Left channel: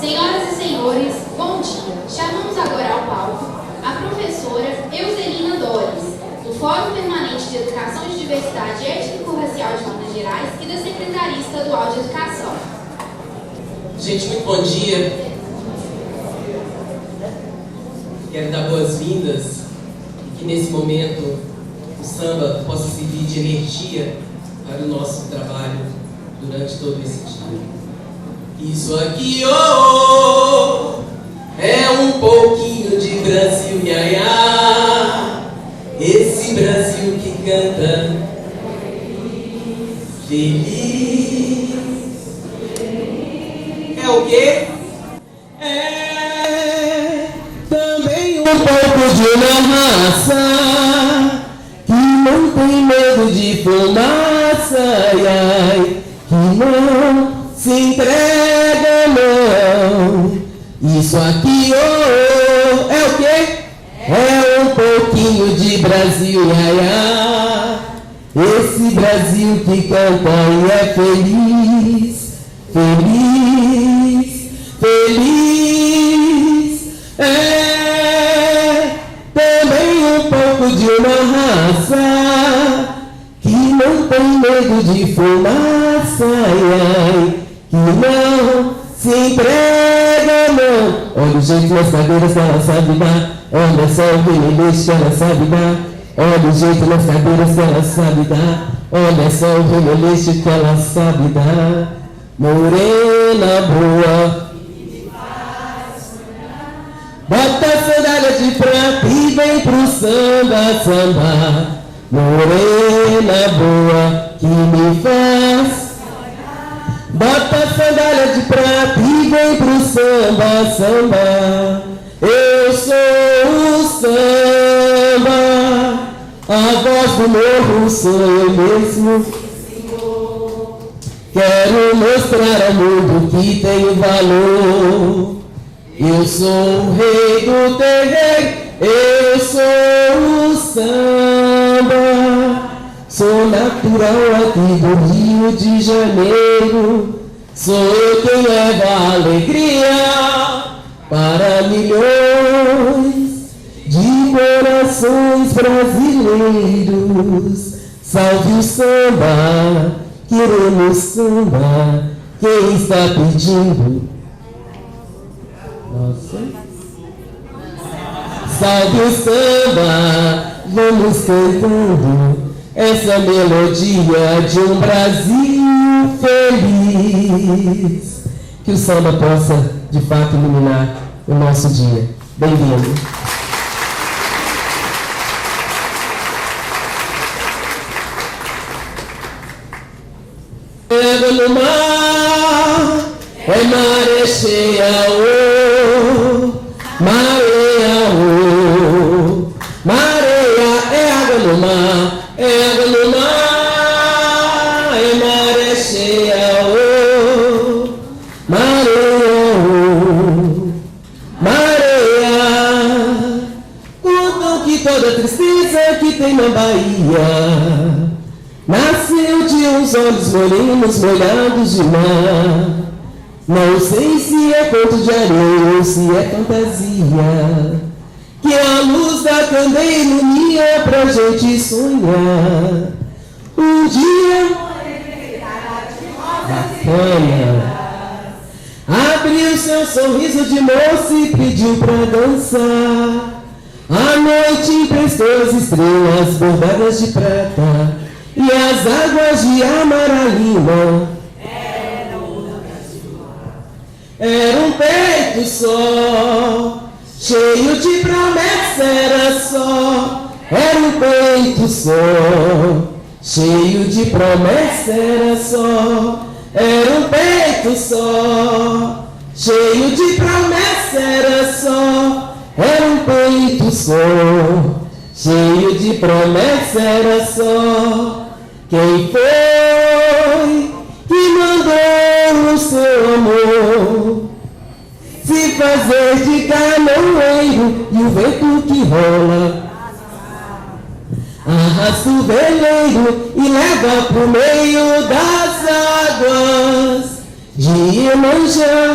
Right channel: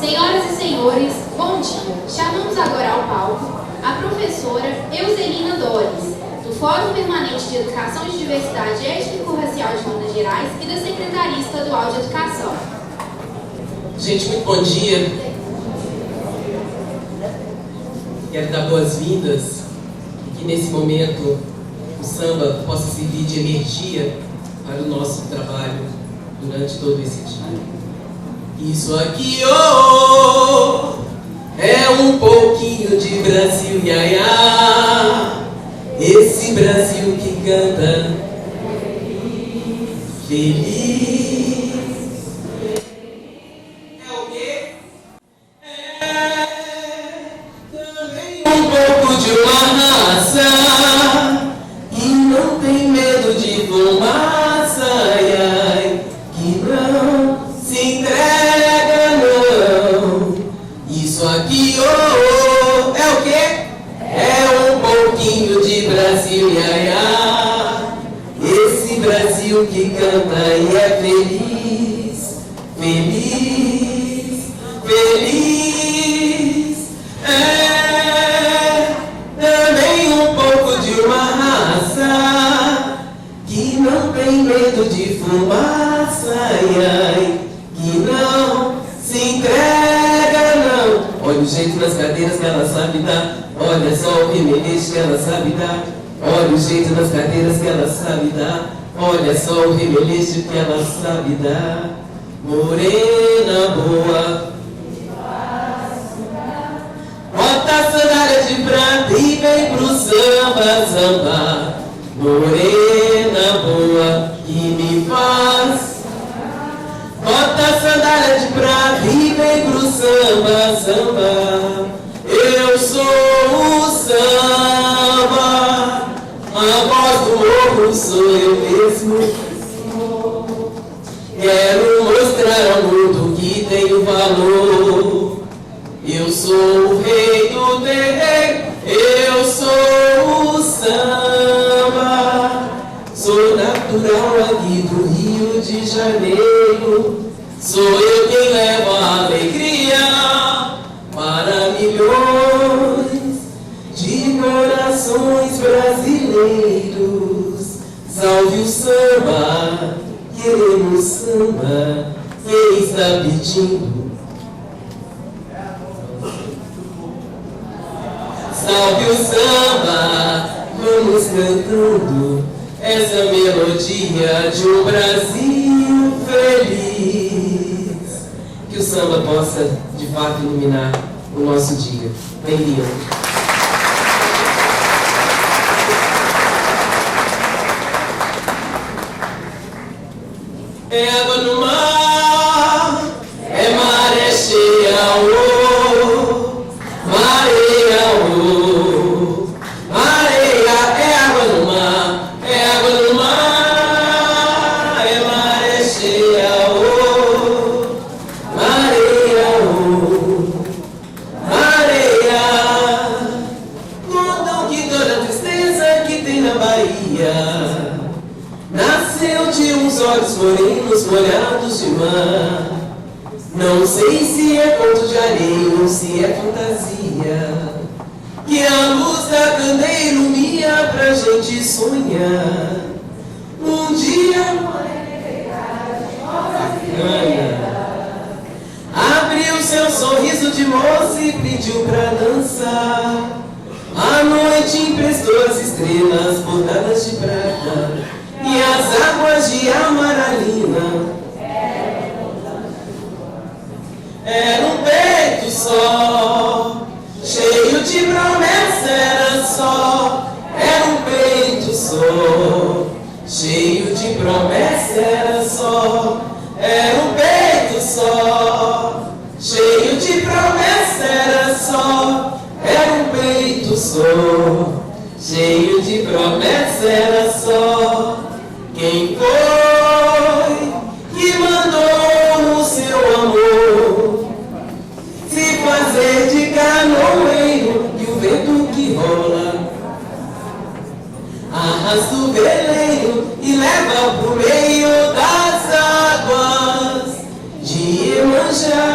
Senhoras e senhores, bom dia. Chamamos agora ao palco a professora Euselina Dores, do Fórum Permanente de Educação e Diversidade Étnico-Racial de Minas Gerais e da Secretaria Estadual de Educação. Gente, muito bom dia. Quero dar boas-vindas e que nesse momento o samba possa servir de energia para o nosso trabalho durante todo esse dia. Isso aqui, oh, é um pouquinho de Brasil, iaiá. Esse Brasil que canta feliz. É o quê? É também um pouco de uma raça que não tem medo de fumaça, ai, ai, que não se entrega, não. Isso aqui, oh, é o quê? É um pouquinho de Brasil, ai, ai. Esse Brasil que canta e é feliz, feliz, feliz. É também um pouco de uma raça que não tem medo de fumaça, ai, ai, que não se entrega, não. Olha o jeito na sabeira, se ela sabe dar. Olha só o remeleixo que ela sabe dar. Olha o jeito na sabeira, se ela sabe dar. Olha só o remeleixo que ela sabe dar. Morena boa, bota a sandália de prata e vem pro samba, samba. Morena boa que me faz, bota a sandália de prata e vem pro samba, samba. Eu sou o samba, a voz do morro sou eu mesmo. Quero mostrar ao mundo que tem valor. Eu sou o rei do terreiro, eu sou o samba. Sou natural aqui do Rio de Janeiro. Sou eu que levo a alegria para milhões de corações brasileiros. Salve o samba, queremos samba. Quem está pedindo? Salve o samba, vamos cantando essa melodia de um Brasil feliz. Que o samba possa, de fato, iluminar o nosso dia. Bem-vindo. Pedra no mar, é maré cheia, oh, mareia, oh, mareia, é água no mar, é água no mar, é maré cheia, oh, mareia, oh, mareia. Contam que toda tristeza que tem na Bahia nasceu de uns olhos morenos molhados de mar. Não sei se é conto de areia ou se é fantasia, que a luz da candeia ilumina pra gente sonhar. Um dia a fama abriu seu sorriso de moça e pediu pra dançar. A noite emprestou as estrelas bordadas de prata e as águas de amaralina. Era um peito só, cheio de promessa, era só. Era um peito só, cheio de de promessa era só, era um peito só. Cheio de promessa era só, era um peito só. Cheio de promessa era só. Quem foi que mandou o seu amor se fazer de caminhoneiro e o vento que rola arrasta o veleiro e leva pro meio das águas de Iemanjá.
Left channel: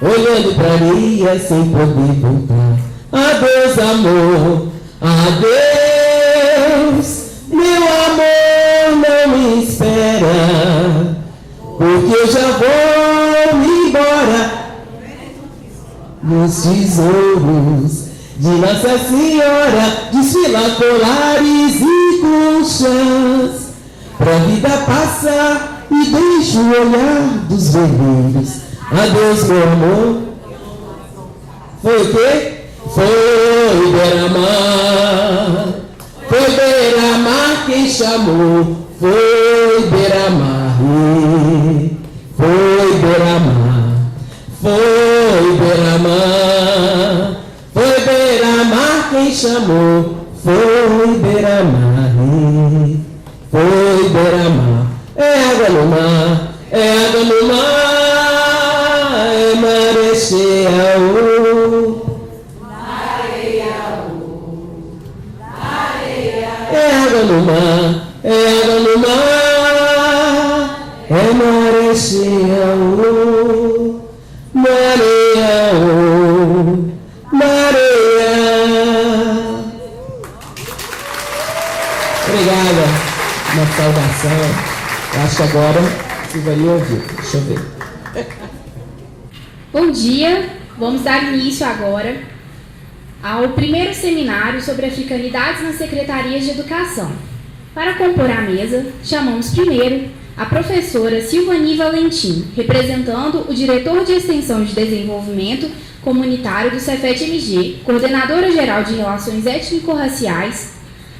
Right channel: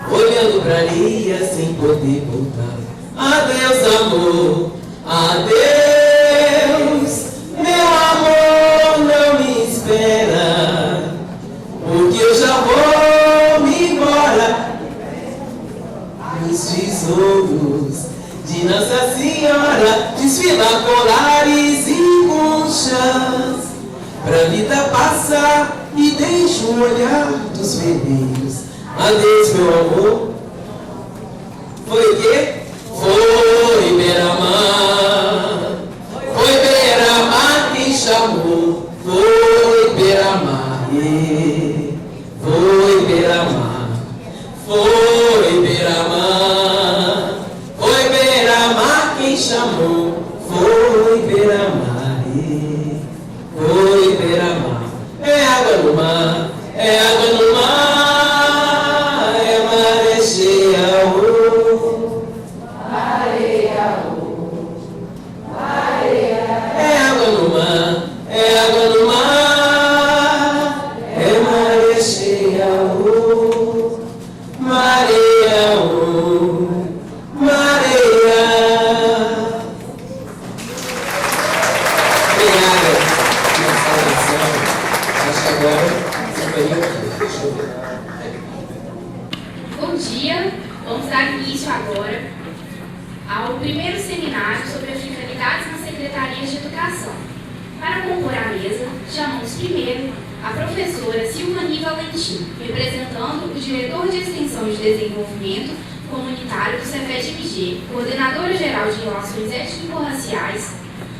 Olhando pra Lia sem poder voltar. Adeus, amor, adeus, meu amor, não me espera, porque eu já vou me embora. Nos tesouros de Nossa Senhora, desfilar colares e conchas, pra vida passar e deixa o olhar dos vermelhos. Adeus, meu amor. Foi o quê? Foi Beira-Mar. Foi Beira-Mar quem chamou. Foi Beira-Mar. Foi Beira-Mar. Foi Beira-Mar. Foi Beira-Mar quem chamou. Foi Beira-Mar. Foi Beira-Mar. É água no mar. É água no mar. Bom dia, vamos dar início agora ao primeiro seminário sobre africanidades nas secretarias de educação. Para compor a mesa, chamamos primeiro a professora Silvani Valentim, representando o diretor de Extensão de Desenvolvimento Comunitário do Cefet-MG, coordenadora-geral de Relações Étnico-Raciais,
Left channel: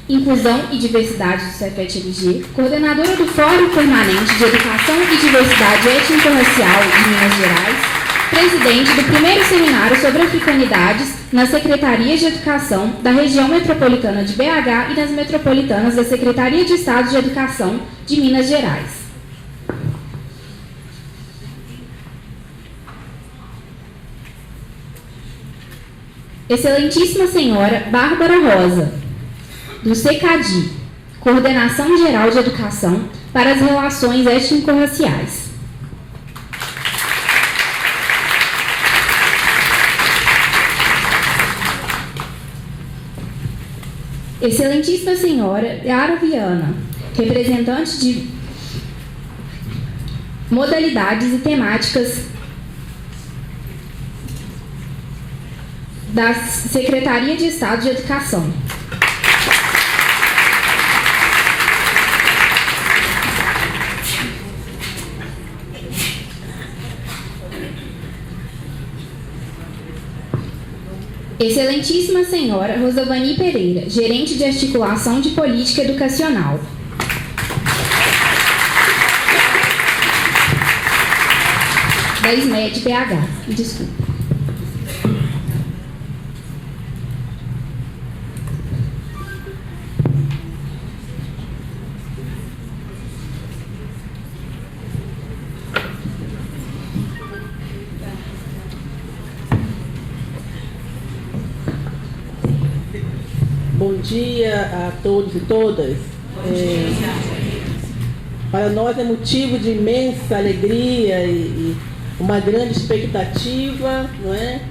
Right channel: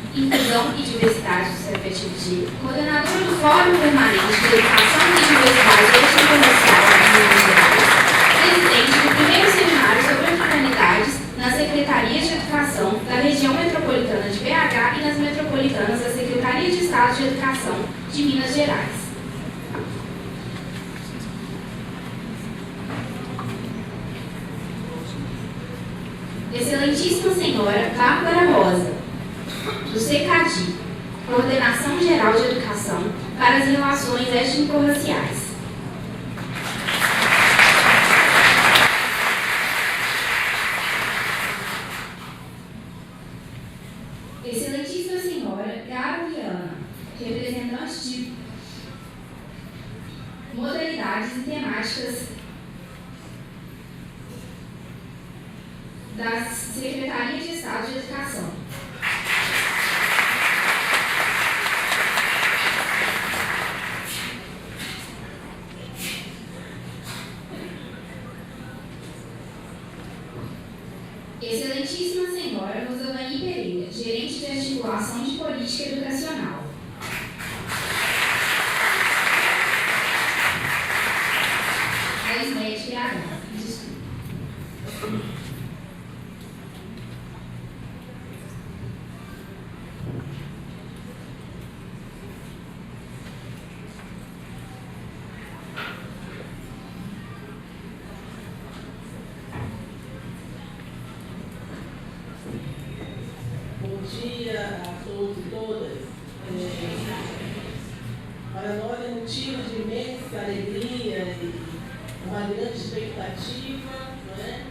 Inclusão e Diversidade do Cefet-MG, coordenadora do Fórum Permanente de Educação e Diversidade Étnico-Racial em Minas Gerais, presidente do primeiro seminário sobre africanidades nas secretarias de educação da região metropolitana de BH e das metropolitanas da Secretaria de Estado de Educação de Minas Gerais. Excelentíssima Senhora Bárbara Rosa, do CECADI, Coordenação Geral de Educação para as Relações Étnico-Raciais. Excelentíssima Senhora Yara Viana, representante de modalidades e temáticas da Secretaria de Estado de Educação. Excelentíssima Senhora Rosavani Pereira, gerente de articulação de política educacional. Da SMED BH, desculpa. Bom dia a todos e todas. Para nós é motivo de imensa alegria e uma grande expectativa, não é?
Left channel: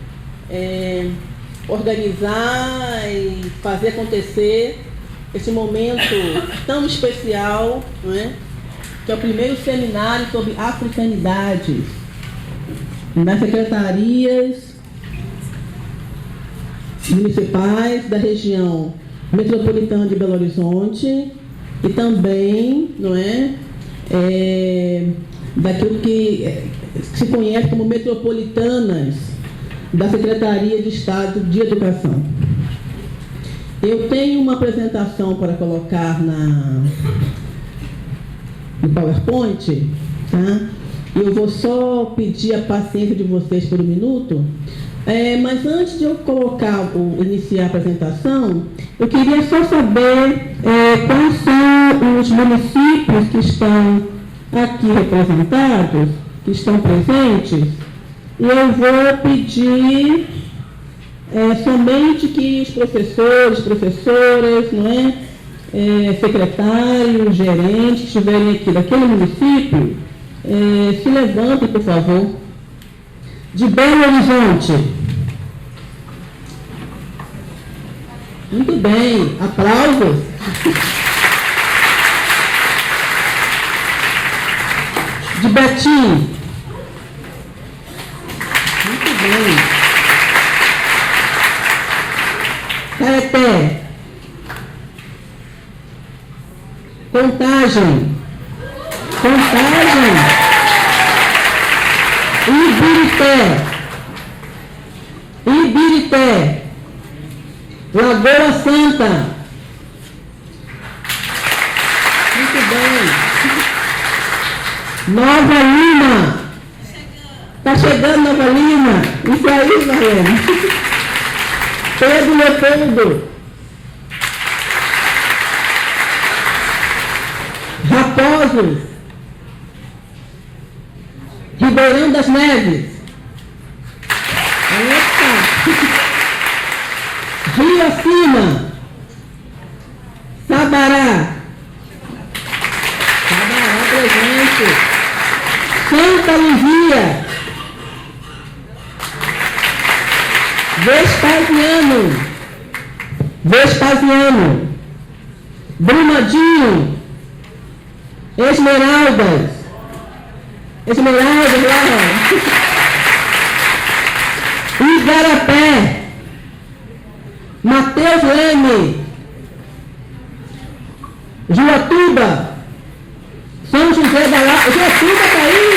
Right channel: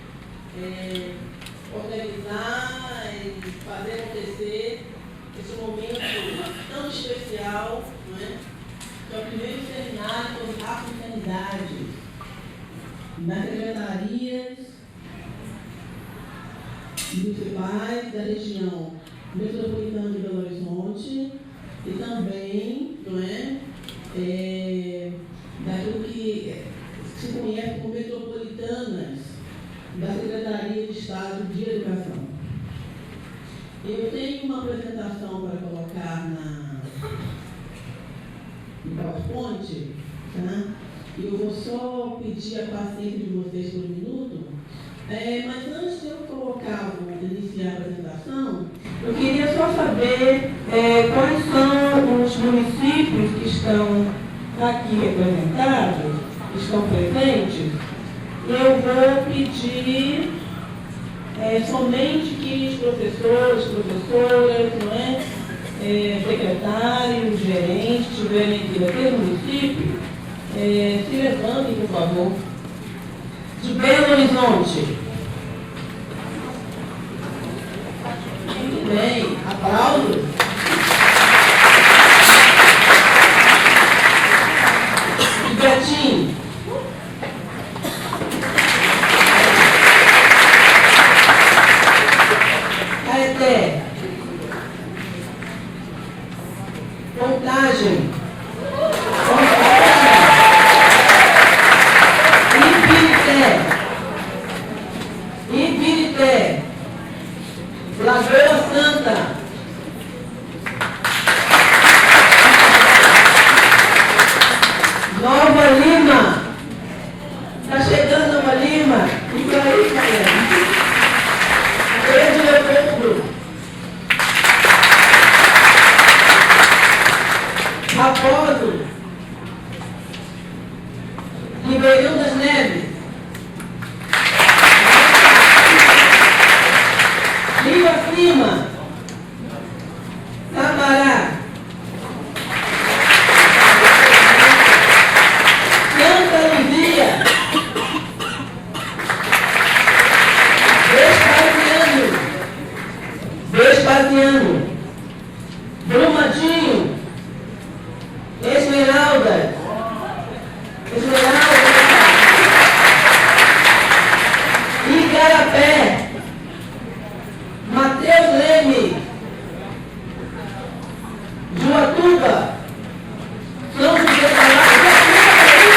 Organizar e fazer acontecer esse momento tão especial, não é? Que é o primeiro seminário sobre africanidades nas secretarias municipais da região metropolitana de Belo Horizonte e também, não é, daquilo que se conhece como metropolitanas da Secretaria de Estado de Educação. Eu tenho uma apresentação para colocar no PowerPoint, tá? Eu vou só pedir a paciência de vocês por um minuto. Mas antes de eu iniciar a apresentação, eu queria só saber quais são os municípios que estão aqui representados, que estão presentes, e eu vou pedir somente que os professores, professoras, né, secretários, gerentes, que estiverem aqui daquele município, se levantem, por favor. De Belo Horizonte. Muito bem, aplausos. De Betim. Muito bem. Caeté. Contagem. Ibirité, Lagoa Santa. Nova Lima. Está chegando Nova Lima. Isso aí, galera. Pedro Leopoldo. Raposo. Ribeirão das Neves. Rio Acima, Sabará, Santa Luzia, Vespasiano, Brumadinho, Esmeraldas, Igarapé, Mateus Leme, Juatuba, São José da Lapa, Juatuba está aí,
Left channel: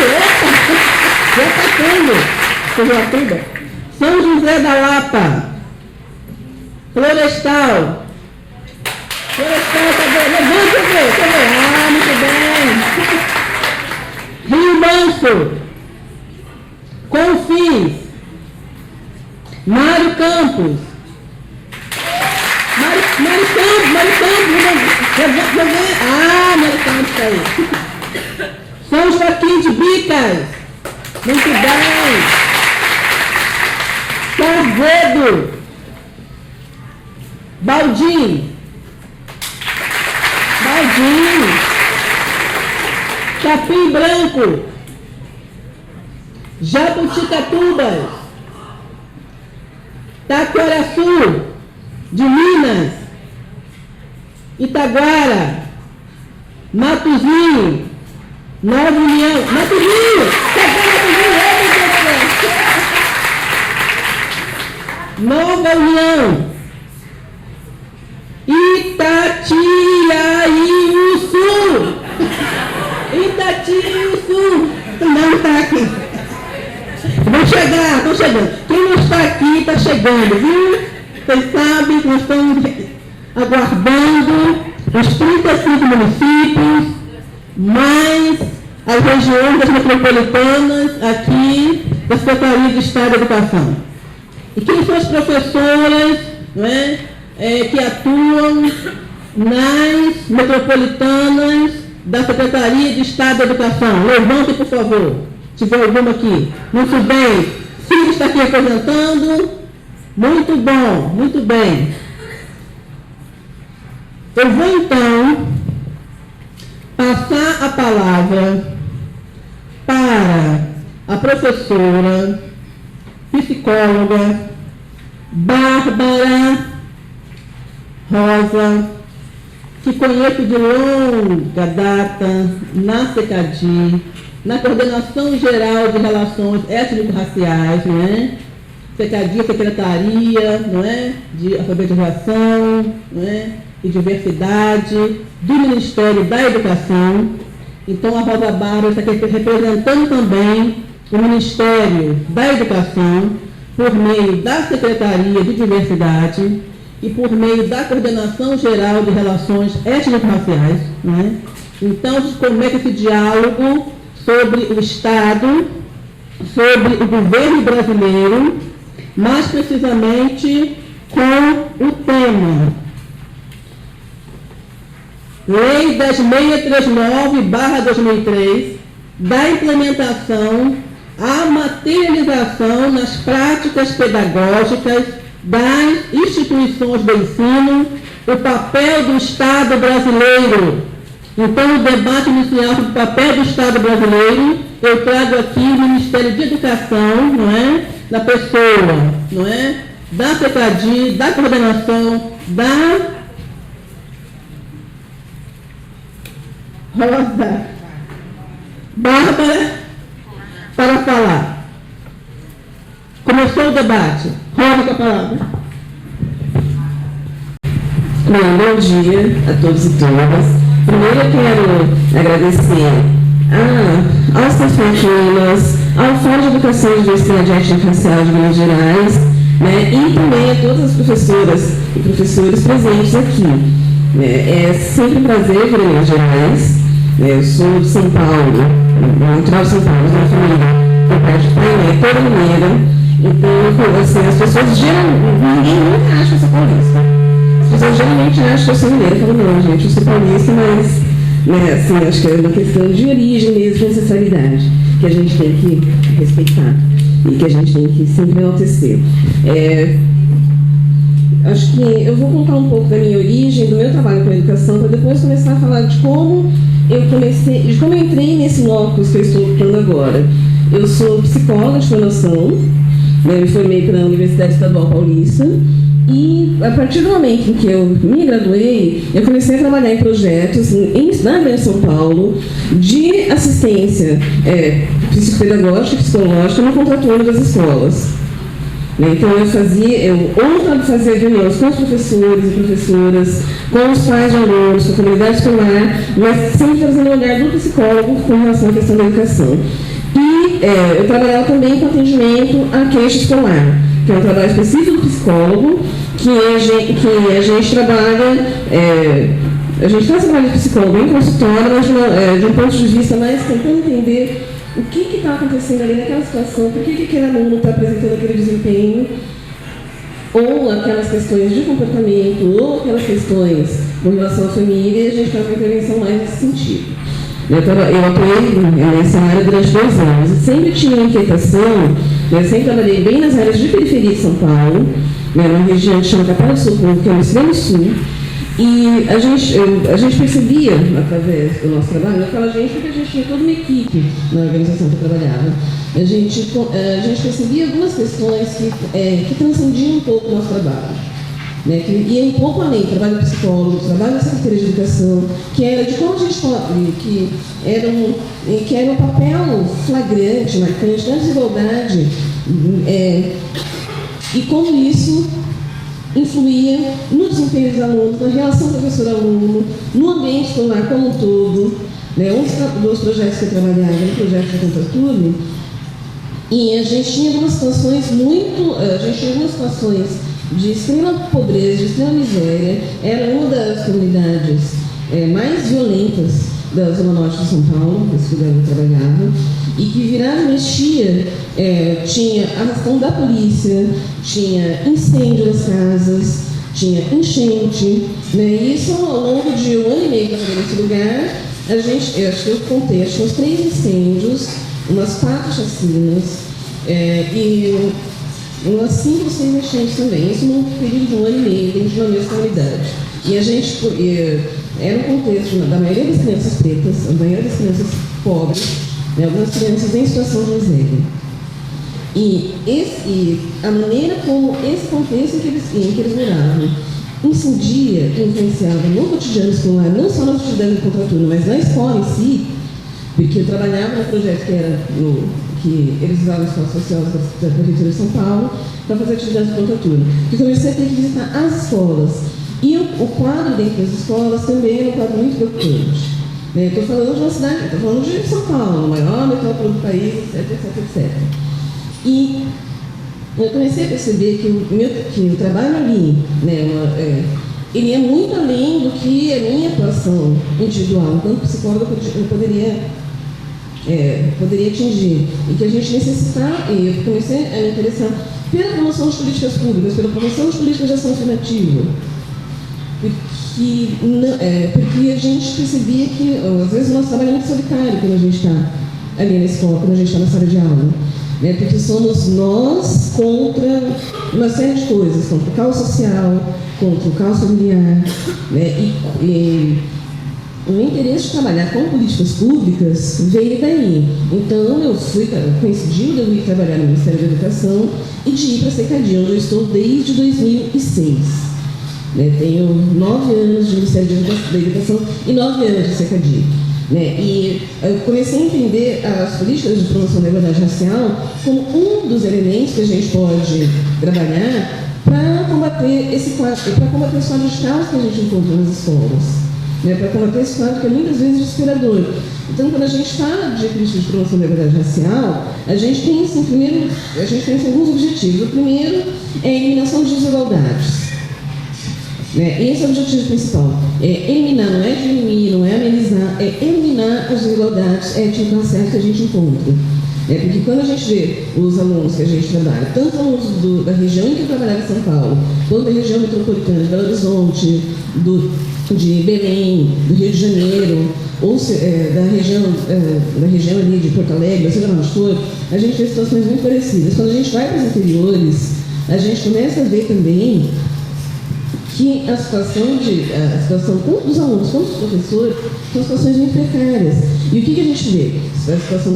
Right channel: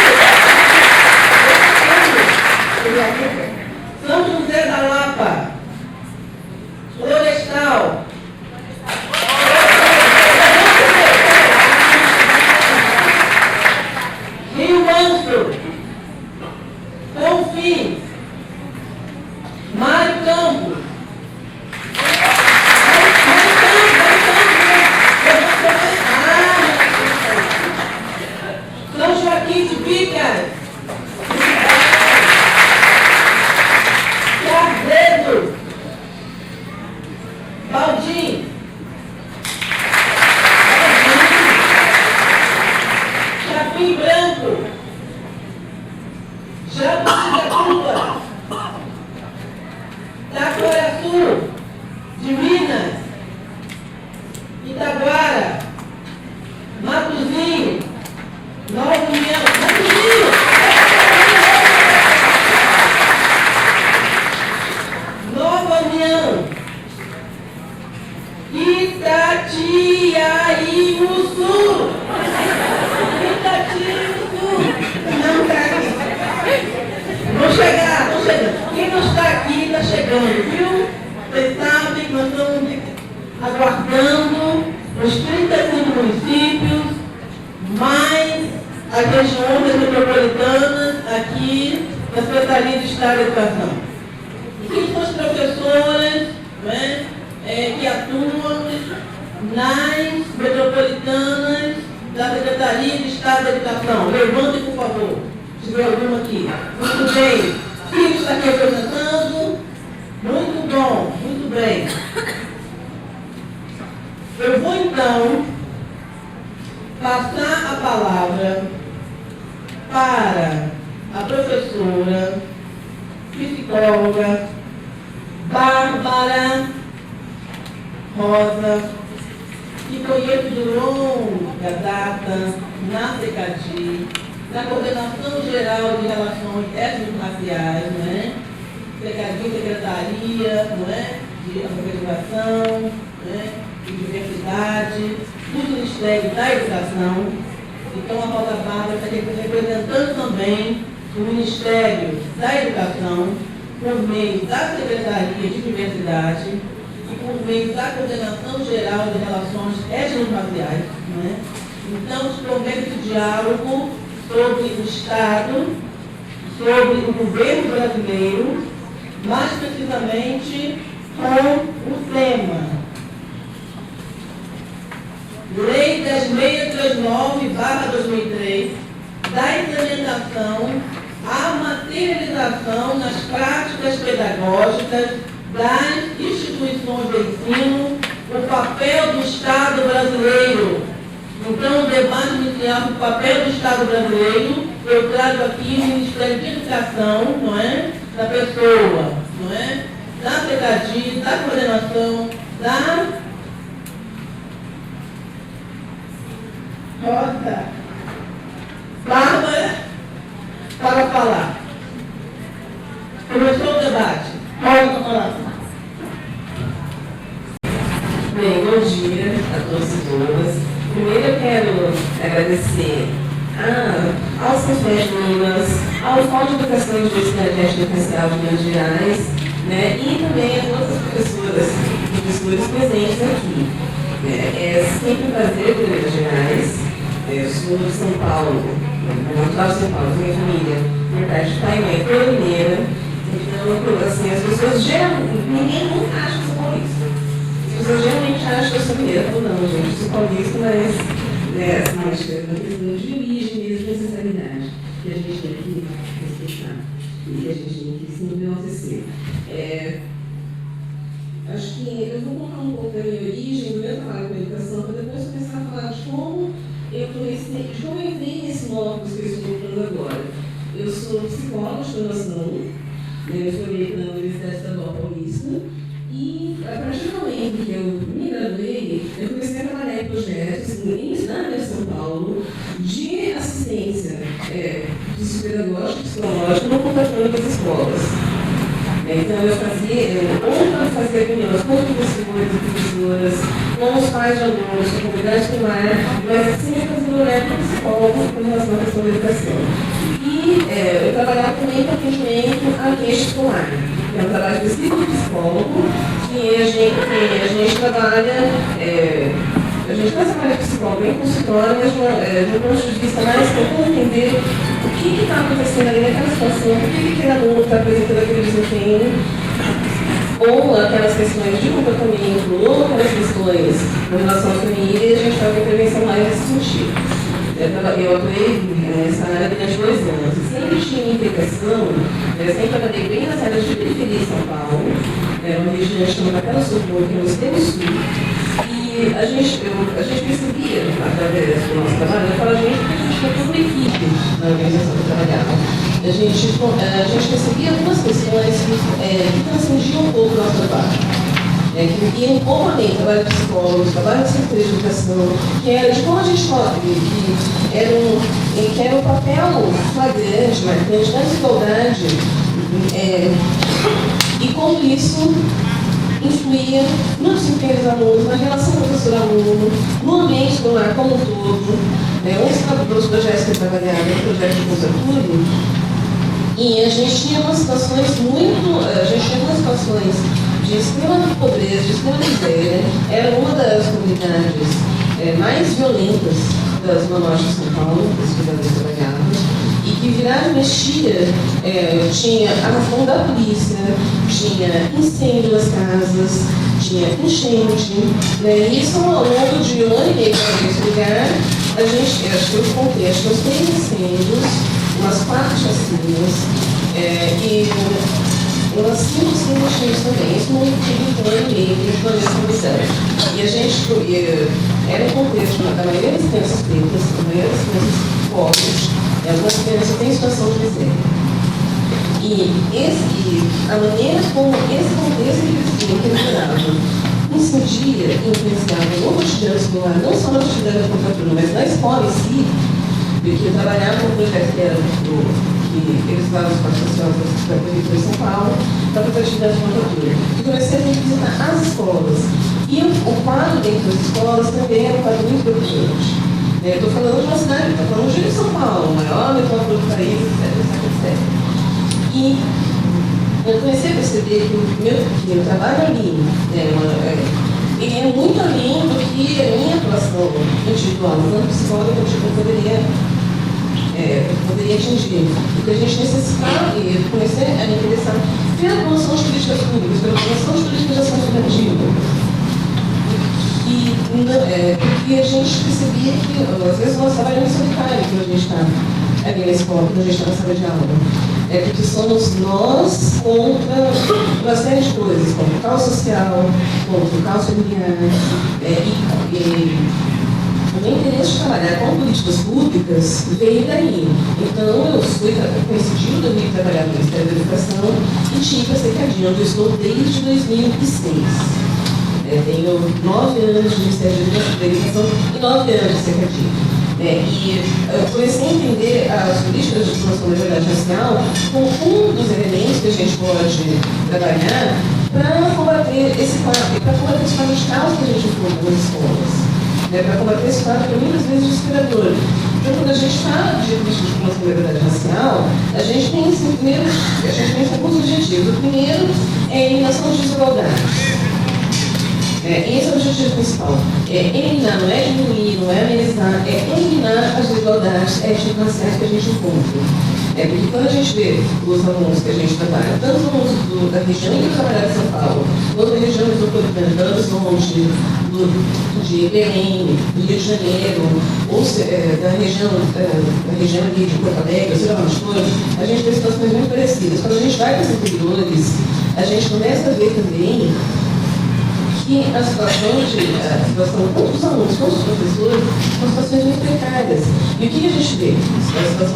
Juatuba, São José da Lapa, Florestal, Rio Manso, Confins, Mário Campos, São Joaquim de Bicas, muito bem, Carvedo, Baldim, Capim Branco, Jabuticatuba, Taquaraçu, de Minas, Itaguara, Matozinho, Nova União, Nova União, Itatiaiuçu, não está aqui. Vou chegando. Quem não está aqui está chegando, viu? Vocês sabem que nós estamos aguardando os 35 municípios, mais as regiões metropolitanas aqui da Secretaria de Estado da Educação. E quem são as professoras, né, que atuam nas metropolitanas da Secretaria de Estado da Educação? Levante, por favor, se tiver alguma aqui. Muito bem. Quem está aqui representando? Muito bom, muito bem. Eu vou, então, passar a palavra para a professora, psicóloga, Bárbara Rosa, que conheço de longa data na CECADI, na Coordenação Geral de Relações Étnico-Raciais, não é? CECADI, Secretaria, não é? De Alfabetização, não é? E Diversidade, do Ministério da Educação. Então, a Rosa Bárbara está aqui representando também o Ministério da Educação, por meio da Secretaria de Diversidade, e por meio da Coordenação Geral de Relações Étnico-Raciais, né? Então, como é que esse diálogo sobre o Estado, sobre o governo brasileiro, mais precisamente com o tema Lei 10.639/2003, da implementação à materialização nas práticas pedagógicas das instituições do ensino, o papel do Estado brasileiro. Então, o debate inicial sobre o papel do Estado brasileiro, eu trago aqui o Ministério de Educação, não é? Da pessoa, não é? Da CECADI, da coordenação, da Rosa Bárbara, para falar. Começou o debate. Rosa, a palavra. Bom dia a todos e todas. Primeiro eu quero agradecer aos CEFET-Minas, ao Fundo de Educação e Diversidade Étnico-Racial de Minas Gerais, né, e também a todas as professoras e professores presentes aqui. É sempre um prazer vir a Minas Gerais. Eu sou de São Paulo, natural de São Paulo, minha família é perto de Praia, toda mineira. Então, assim, as pessoas ninguém nunca acha que eu sou paulista. As pessoas geralmente acham que eu sou mineira. Eu falo, não, gente, eu sou paulista, mas, né, assim, acho que é uma questão de origem mesmo, de ancestralidade, que a gente tem que respeitar e que a gente tem que sempre enaltecer. Acho que eu vou contar um pouco da minha origem, do meu trabalho com a educação, para depois começar a falar de como eu entrei nesse locus que eu estou lutando agora. Eu sou psicóloga de formação, né, me formei pela Universidade Estadual Paulista, e a partir do momento em que eu me graduei, eu comecei a trabalhar em projetos na Grande São Paulo de assistência psicopedagógica e psicológica no contraturno das escolas. Então eu fazia reuniões com os professores e professoras, com os pais de alunos, com a comunidade escolar, mas sempre fazendo o olhar do psicólogo com relação à questão da educação. E eu trabalhava também com atendimento à queixa escolar, que é um trabalho específico do psicólogo, que a gente trabalha, a gente faz trabalho de psicólogo em consultório, mas de um ponto de vista mais para entender o que está acontecendo ali naquela situação, o que era aluno para apresentar aquele desempenho, ou aquelas questões de comportamento, ou aquelas questões com relação à família, e a gente vai intervenção mais nesse sentido. Eu atuei nessa área durante 2 anos. Eu sempre tinha inquietação, eu sempre trabalhei bem nas áreas de periferia de São Paulo, numa região chamada Capela do Socorro, que é no extremo sul, e a gente percebia, através do nosso trabalho, que a gente tinha uma equipe na organização que trabalhava. A gente percebia algumas questões que transcendiam um pouco o nosso trabalho. E um pouco além do trabalho de psicólogo, do trabalho de psicologia de educação, que era de como a gente pode, que era um papel flagrante, marcante da desigualdade, e como isso influía no desempenho dos alunos, na relação professor-aluno, no ambiente escolar como um todo. Um dos projetos que trabalhava no projeto de literatura, e a gente tinha umas situações de extrema pobreza, de extrema miséria. Era uma das comunidades mais violentas da Zona Norte de São Paulo, que se trabalhava, e que virava anistia, tinha ação da polícia, tinha incêndio nas casas, tinha enchente, e isso ao longo de 1 ano e meio nesse lugar, a gente achou que tinha 6 incêndios, umas 4 chacinas, e umas 5 enchentes também, isso no período de 1 ano e meio de violência comunitária. E a gente era um contexto da maioria das crianças pretas, da maioria das crianças pobres, das crianças em situação de miséria. E a maneira como esse contexto incidia e influenciava no cotidiano escolar, não só no cotidiano da literatura, mas na escola em si, porque trabalhava no projeto que eles usavam com a professora da Prefeitura de São Paulo para fazer atividade de literatura. E comecei a visitar as escolas. E o quadro dentro das escolas também é um quadro muito importante. Estou falando de uma cidade, estou falando de São Paulo, maior literatura do país, etc. E eu comecei a perceber que o trabalho ali, poderia atingir. Então a gente necessitava conhecer a interessar pela promoção de políticas públicas, pela promoção de políticas alternativas. Porque a gente percebia que, às vezes, o nosso trabalho é secundário quando a gente está ali na escola, quando a gente está na sala de aula. Porque somos nós contra uma série de coisas, contra o caos social, contra o caos familiar, e o interesse de trabalhar com políticas públicas veio daí. Então, eu coincidindo de trabalhar no Ministério da Educação e tive a secretaria, onde estou desde 2006. Tenho 9 anos de Ministério da Educação e 9 anos de secretaria. E eu comecei a entender as políticas de promoção da liberdade racial como um dos elementos que a gente pode trabalhar para combater esse quadro, para combater esse quadro de caos que a gente encontra nas escolas. Para combater esse quadro que é muitas vezes discriminador. Então, quando a gente fala de promoção da liberdade racial, a gente tem alguns objetivos. O primeiro é a eliminação de desigualdades. Esse é o objetivo principal. Eliminar, não é diminuir, não é amenizar, é eliminar as desigualdades étnico-raciais que a gente encontra. Porque quando a gente vê os alunos que a gente trabalha, tanto da região que trabalha em São Paulo, toda a região metropolitana, do Horizonte, de Belém, do Rio de Janeiro, ou da região ali de Porto Alegre, sei lá, a gente vê situações muito parecidas. Quando a gente vai para os interiores, a gente começa a ver também que a situação dos alunos, dos professores, são situações muito precárias. E o que a gente vê? A situação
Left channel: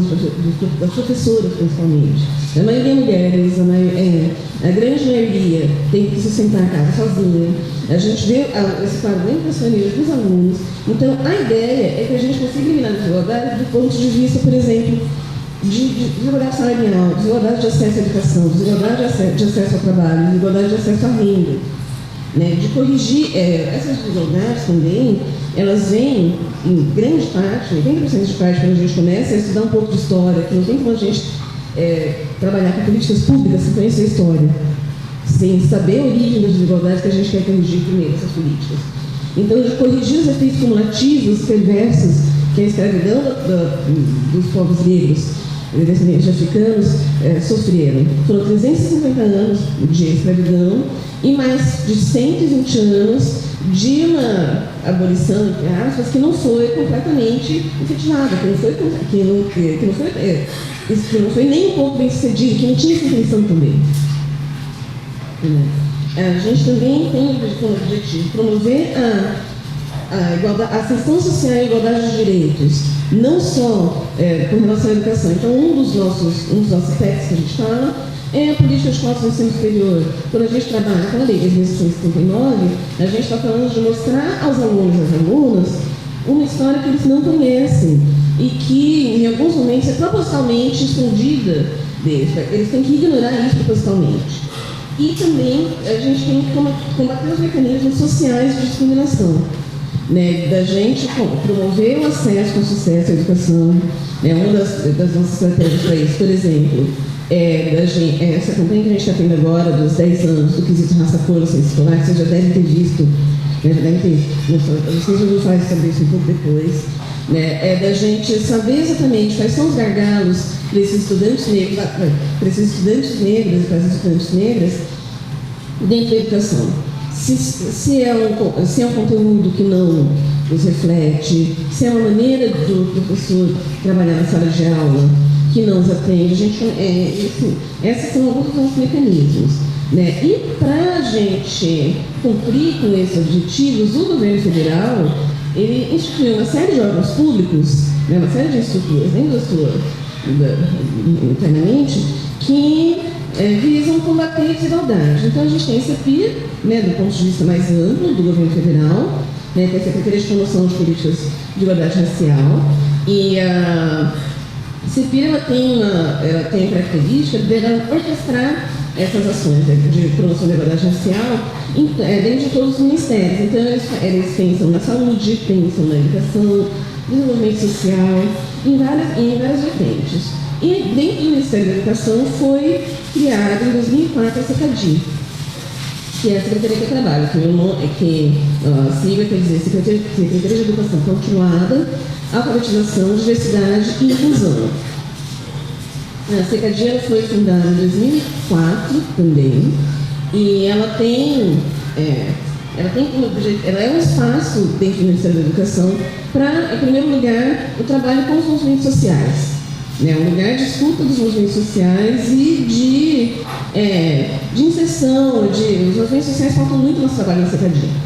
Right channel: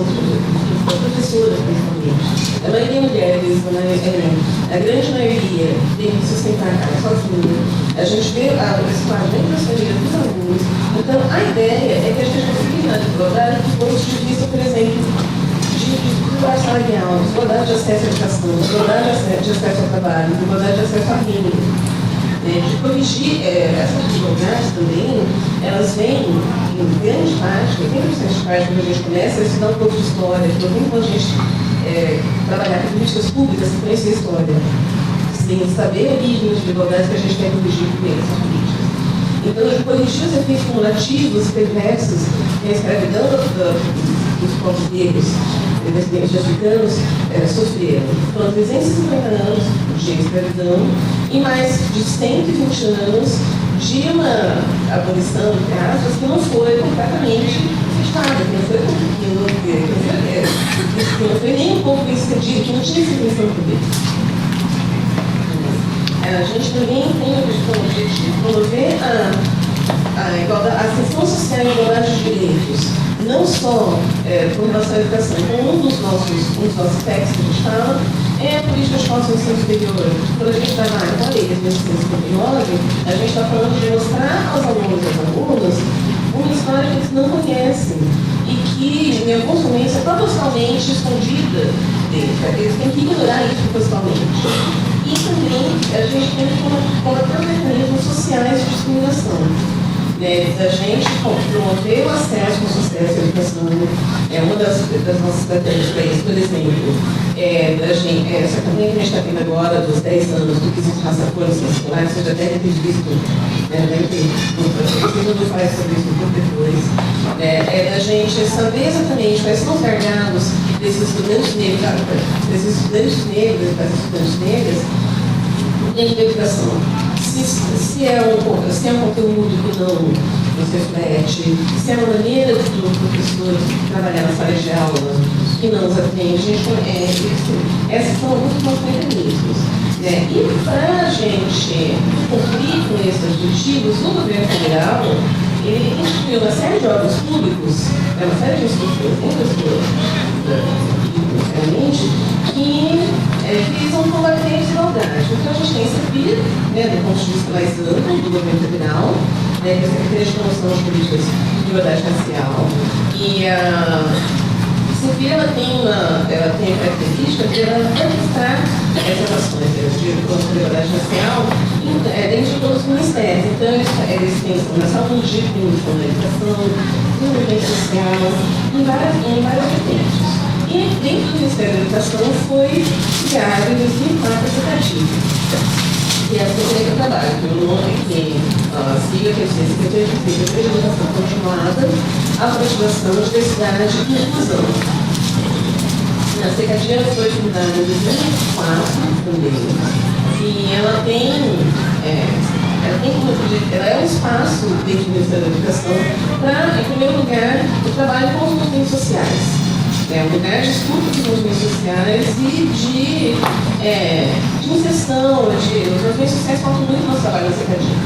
das professoras, principalmente. A maioria mulheres, a grande maioria tem que se sentar sozinha. A gente vê a principalmente dos alunos. Então, a ideia é que a gente consiga igualdade do ponto de vista, por exemplo, de igualdade salarial, de igualdade de acesso à educação, de igualdade de acesso ao trabalho, de igualdade de acesso à renda. De corrigir essas desigualdades também, elas vêm, em grande parte, quando a gente começa a estudar um pouco de história, que não tem como a gente trabalhar políticas públicas sem conhecer a história, sem saber o nível de desigualdades que a gente quer corrigir com essas políticas. Então, a gente corrigir os efeitos cumulativos, perversos, que a escravidão dos povos negros, descendentes africanos, sofreram. Foram 350 anos de escravidão e mais de 120 anos de uma abolição de raça que não foi completamente efetivada, que não foi nem um pouco excedido, que não tinha definição política. A gente também tem como objetivo promover a questão social e a igualdade de direitos, não só com relação à educação, como um dos nossos aspectos que a gente fala é a política de ensino superior. Quando a gente vai lá também no ensino superior, a gente está falando de mostrar aos alunos e às alunas uma história que eles não conhecem e que, em alguns momentos, é totalmente escondida deles. Eles têm que ignorar isso totalmente. E também a gente tem que colocar mecanismos sociais de discriminação. Da gente promover o acesso ao sucesso à educação. Uma das nossas estratégias, por exemplo, essa campanha que a gente está vendo agora, dos 10 anos, do que se passa por escolar, você já deve ter visto, nos faz sobre isso depois, da gente saber exatamente quais são os gargalos desses estudantes negros, dessas estudantes negras, dentro da educação. Se é um conteúdo que não nos reflete, se é uma maneira do professor trabalhar na sala de aula que não nos atende, esses são alguns dos mecanismos. E para a gente cumprir com esses objetivos, o governo federal ele instituiu uma série de órgãos públicos, uma série de estruturas, que visam combater a desigualdade. Então, a gente tem esse aqui, do ponto de vista mais amplo do governo federal, essa promoção de políticas de igualdade racial. E a CIVILA tem a característica de orquestrar essas ações de promoção de igualdade racial dentro de todos os ministérios. Então, eles têm ação na saúde, têm ação na educação, desenvolvimento social, em vários aspectos. E dentro do Ministério da Educação foi criado em 2004 a SECADI, que é a Secretaria de Trabalho, que tem a Secretaria de Educação Continuada, a Continuação, Diversidade e Inclusão. educação para, em primeiro lugar, o trabalho com os movimentos sociais. O lugar de estudo dos movimentos sociais e de inserção, os movimentos sociais falam muito no trabalho da cidadania.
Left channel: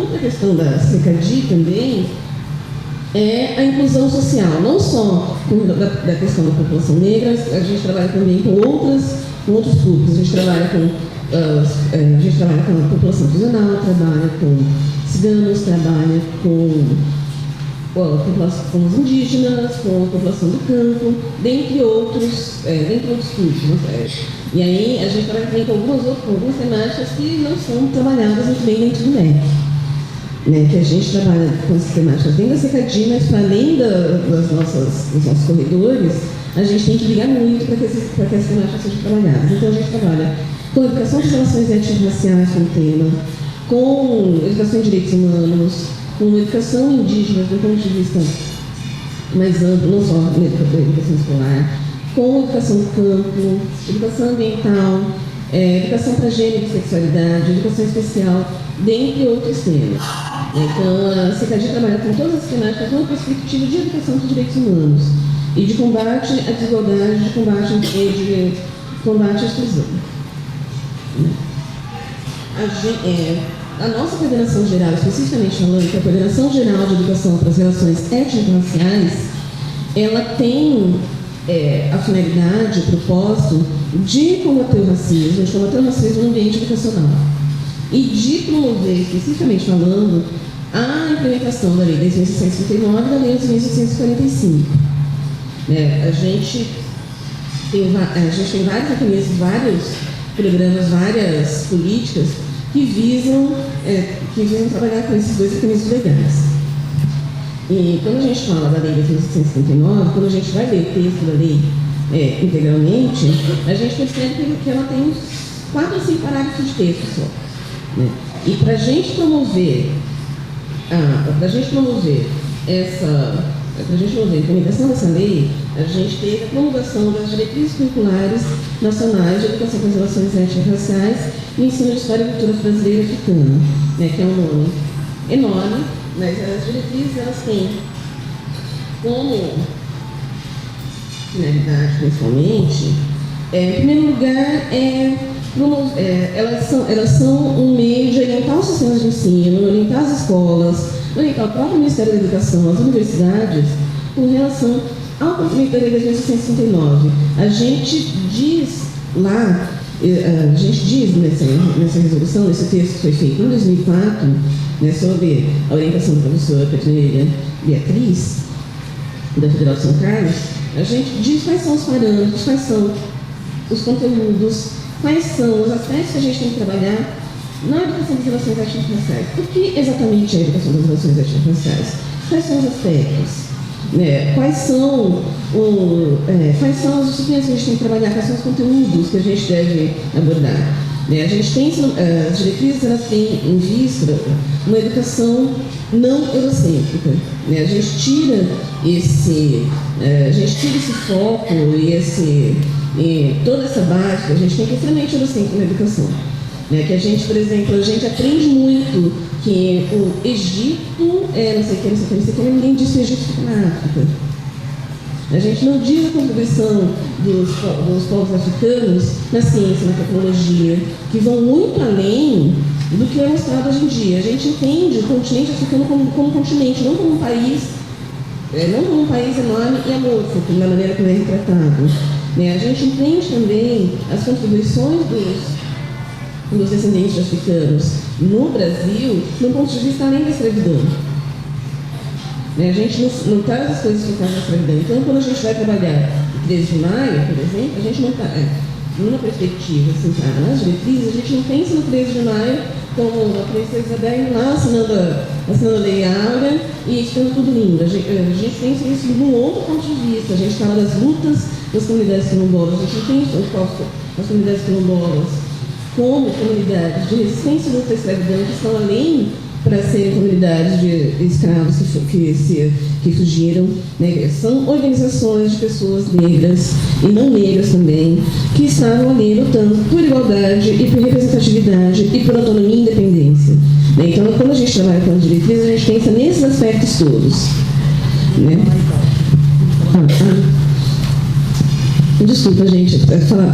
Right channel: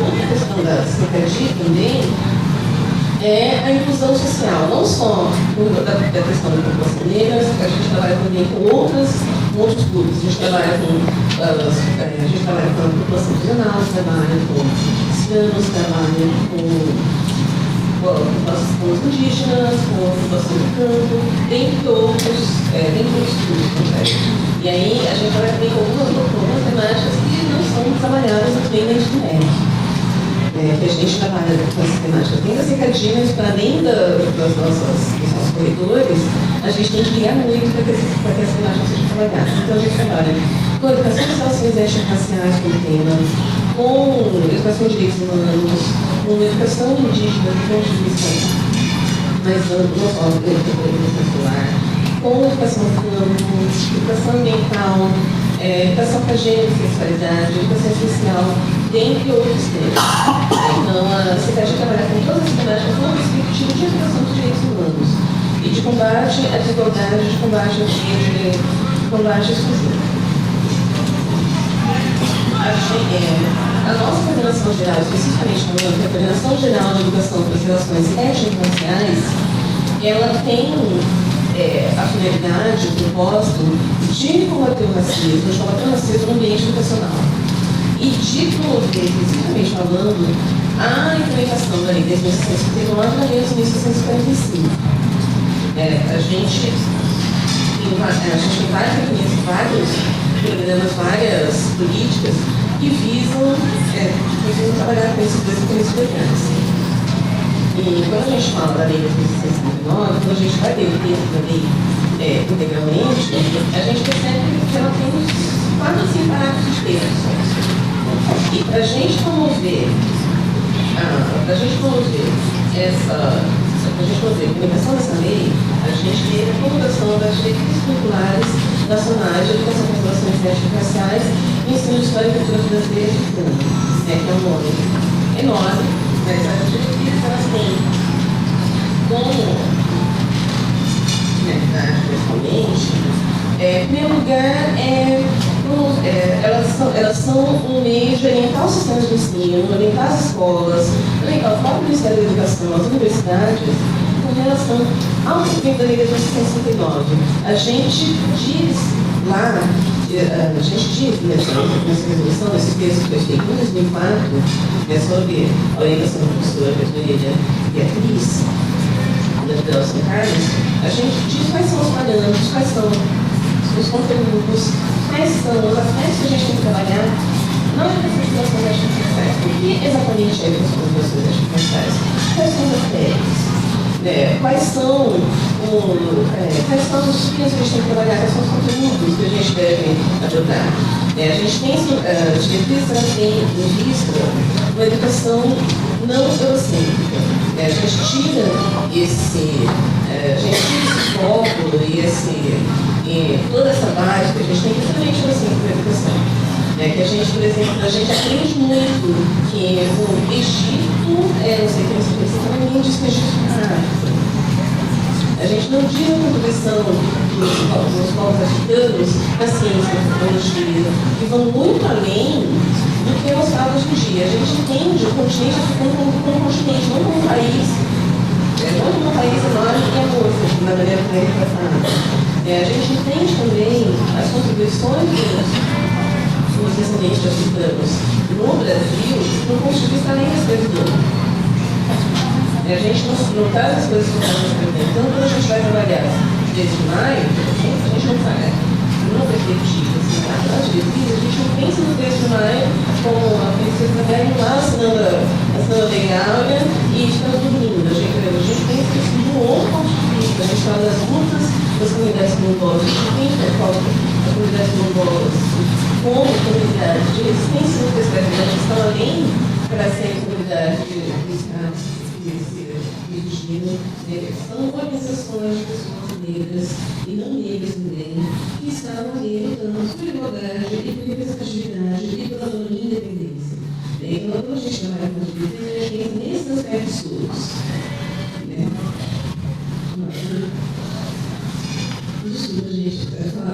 Outra questão da cidadania também é a inclusão social, não só da questão da população negra, a gente trabalha também com outros grupos, a gente trabalha com a população geral, trabalha com ciganos, trabalha com os indígenas, com a população do campo, dentre outros grupos. E aí a gente vai ter algumas oportunidades que não são trabalhadas no tema de MEC. Que a gente trabalha com essa temática bem secretinhas, para além dos nossos corredores, a gente tem que ligar muito para essa temática de trabalhar. Então a gente trabalha com a educação de relações étnico-raciais no tema, com educação de direitos humanos, com educação indígena, com instituição, mas não só a educação escolar, com educação do campo, educação ambiental, educação para gênero, sexualidade, educação social, dentre outros temas. Então, a cidade trabalha com toda a cidade, com uma perspectiva de educação dos direitos humanos e de combate à desigualdade, de combate à exclusão. A nossa Coordenação Geral, especificamente a Coordenação Geral de Educação para as Relações Étnico-Raciais, ela tem a finalidade, o propósito de combater o racismo no ambiente educacional e de promover, especificamente falando, a implementação da Lei de 1959 e da Lei de 1945. A gente vai vários programas, várias políticas que visam trabalhar com esses cuidados. E quando a gente fala da Lei de 1959, quando a gente vai ver o direito da lei integralmente, a gente observa que ela tem 4 ou 5 partes de texto. E para a gente promover essa comunicação dessa lei, a gente tem a convocação das diretrizes culturais nacionais de educação das relações étnico-raciais e ensino de história e cultura brasileira e africana, que é um nome enorme, essas diretrizes elas têm como principalmente, em primeiro lugar, elas são um meio de orientar os sistemas de ensino, orientar as escolas, orientar o próprio Ministério da Educação, as universidades, com relação ao documento da Lei de 1959. A gente diz lá, nessa resolução, esse texto foi feito em 2004, sobre a orientação da professora Beatriz, da Federal São Carlos, a gente diz quais são os parâmetros, quais são os conteúdos, quais são os aspectos que a gente tem que trabalhar na educação das étnico-raciais. O que exatamente é a educação das étnico-raciais? Quais são os aspectos? Quais são os que a gente tem que trabalhar? Quais são os conteúdos que a gente deve abordar? A gente tem as diretrizes que tem em vista uma educação não eurocêntrica. A gente tira esse foco e toda essa base, a gente tem extremamente eurocêntrica na educação. Que a gente, por exemplo, aprende muito que o Egito principalmente o Egito prático. A gente não diz a contribuição dos povos africanos na ciência e na tecnologia, que vão muito além do que é mostrado hoje em dia. A gente entende o continente africano como um continente, não como um país, enorme que é outro, de maneira mais tratada. A gente entende também as contribuições dos descendentes africanos no Brasil, no constituição da escravidão. A gente, no caso, se você está quando a gente vai trabalhar desde maio, a gente não trabalha numa perspectiva separada das diretrizes, a gente não tem certeza de maio com a perspectiva lá assinando a lei áurea e ficando tudo lindo. A gente tem certeza de um outro ponto de vista, a gente fala das lutas das comunidades quilombolas, as comunidades quilombolas com comunidades de resistência da especialidade, que são além para serem comunidades de escravos que fugiram. São organizações de pessoas negras e não negras também, que estavam ali lutando por igualdade e por representatividade e por autonomia e independência. Então, quando a gente trabalha com as diretrizes, a gente pensa nesses aspectos aspectos todos. Né? Desculpa, gente,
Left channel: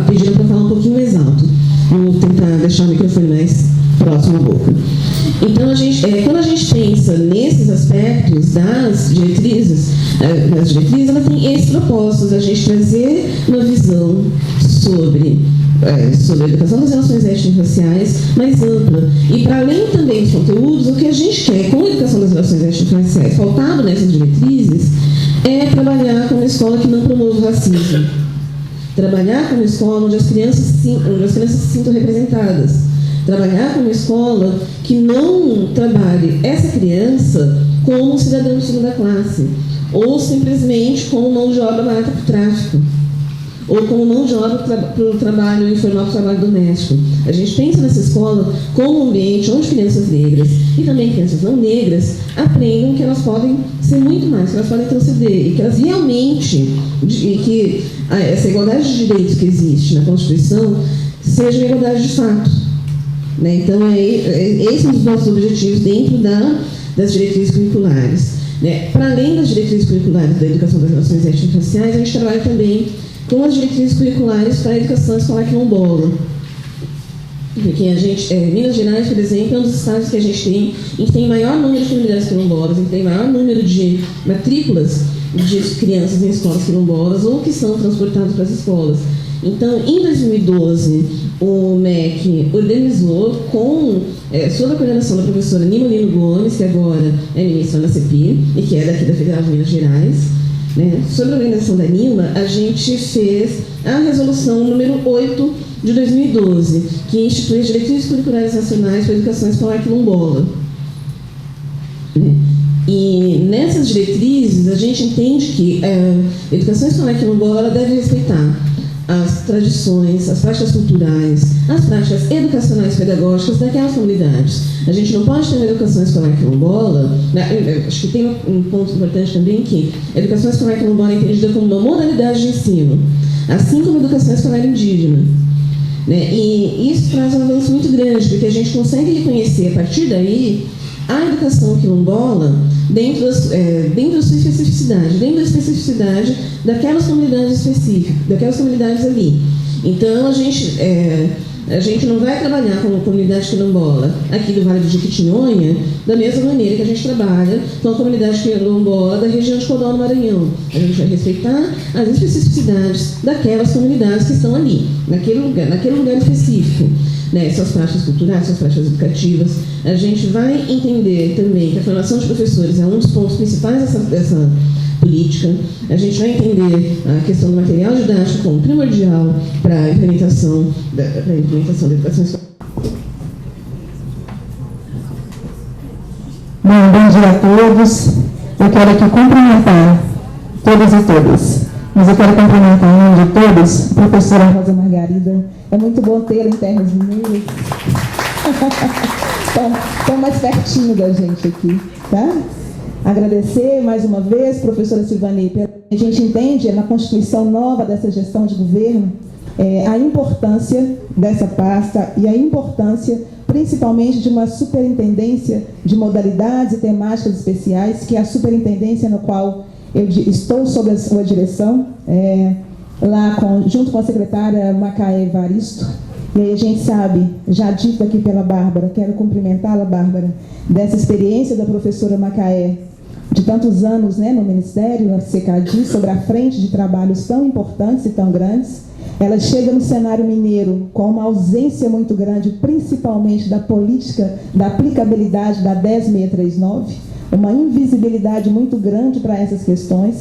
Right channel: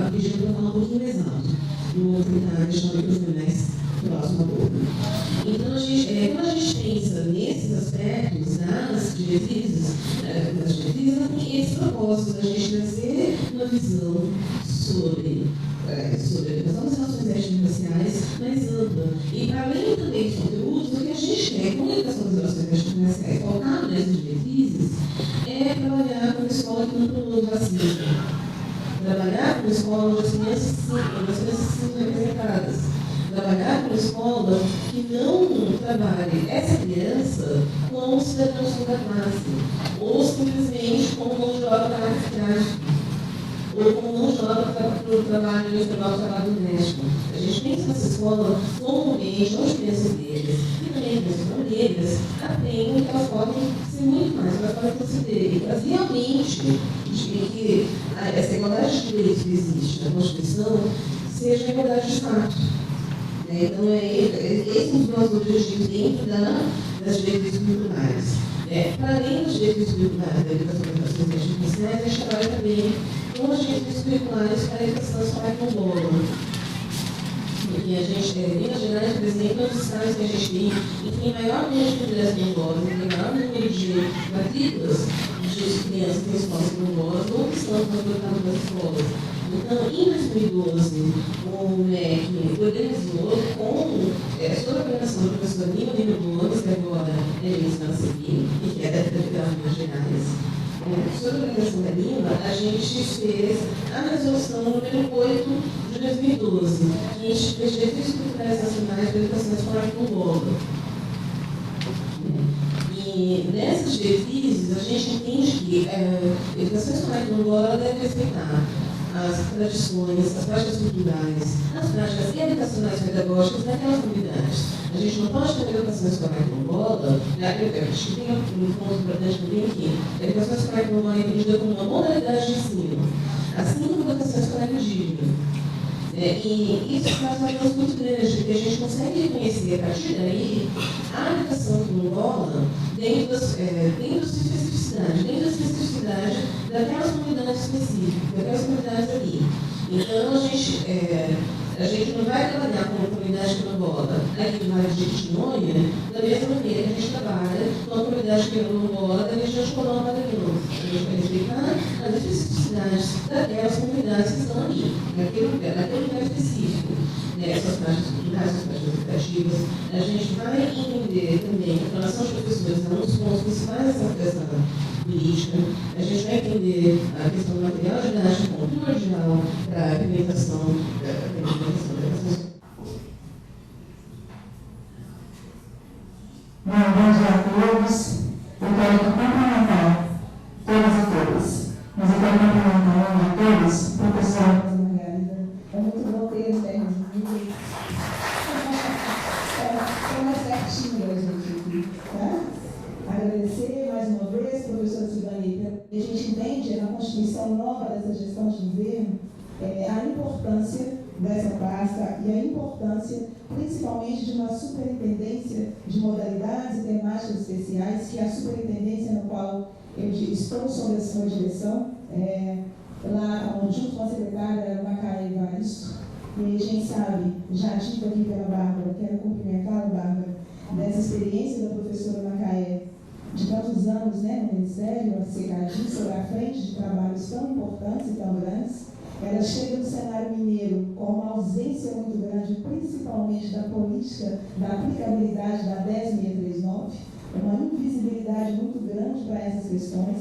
pediram para falar um pouquinho mais alto. Vou tentar deixar o microfone mais próximo à boca. Então, quando a gente pensa nesses aspectos das diretrizes, ela tem esses propósitos, a gente trazer uma visão sobre a educação das relações étnico-raciais mais ampla. E, para além também dos conteúdos, o que a gente quer com a educação das relações étnico-raciais, faltado nessas diretrizes, é trabalhar com uma escola que não promove o racismo. Trabalhar com uma escola onde as crianças se sintam representadas. Trabalhar com uma escola que não trabalhe essa criança como um cidadão de segunda classe, ou simplesmente como mão de obra barata para o tráfico, ou como mão de obra para o trabalho informal, para o trabalho doméstico. A gente pensa nessa escola como um ambiente onde crianças negras e também crianças não negras aprendam que elas podem ser muito mais, que elas podem transcender, e que elas realmente, e que essa igualdade de direitos que existe na Constituição seja uma igualdade de fato. Né? Então, esse é um dos nossos objetivos dentro das diretrizes curriculares. Né? Para além das diretrizes curriculares da educação das relações étnico-raciais, a gente trabalha também com as diretrizes curriculares para a educação escolar quilombola. Porque Minas Gerais, por exemplo, é um dos estados que a gente tem maior número de comunidades quilombolas, tem maior número de matrículas de crianças em escolas quilombolas ou que são transportadas para as escolas. Então, em 2012, o MEC organizou, sob a coordenação da professora Nima Lino Gomes, que agora é ministra na CEPI e que é daqui da Federal de Minas Gerais, né? Sob a organização da Nima, a gente fez a resolução número 8 de 2012, que institui as diretrizes curriculares nacionais para a educação escolar quilombola. E nessas diretrizes, a gente entende que a educação escolar quilombola deve respeitar as tradições, as práticas culturais, as práticas educacionais pedagógicas daquelas comunidades. A gente não pode ter uma educação escolar quilombola, acho que tem um ponto importante também que a educação escolar quilombola é entendida como uma modalidade de ensino, assim como a educação escolar indígena. Né? E isso traz um avanço muito grande, porque a gente consegue reconhecer, a partir daí, a educação quilombola dentro da sua especificidade, dentro da especificidade daquelas comunidades específicas, daquelas comunidades ali. Então, a gente não vai trabalhar com a comunidade quilombola aqui do Vale do Jequitinhonha da mesma maneira que a gente trabalha com a comunidade quilombola da região de Codó, no Maranhão. A gente vai respeitar as especificidades daquelas comunidades que estão ali, naquele lugar específico. Né, suas práticas culturais, suas práticas educativas. A gente vai entender também que a formação de professores é um dos pontos principais dessa política. A gente vai entender a questão do material didático como primordial para a implementação da educação escolar. Bom dia a todos. Eu quero aqui cumprimentar todas e todas. Mas eu quero cumprimentar em nome de todos a professora Rosa Margarida. É muito bom tê-la em terras mineiras. Estão mais pertinho da gente aqui, tá? Agradecer mais uma vez, professora Silvani, a gente entende na Constituição nova dessa gestão de governo a importância dessa pasta e a importância principalmente de uma superintendência de modalidades e temáticas especiais, que é a superintendência no qual eu estou sob a sua direção, junto com a secretária Macaé Evaristo. E aí a gente sabe, já dito aqui pela Bárbara, quero cumprimentá-la, Bárbara, dessa experiência da professora Macaé, de tantos anos, né, no Ministério, na CECADI, sobre a frente de trabalhos tão importantes e tão grandes. Ela chega no cenário mineiro com uma ausência muito grande, principalmente da política, da aplicabilidade da 10639, uma invisibilidade muito grande para essas questões.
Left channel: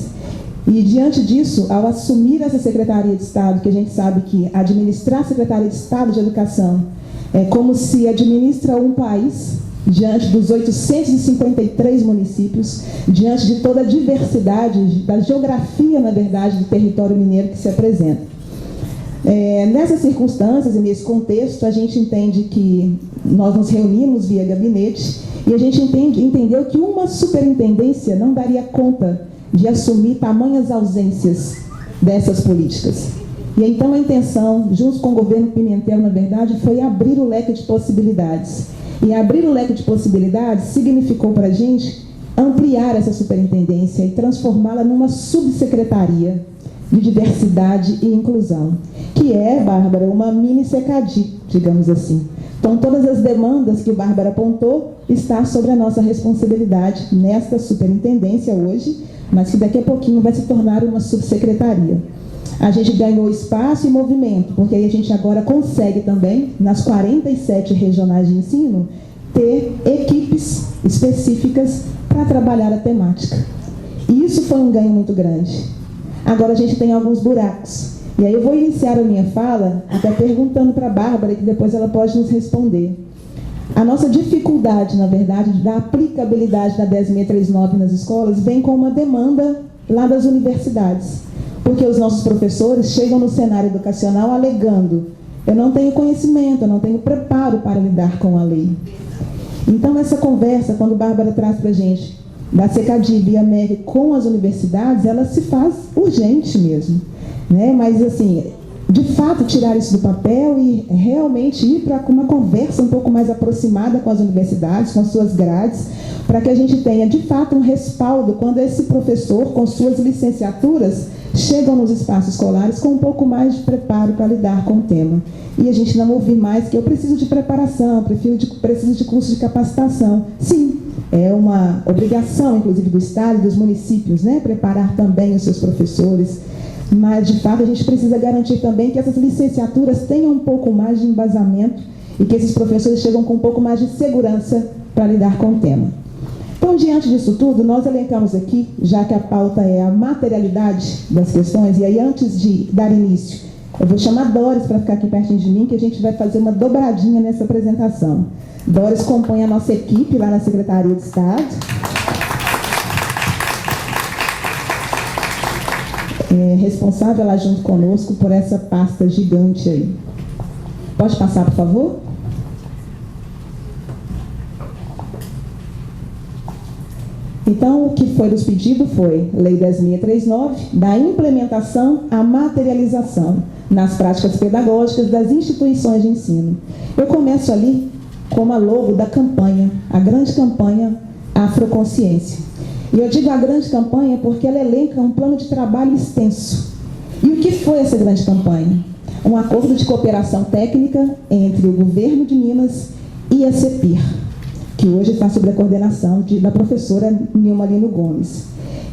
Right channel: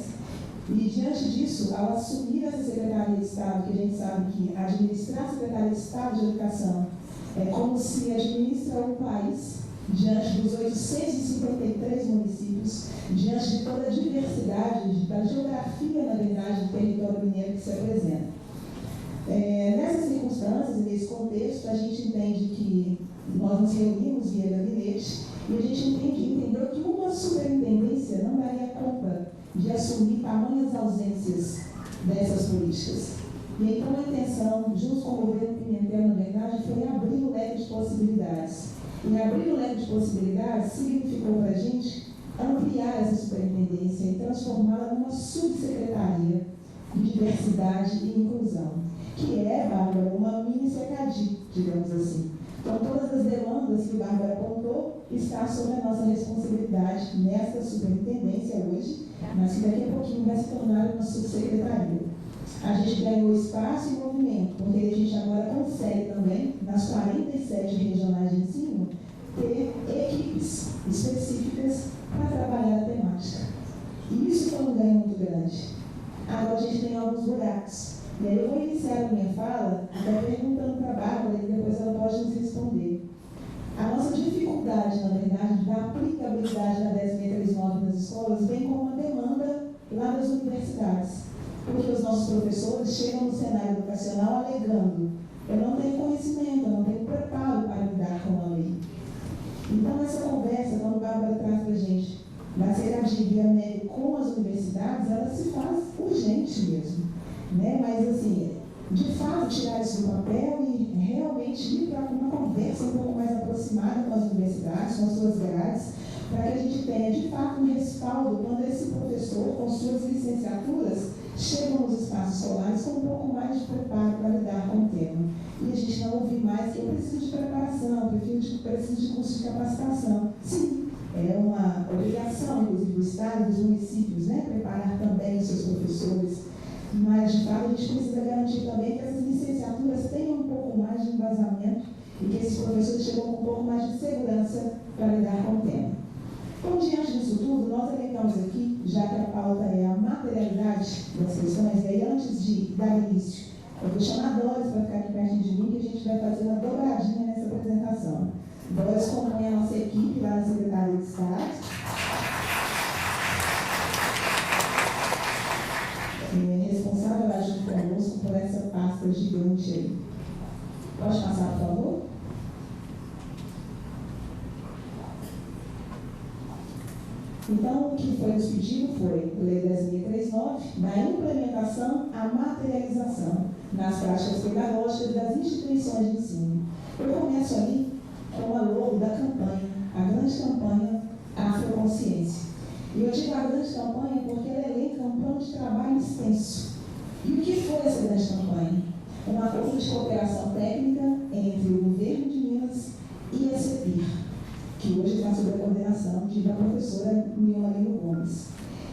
E, diante disso, ao assumir essa Secretaria de Estado, que a gente sabe que administrar a Secretaria de Estado de Educação é como se administra um país, diante dos 853 municípios, diante de toda a diversidade, da geografia, na verdade, do território mineiro que se apresenta. Nessas circunstâncias e nesse contexto, a gente entende que nós nos reunimos via gabinete e a gente entendeu que uma superintendência não daria conta de assumir tamanhas ausências dessas políticas. E então a intenção, junto com o governo Pimentel, na verdade, foi abrir o leque de possibilidades. E abrir o leque de possibilidades significou para a gente ampliar essa superintendência e transformá-la numa subsecretaria de diversidade e inclusão, que é, Bárbara, uma mini SECADI, digamos assim. Então, todas as demandas que Bárbara apontou estão sobre a nossa responsabilidade nesta superintendência hoje, mas que daqui a pouquinho vai se tornar uma subsecretaria. A gente ganhou espaço e movimento, porque aí a gente agora consegue também, nas 47 regionais de ensino, ter equipes específicas para trabalhar a temática. E isso foi um ganho muito grande. Agora a gente tem alguns buracos. E aí eu vou iniciar a minha fala até perguntando para a Bárbara, que depois ela pode nos responder. A nossa dificuldade, na verdade, da aplicabilidade da 10.639 nas escolas vem com uma demanda lá das universidades. Porque os nossos professores chegam no cenário educacional alegando: eu não tenho conhecimento, eu não tenho preparo para lidar com a lei. Então, essa conversa, quando a Bárbara traz para a gente da SECADI via MEC com as universidades, ela se faz urgente mesmo, né? Mas, assim, de fato, tirar isso do papel e realmente ir para uma conversa um pouco mais aproximada com as universidades, com as suas grades, para que a gente tenha, de fato, um respaldo quando esse professor, com suas licenciaturas, chegam nos espaços escolares com um pouco mais de preparo para lidar com o tema. E a gente não ouvir mais que eu preciso de preparação, preciso de curso de capacitação. Sim, é uma obrigação, inclusive, do Estado e dos municípios, né, preparar também os seus professores. Mas, de fato, a gente precisa garantir também que essas licenciaturas tenham um pouco mais de embasamento e que esses professores chegam com um pouco mais de segurança para lidar com o tema. Então, diante disso tudo, nós elencamos aqui, já que a pauta é a materialidade das questões, e aí antes de dar início, eu vou chamar Doris para ficar aqui pertinho de mim, que a gente vai fazer uma dobradinha nessa apresentação. Doris compõe a nossa equipe lá na Secretaria de Estado. É responsável lá junto conosco por essa pasta gigante aí. Pode passar, por favor? Então, o que foi nos pedido foi Lei 10.639, da implementação à materialização nas práticas pedagógicas das instituições de ensino. Eu começo ali com a logo da campanha, a grande campanha Afroconsciência. E eu digo a grande campanha porque ela elenca um plano de trabalho extenso. E o que foi essa grande campanha? Um acordo de cooperação técnica entre o governo de Minas e a CEPIR, que hoje está sob a coordenação da professora Nilma Lino Gomes.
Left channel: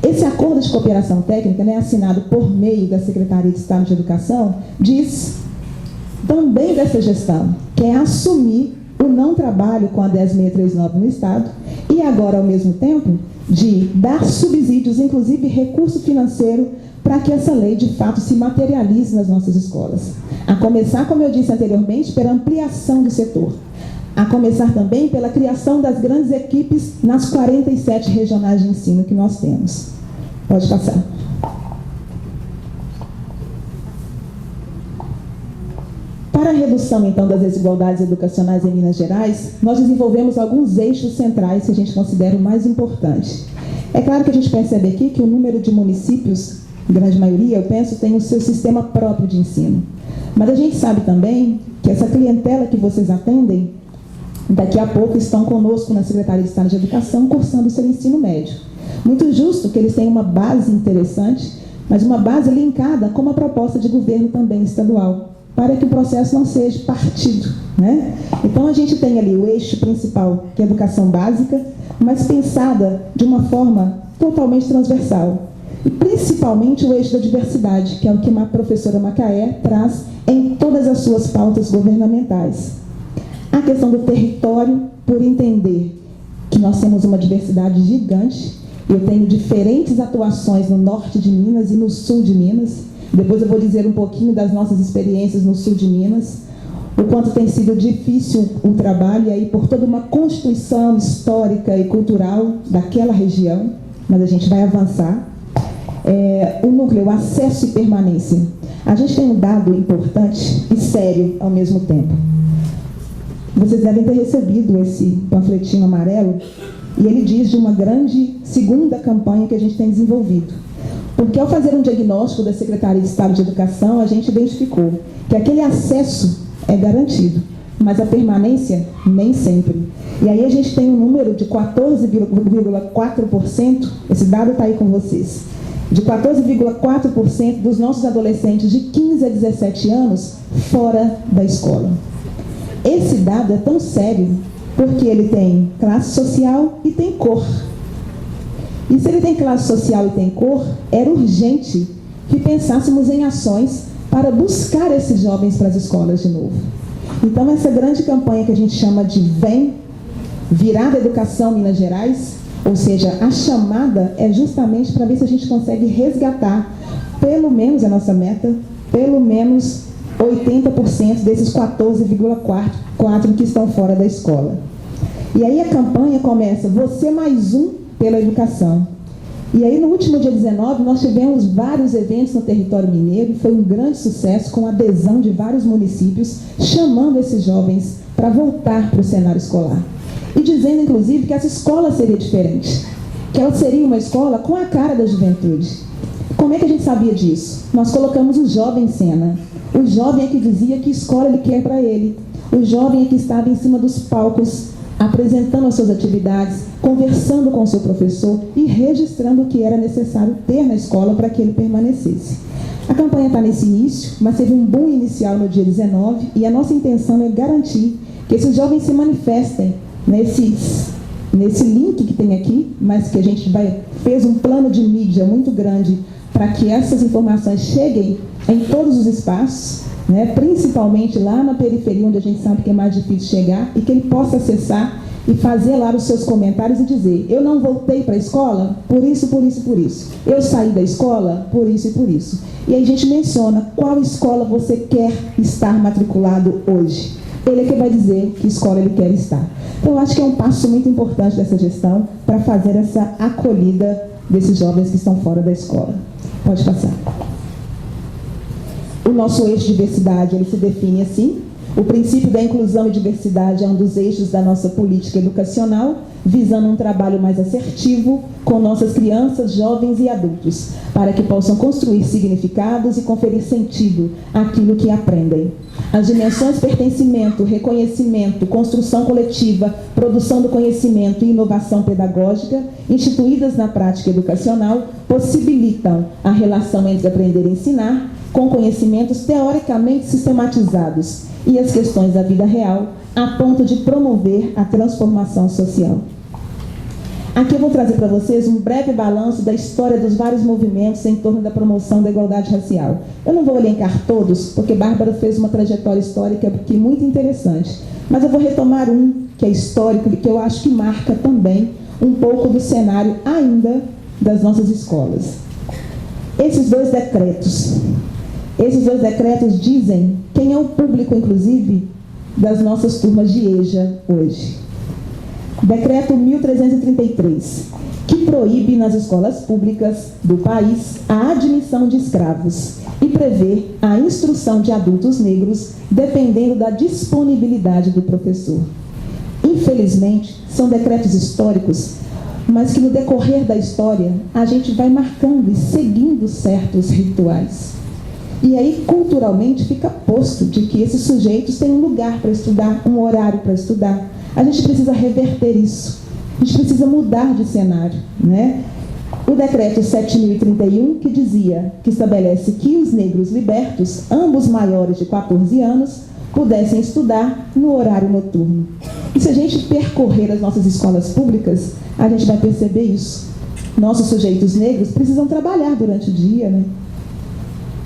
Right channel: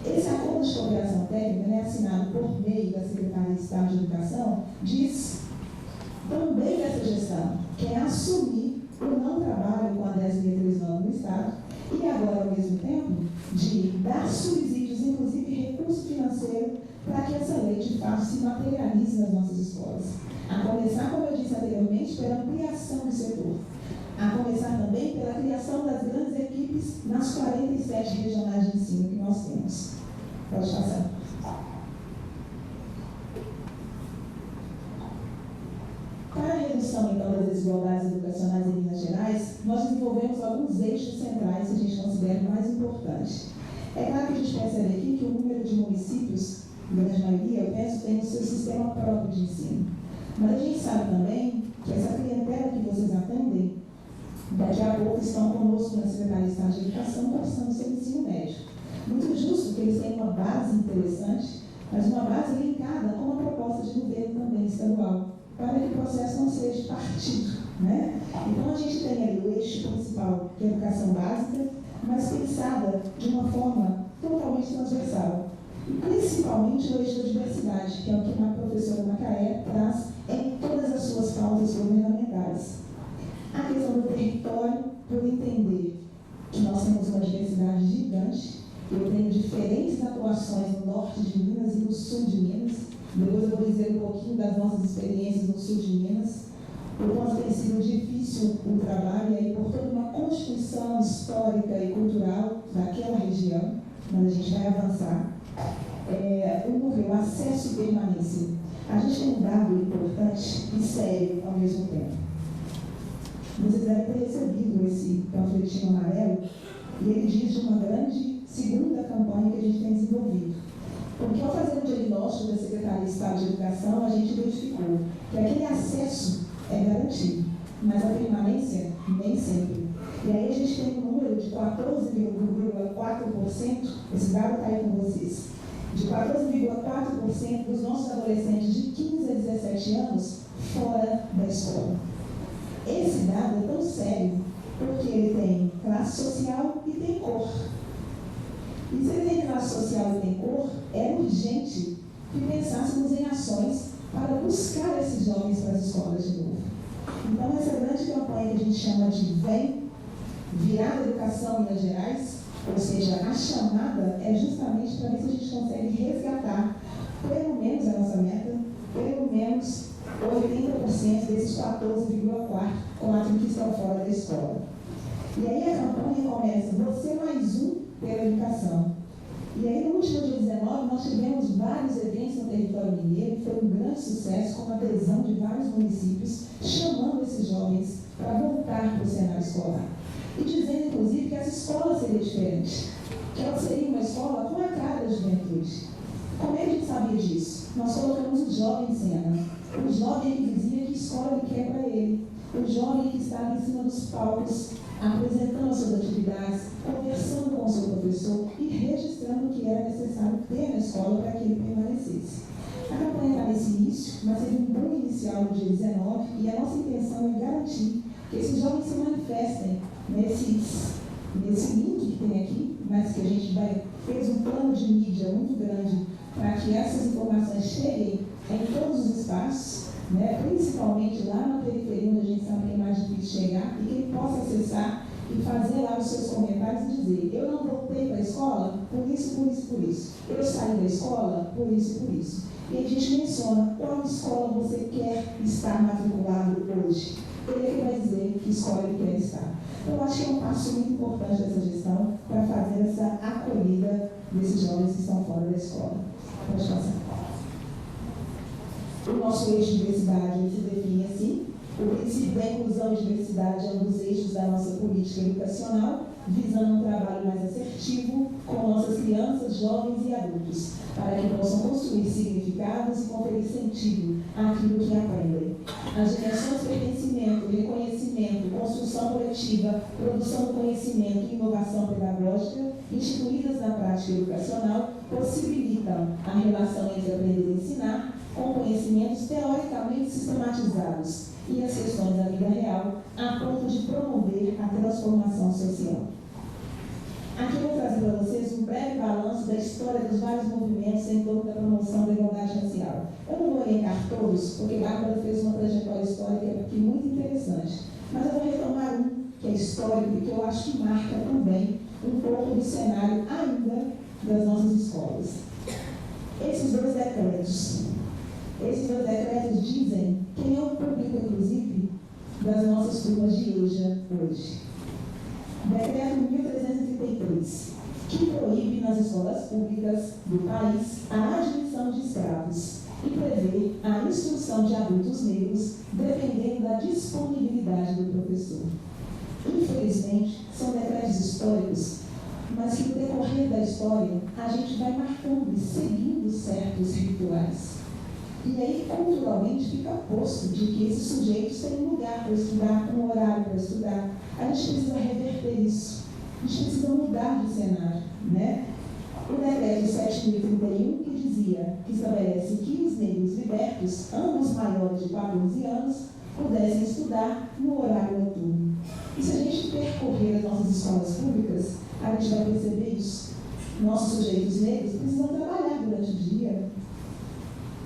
Esse acordo de cooperação técnica, né, assinado por meio da Secretaria de Estado de Educação, diz também dessa gestão, que é assumir o não trabalho com a 10.639 no Estado e agora, ao mesmo tempo, de dar subsídios, inclusive recurso financeiro, para que essa lei, de fato, se materialize nas nossas escolas. A começar, como eu disse anteriormente, pela ampliação do setor. A começar também pela criação das grandes equipes nas 47 regionais de ensino que nós temos. Pode passar. Para a redução, então, das desigualdades educacionais em Minas Gerais, nós desenvolvemos alguns eixos centrais que a gente considera o mais importante. É claro que a gente percebe aqui que o número de municípios, grande maioria, eu penso, tem o seu sistema próprio de ensino. Mas a gente sabe também que essa clientela que vocês atendem, daqui a pouco estão conosco na Secretaria de Estado de Educação, cursando o seu ensino médio. Muito justo que eles tenham uma base interessante, mas uma base linkada com uma proposta de governo também estadual, para que o processo não seja partido, né? Então, a gente tem ali o eixo principal, que é a educação básica, mas pensada de uma forma totalmente transversal. E, principalmente, o eixo da diversidade, que é o que a professora Macaé traz em todas as suas pautas governamentais. A questão do território, por entender que nós temos uma diversidade gigante. Eu tenho diferentes atuações no norte de Minas e no sul de Minas. Depois eu vou dizer um pouquinho das nossas experiências no sul de Minas, o quanto tem sido difícil o trabalho, e aí por toda uma constituição histórica e cultural daquela região, mas a gente vai avançar. O núcleo, acesso e permanência. A gente tem um dado importante e sério ao mesmo tempo. Vocês devem ter recebido esse panfletinho amarelo, e ele diz de uma grande segunda campanha que a gente tem desenvolvido. Porque ao fazer um diagnóstico da Secretaria de Estado de Educação, a gente identificou que aquele acesso é garantido, mas a permanência nem sempre. E aí a gente tem um número de 14,4%, esse dado está aí com vocês, de 14,4% dos nossos adolescentes de 15 a 17 anos fora da escola. Esse dado é tão sério porque ele tem classe social e tem cor. E se ele tem classe social e tem cor, era urgente que pensássemos em ações para buscar esses jovens para as escolas de novo. Então, essa grande campanha que a gente chama de Vem, Virada Educação Minas Gerais, ou seja, a chamada é justamente para ver se a gente consegue resgatar, pelo menos a nossa meta, pelo menos 80% desses 14,4% que estão fora da escola. E aí a campanha começa, você mais um pela educação. E aí no último dia 19 nós tivemos vários eventos no território mineiro, foi um grande sucesso com a adesão de vários municípios, chamando esses jovens para voltar para o cenário escolar. E dizendo inclusive que essa escola seria diferente, que ela seria uma escola com a cara da juventude. Como é que a gente sabia disso? Nós colocamos o jovem em cena. O jovem é que dizia que escola ele quer para ele. O jovem é que estava em cima dos palcos, apresentando as suas atividades, conversando com o seu professor e registrando o que era necessário ter na escola para que ele permanecesse. A campanha está nesse início, mas teve um boom inicial no dia 19 e a nossa intenção é garantir que esses jovens se manifestem nesse link que tem aqui, mas que a gente fez um plano de mídia muito grande para que essas informações cheguem em todos os espaços, né, principalmente lá na periferia, onde a gente sabe que é mais difícil chegar, e que ele possa acessar e fazer lá os seus comentários e dizer, eu não voltei para a escola por isso, por isso, por isso. Eu saí da escola por isso e por isso. E aí a gente menciona qual escola você quer estar matriculado hoje. Ele é que vai dizer que escola ele quer estar. Então, eu acho que é um passo muito importante dessa gestão para fazer essa acolhida desses jovens que estão fora da escola. Pode passar. O nosso eixo de diversidade, ele se define assim. O princípio da inclusão e diversidade é um dos eixos da nossa política educacional, visando um trabalho mais assertivo com nossas crianças, jovens e adultos, para que possam construir significados e conferir sentido àquilo que aprendem. As dimensões pertencimento, reconhecimento, construção coletiva, produção do conhecimento e inovação pedagógica, instituídas na prática educacional, possibilitam a relação entre aprender e ensinar, com conhecimentos teoricamente sistematizados e as questões da vida real, a ponto de promover a transformação social. Aqui eu vou trazer para vocês um breve balanço da história dos vários movimentos em torno da promoção da igualdade racial. Eu não vou elencar todos, porque Bárbara fez uma trajetória histórica aqui muito interessante, mas eu vou retomar um que é histórico e que eu acho que marca também um pouco do cenário ainda das nossas escolas. Esses dois decretos dizem quem é o público, inclusive, das nossas turmas de EJA hoje. Decreto 1333, que proíbe nas escolas públicas do país a admissão de escravos e prevê a instrução de adultos negros dependendo da disponibilidade do professor. Infelizmente, são decretos históricos, mas que no decorrer da história a gente vai marcando e seguindo certos rituais. E aí, culturalmente, fica posto de que esses sujeitos têm um lugar para estudar, um horário para estudar. A gente precisa reverter isso. A gente precisa mudar de cenário, né? O decreto 7.031, que dizia, que estabelece que os negros libertos, ambos maiores de 14 anos, pudessem estudar no horário noturno. E se a gente percorrer as nossas escolas públicas, a gente vai perceber isso. Nossos sujeitos negros precisam trabalhar durante o dia, né?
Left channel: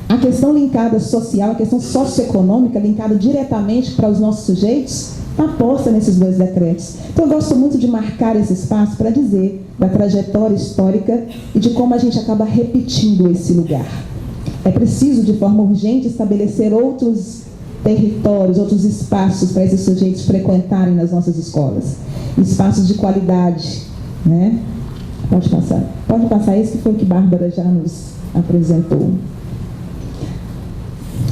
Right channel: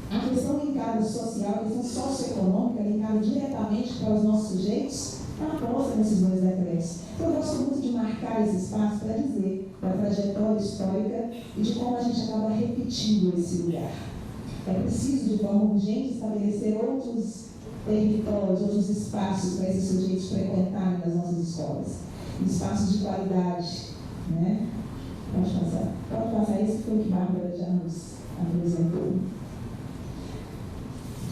A questão linkada social, a questão socioeconômica linkada diretamente para os nossos sujeitos, aposta nesses dois decretos. Então, eu gosto muito de marcar esse espaço para dizer da trajetória histórica e de como a gente acaba repetindo esse lugar. É preciso, de forma urgente, estabelecer outros territórios, outros espaços para esses sujeitos frequentarem nas nossas escolas. Espaços de qualidade, né? Pode passar esse que foi o que Bárbara já nos apresentou.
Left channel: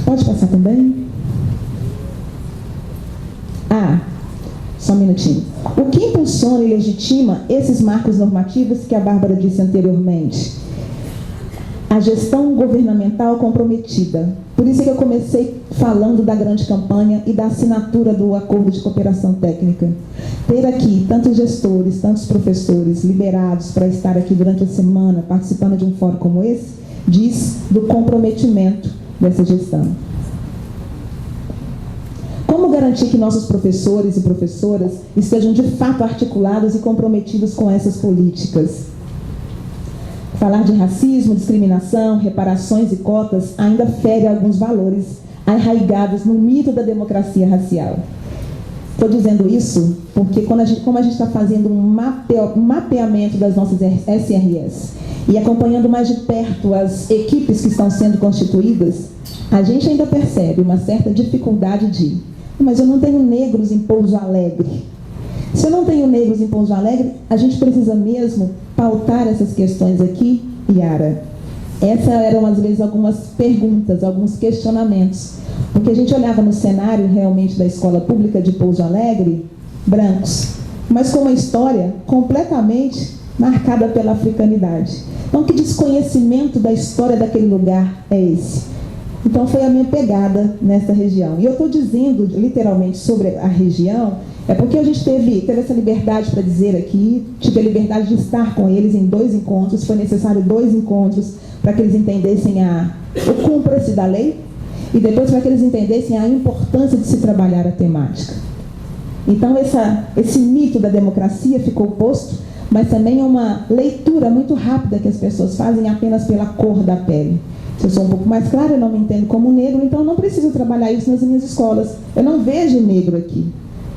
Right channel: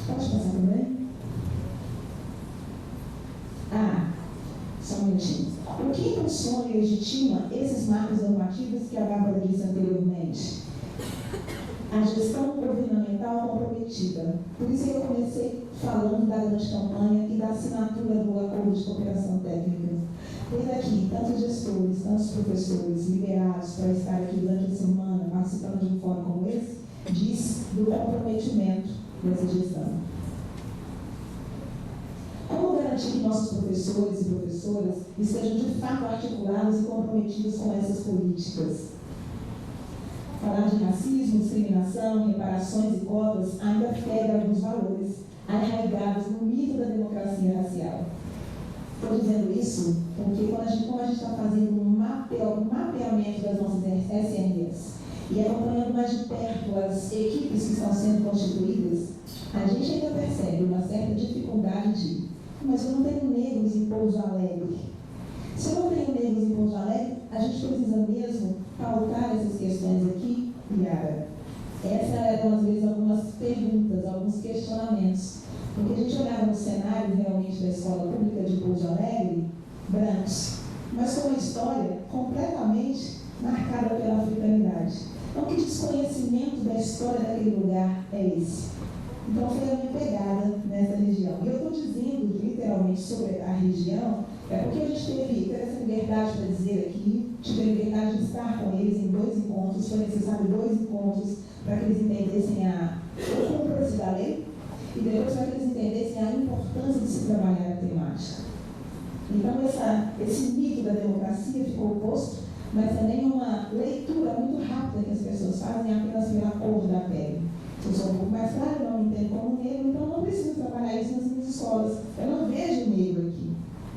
Pode passar também? Só um minutinho. O que impulsiona e legitima esses marcos normativos que a Bárbara disse anteriormente? a gestão governamental comprometida. Por isso que eu comecei falando da grande campanha e da assinatura do acordo de cooperação técnica. Ter aqui tantos gestores, tantos professores liberados para estar aqui durante a semana, participando de um fórum como esse, diz do comprometimento dessa gestão. Como garantir que nossos professores e professoras estejam de fato articulados e comprometidos com essas políticas? Falar de racismo, discriminação, reparações e cotas ainda fere alguns valores arraigados no mito da democracia racial. Estou dizendo isso porque como a gente está fazendo um mapeamento das nossas SRS e acompanhando mais de perto as equipes que estão sendo constituídas, a gente ainda percebe uma certa dificuldade de: mas eu não tenho negros em Pouso Alegre. Se eu não tenho negros em Pouso Alegre, a gente precisa mesmo pautar essas questões aqui, Yara. Essas eram, às vezes, algumas perguntas, alguns questionamentos. Porque a gente olhava no cenário, realmente, da escola pública de Pouso Alegre, brancos, mas com uma história completamente marcada pela africanidade. Então, que desconhecimento da história daquele lugar é esse? Então, foi a minha pegada nessa região. E eu estou dizendo, literalmente, sobre a região, é porque a gente teve essa liberdade para dizer aqui, tive a liberdade de estar com eles em 2 encontros, foi necessário 2 encontros para que eles entendessem o cumpra-se da lei e depois para que eles entendessem a importância de se trabalhar a temática. Então, esse mito da democracia ficou posto, mas também é uma leitura muito rápida que as pessoas fazem apenas pela cor da pele. Se eu sou um pouco mais clara, eu não me entendo como negro, então eu não preciso trabalhar isso nas minhas escolas. Eu não vejo negro aqui.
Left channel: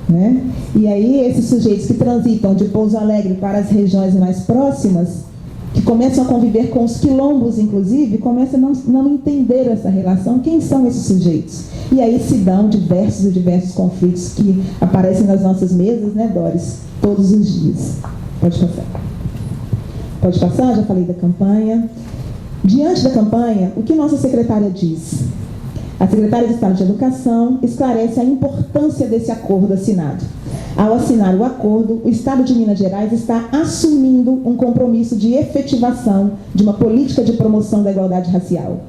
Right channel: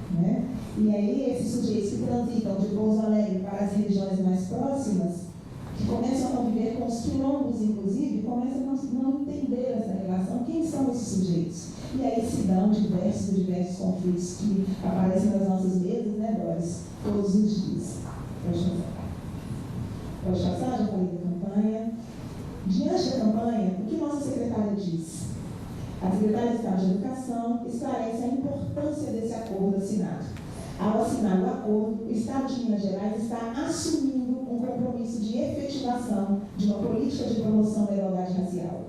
Né? E aí esses sujeitos que transitam de Pouso Alegre para as regiões mais próximas, que começam a conviver com os quilombos, inclusive, começam a não entender essa relação. Quem são esses sujeitos? E aí se dão diversos conflitos que aparecem nas nossas mesas, né, Doris? Todos os dias. Pode passar. Pode passar, já falei da campanha. Diante da campanha, o que nossa secretária diz? A secretária de Estado de Educação esclarece a importância desse acordo assinado. Ao assinar o acordo, o Estado de Minas Gerais está assumindo um compromisso de efetivação de uma política de promoção da igualdade racial.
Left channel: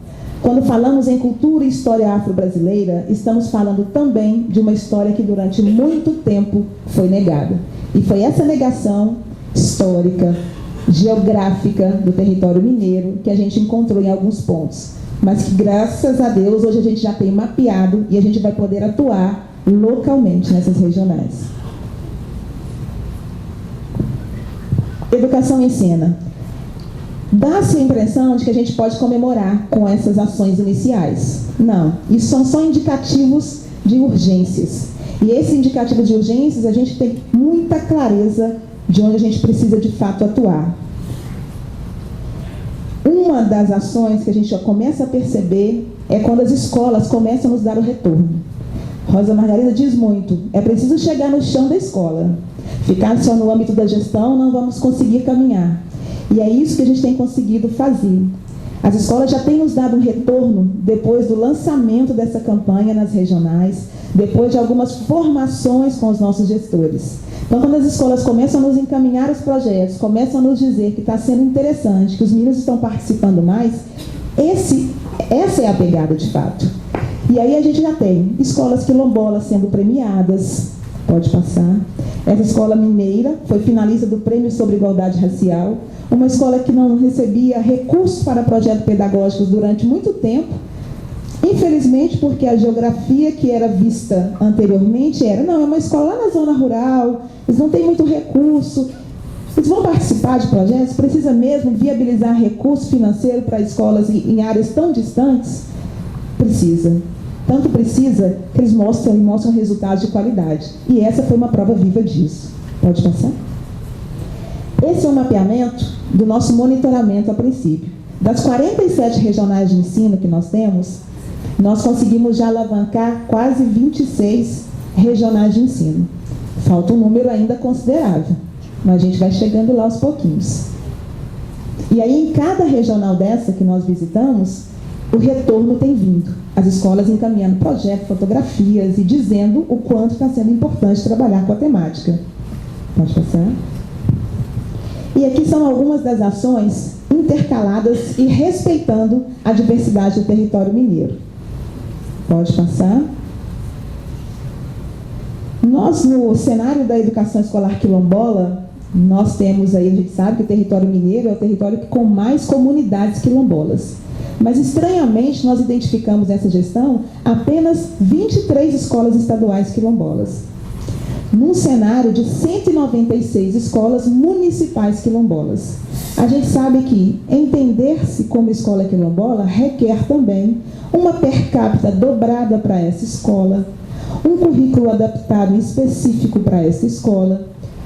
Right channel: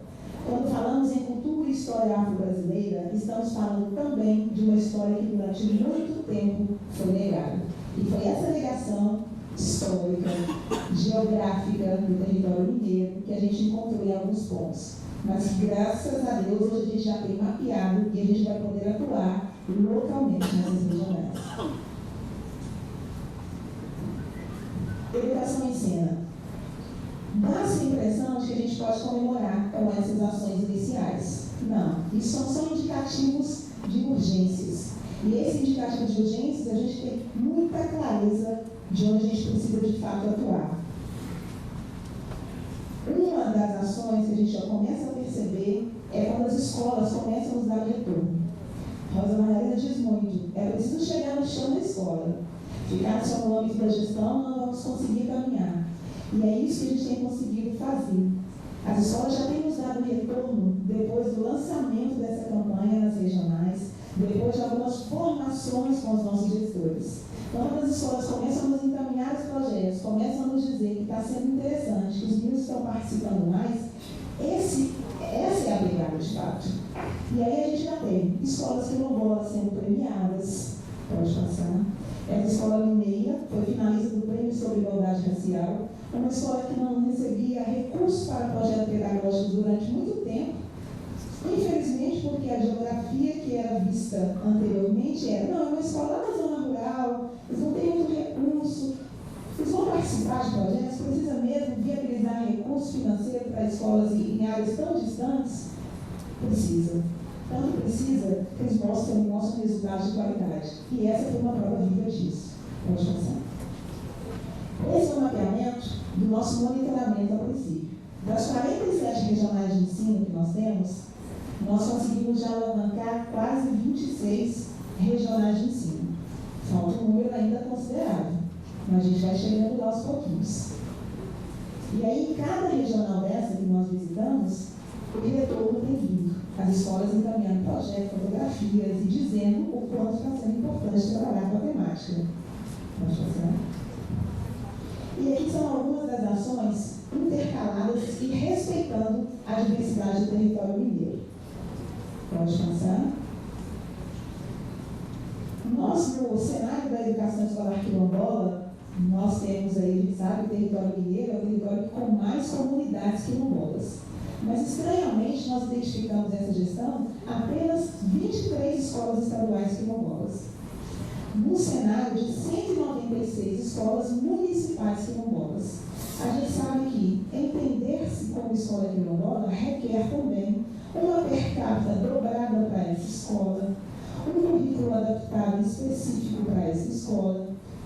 Quando falamos em cultura e história afro-brasileira, estamos falando também de uma história que durante muito tempo foi negada. E foi essa negação histórica, geográfica do território mineiro que a gente encontrou em alguns pontos. Mas que, graças a Deus, hoje a gente já tem mapeado e a gente vai poder atuar localmente nessas regionais. Educação em cena. Dá-se a impressão de que a gente pode comemorar com essas ações iniciais. Não, isso são só indicativos de urgências. E esse indicativo de urgências, a gente tem muita clareza de onde a gente precisa de fato atuar. Uma das ações que a gente já começa a perceber é quando as escolas começam a nos dar o retorno. Rosa Margarida diz muito, é preciso chegar no chão da escola. Ficar só no âmbito da gestão, não vamos conseguir caminhar. E é isso que a gente tem conseguido fazer. As escolas já têm nos dado um retorno depois do lançamento dessa campanha nas regionais, depois de algumas formações com os nossos gestores. Então, quando as escolas começam a nos encaminhar os projetos, começam a nos dizer que está sendo interessante, que os meninos estão participando mais, essa é a pegada de fato. E aí a gente já tem escolas quilombolas sendo premiadas, pode passar. Essa escola mineira foi finalista do Prêmio sobre Igualdade Racial, uma escola que não recebia recursos para projetos pedagógicos durante muito tempo, infelizmente porque a geografia que era vista anteriormente é uma escola lá na zona rural, eles não têm muito recurso, eles vão participar de projetos, precisa mesmo viabilizar recurso financeiro para escolas em áreas tão distantes? Precisa. Tanto precisa que eles mostram resultados de qualidade. E essa foi uma prova viva disso. Pode passar? Esse é um mapeamento do nosso monitoramento a princípio. Das 47 regionais de ensino que nós temos, nós conseguimos já alavancar quase 26 regionais de ensino. Falta um número ainda considerável, mas a gente vai chegando lá aos pouquinhos. E aí, em cada regional dessa que nós visitamos, o retorno tem vindo. As escolas encaminhando projetos, fotografias e dizendo o quanto está sendo importante trabalhar com a temática. Pode passar? E aqui são algumas das ações intercaladas e respeitando a diversidade do território mineiro. Pode passar. Nós, no cenário da educação escolar quilombola, nós temos aí, a gente sabe que o território mineiro é o território com mais comunidades quilombolas. Mas, estranhamente, nós identificamos nessa gestão apenas 23 escolas estaduais quilombolas, num cenário de 196 escolas municipais quilombolas. A gente sabe que entender-se como escola quilombola requer também uma per capita dobrada para essa escola, um currículo adaptado e específico para essa escola,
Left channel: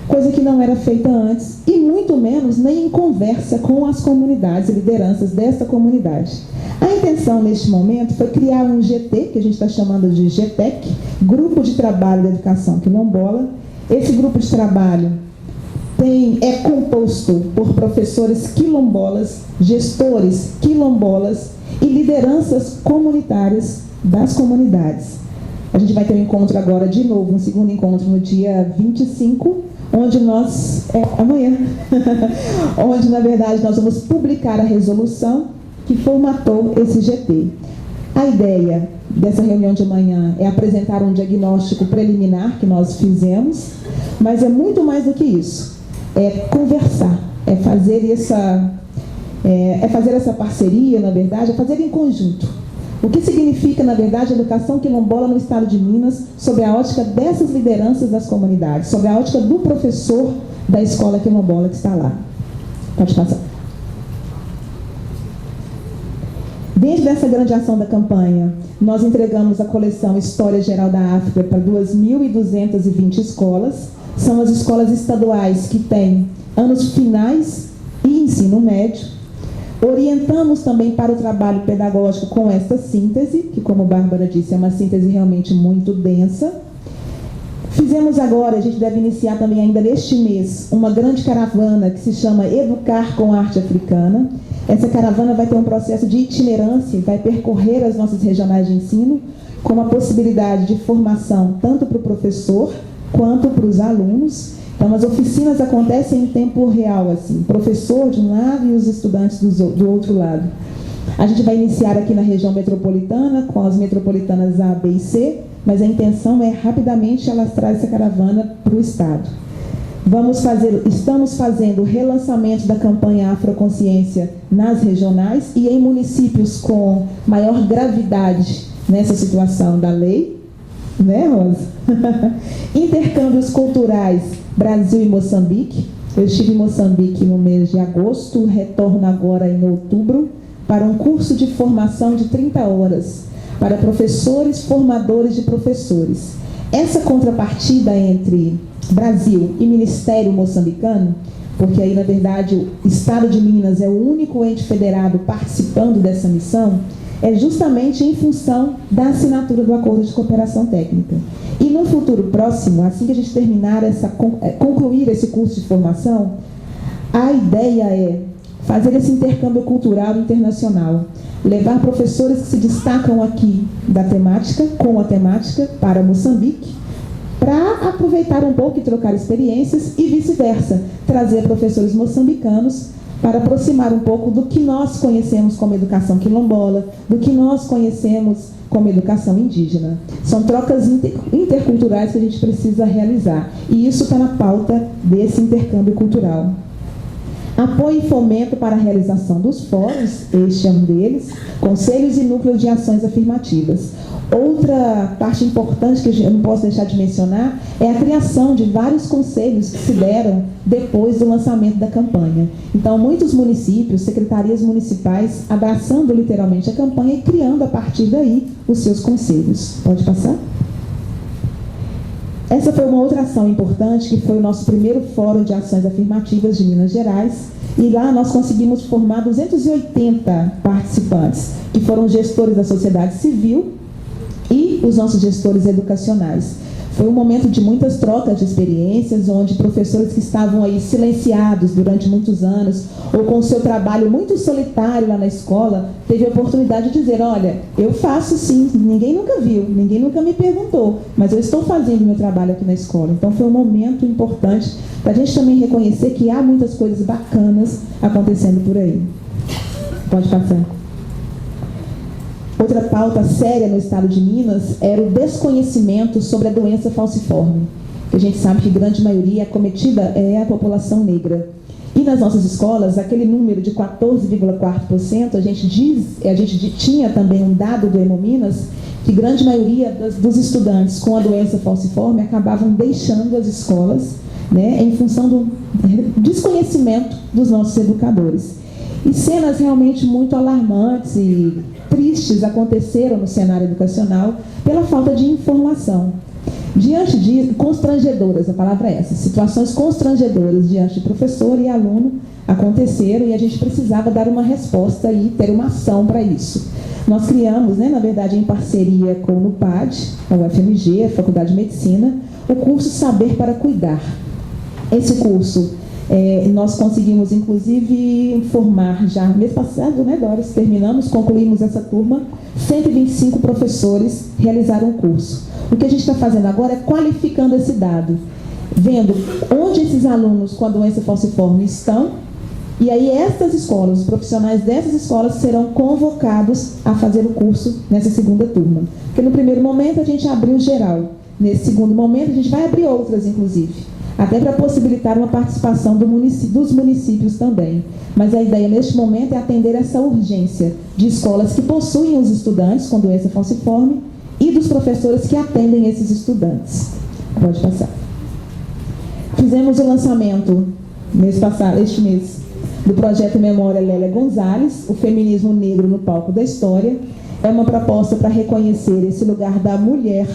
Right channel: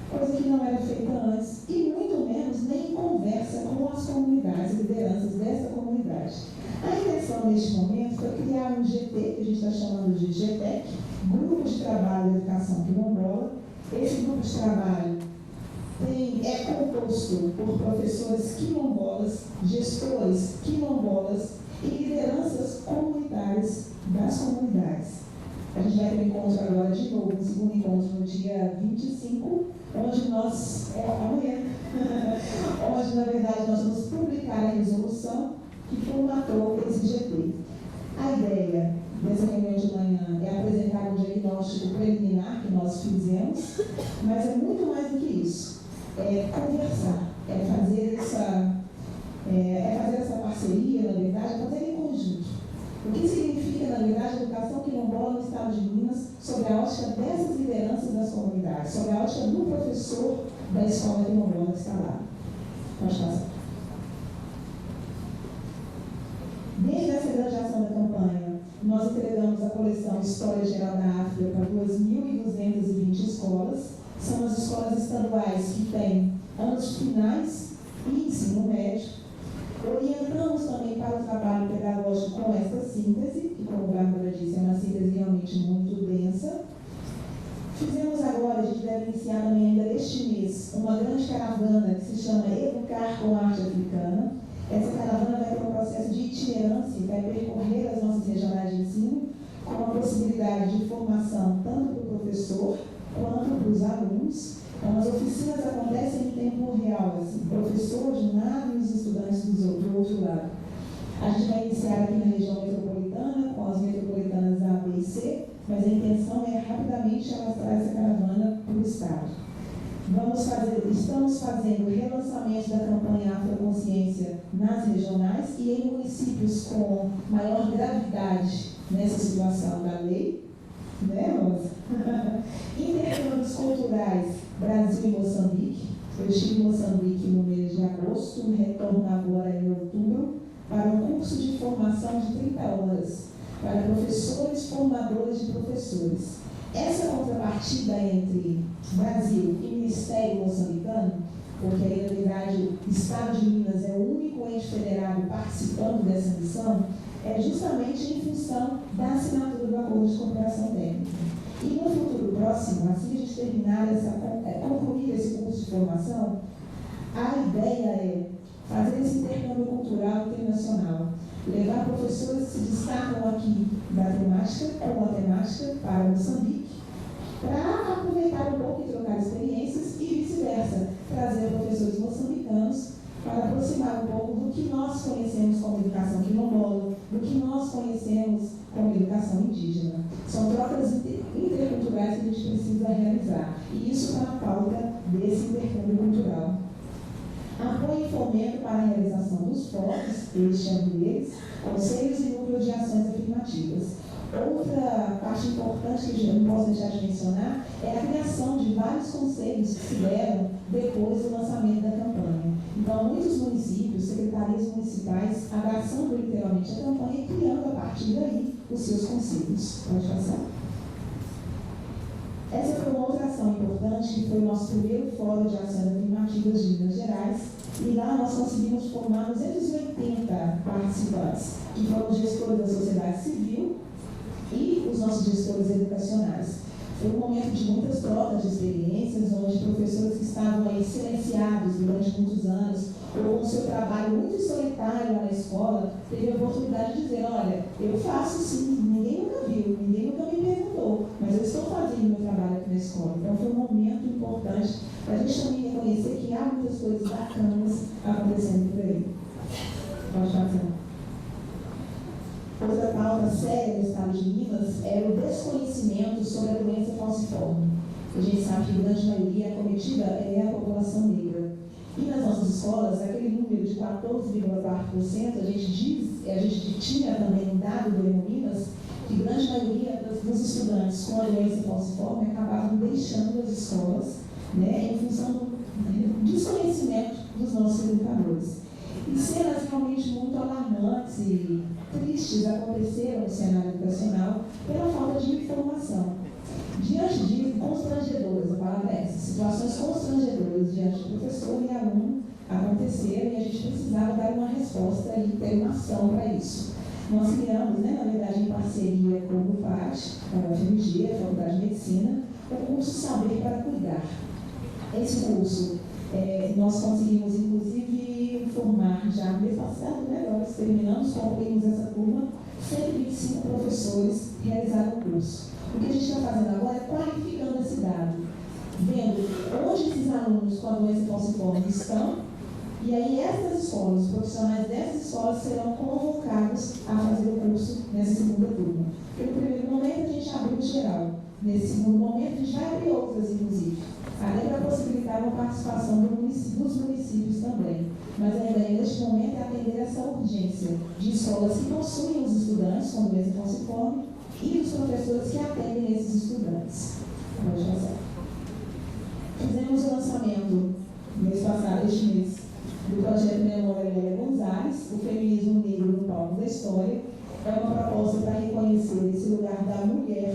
coisa que não era feita antes, e muito menos nem em conversa com as comunidades e lideranças dessa comunidade. A intenção neste momento foi criar um GT, que a gente está chamando de GTEC, Grupo de Trabalho da Educação Quilombola. Esse grupo de trabalho é composto por professores quilombolas, gestores quilombolas e lideranças comunitárias das comunidades. A gente vai ter um encontro agora de novo, um segundo encontro no dia 25, onde nós, amanhã, onde na verdade nós vamos publicar a resolução que formatou esse GT. A ideia dessa reunião de amanhã é apresentar um diagnóstico preliminar que nós fizemos, mas é muito mais do que isso. É conversar, é fazer essa parceria, na verdade, é fazer em conjunto. O que significa, na verdade, a educação quilombola no estado de Minas, sob a ótica dessas lideranças das comunidades, sob a ótica do professor da escola quilombola que está lá. Pode passar. Dentro dessa grande ação da campanha, nós entregamos a coleção História Geral da África para 2.220 escolas. São as escolas estaduais que têm anos finais e ensino médio. Orientamos também para o trabalho pedagógico com esta síntese, que, como a Bárbara disse, é uma síntese realmente muito densa. Fizemos agora, a gente deve iniciar também ainda neste mês, uma grande caravana que se chama Educar com Arte Africana. Essa caravana vai ter um processo de itinerância, vai percorrer as nossas regionais de ensino, com a possibilidade de formação tanto para o professor quanto para os alunos. Então, as oficinas acontecem em tempo real, assim, professor de um lado e os estudantes do outro lado. A gente vai iniciar aqui na região metropolitana, com as metropolitanas A, B e C, mas a intenção é rapidamente alastrar essa caravana para o estado. Estamos fazendo o relançamento da campanha Afroconsciência nas regionais e em municípios com maior gravidade nessa situação da lei, né, Rosa? Intercâmbios culturais Brasil e Moçambique. Eu estive em Moçambique no mês de agosto, retorno agora em outubro para um curso de formação de 30 horas para professores formadores de professores. Essa contrapartida entre Brasil e Ministério moçambicano, porque aí na verdade o Estado de Minas é o único ente federado participando dessa missão, é justamente em função da assinatura do Acordo de Cooperação Técnica. E no futuro próximo, assim que a gente terminar concluir esse curso de formação, a ideia é fazer esse intercâmbio cultural internacional, levar professores que se destacam aqui da temática, com a temática, para Moçambique, para aproveitar um pouco e trocar experiências e vice-versa, trazer professores moçambicanos para aproximar um pouco do que nós conhecemos como educação quilombola, do que nós conhecemos como educação indígena. São trocas interculturais que a gente precisa realizar, e isso está na pauta desse intercâmbio cultural. Apoio e fomento para a realização dos fóruns, este é um deles, conselhos e núcleos de ações afirmativas. Outra parte importante que eu não posso deixar de mencionar é a criação de vários conselhos que se deram depois do lançamento da campanha. Então, muitos municípios, secretarias municipais, abraçando literalmente a campanha e criando a partir daí os seus conselhos. Pode passar? Essa foi uma outra ação importante, que foi o nosso primeiro Fórum de Ações Afirmativas de Minas Gerais, e lá nós conseguimos formar 280 participantes, que foram gestores da sociedade civil e os nossos gestores educacionais. Foi um momento de muitas trocas de experiências, onde professores que estavam aí silenciados durante muitos anos, ou com o seu trabalho muito solitário lá na escola, teve a oportunidade de dizer, olha, eu faço sim, ninguém nunca viu, ninguém nunca me perguntou, mas eu estou fazendo meu trabalho aqui na escola. Então foi um momento importante para a gente também reconhecer que há muitas coisas bacanas acontecendo por aí. Pode passar. Outra pauta séria no estado de Minas era o desconhecimento sobre a doença falciforme, que a gente sabe que a grande maioria acometida é a população negra. E nas nossas escolas, aquele número de 14,4%, a gente tinha também um dado do Hemominas, que grande maioria dos estudantes com a doença falciforme acabavam deixando as escolas, né, em função do desconhecimento dos nossos educadores. E cenas realmente muito alarmantes e tristes aconteceram no cenário educacional pela falta de informação. Diante disso, constrangedoras, a palavra é essa, situações constrangedoras diante de professor e aluno aconteceram e a gente precisava dar uma resposta e ter uma ação para isso. Nós criamos, na verdade, em parceria com o NUPAD, a UFMG, a Faculdade de Medicina, o curso Saber para Cuidar. Esse curso nós conseguimos, inclusive, formar já mês passado, Doris? Concluímos essa turma, 125 professores realizaram o curso. O que a gente está fazendo agora é qualificando esse dado, vendo onde esses alunos com a doença falciforme estão, e aí estas escolas, os profissionais dessas escolas serão convocados a fazer o curso nessa segunda turma. Porque no primeiro momento a gente abriu geral, nesse segundo momento a gente vai abrir outras, inclusive, até para possibilitar uma participação dos municípios também. Mas a ideia neste momento é atender essa urgência de escolas que possuem os estudantes com doença falciforme e dos professores que atendem esses estudantes. Pode passar. Fizemos o lançamento este mês, do projeto Memória Lélia Gonzalez, o feminismo negro no palco da história. É uma proposta para reconhecer esse lugar da mulher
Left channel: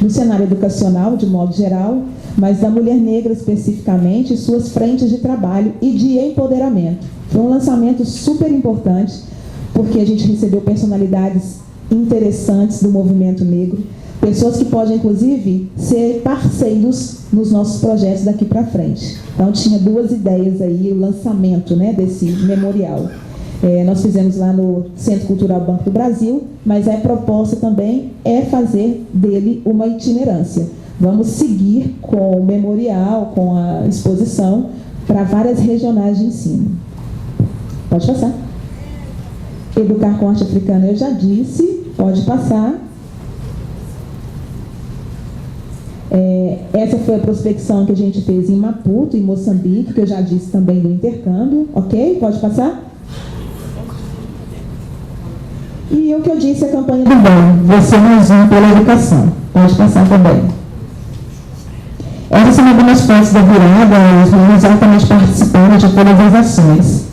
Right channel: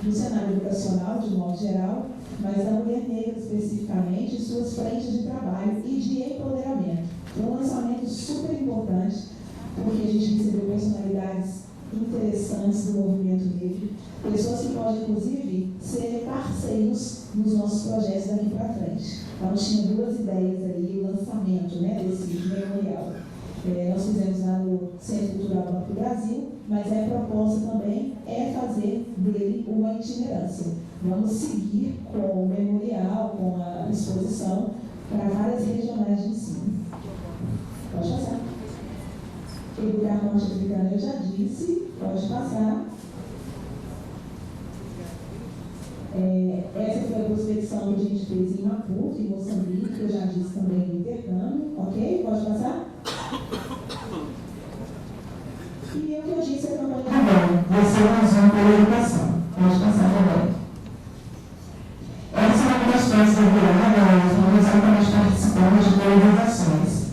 no cenário educacional, de modo geral, mas da mulher negra especificamente, suas frentes de trabalho e de empoderamento. Foi um lançamento super importante, porque a gente recebeu personalidades interessantes do movimento negro, pessoas que podem, inclusive, ser parceiros nos nossos projetos daqui para frente. Então, tinha duas ideias aí, o lançamento desse memorial. Nós fizemos lá no Centro Cultural Banco do Brasil, mas a proposta também é fazer dele uma itinerância. Vamos seguir com o memorial, com a exposição, para várias regionais de ensino. Pode passar. Educar com arte africana, eu já disse, pode passar. Essa foi a prospecção que a gente fez em Maputo, em Moçambique, que eu já disse também do intercâmbio, ok? Pode passar? E o que eu disse, a campanha do bem, você mais um pela educação. Pode passar também. Essas são algumas fotos da virada, os meninos altamente participando de todas as ações.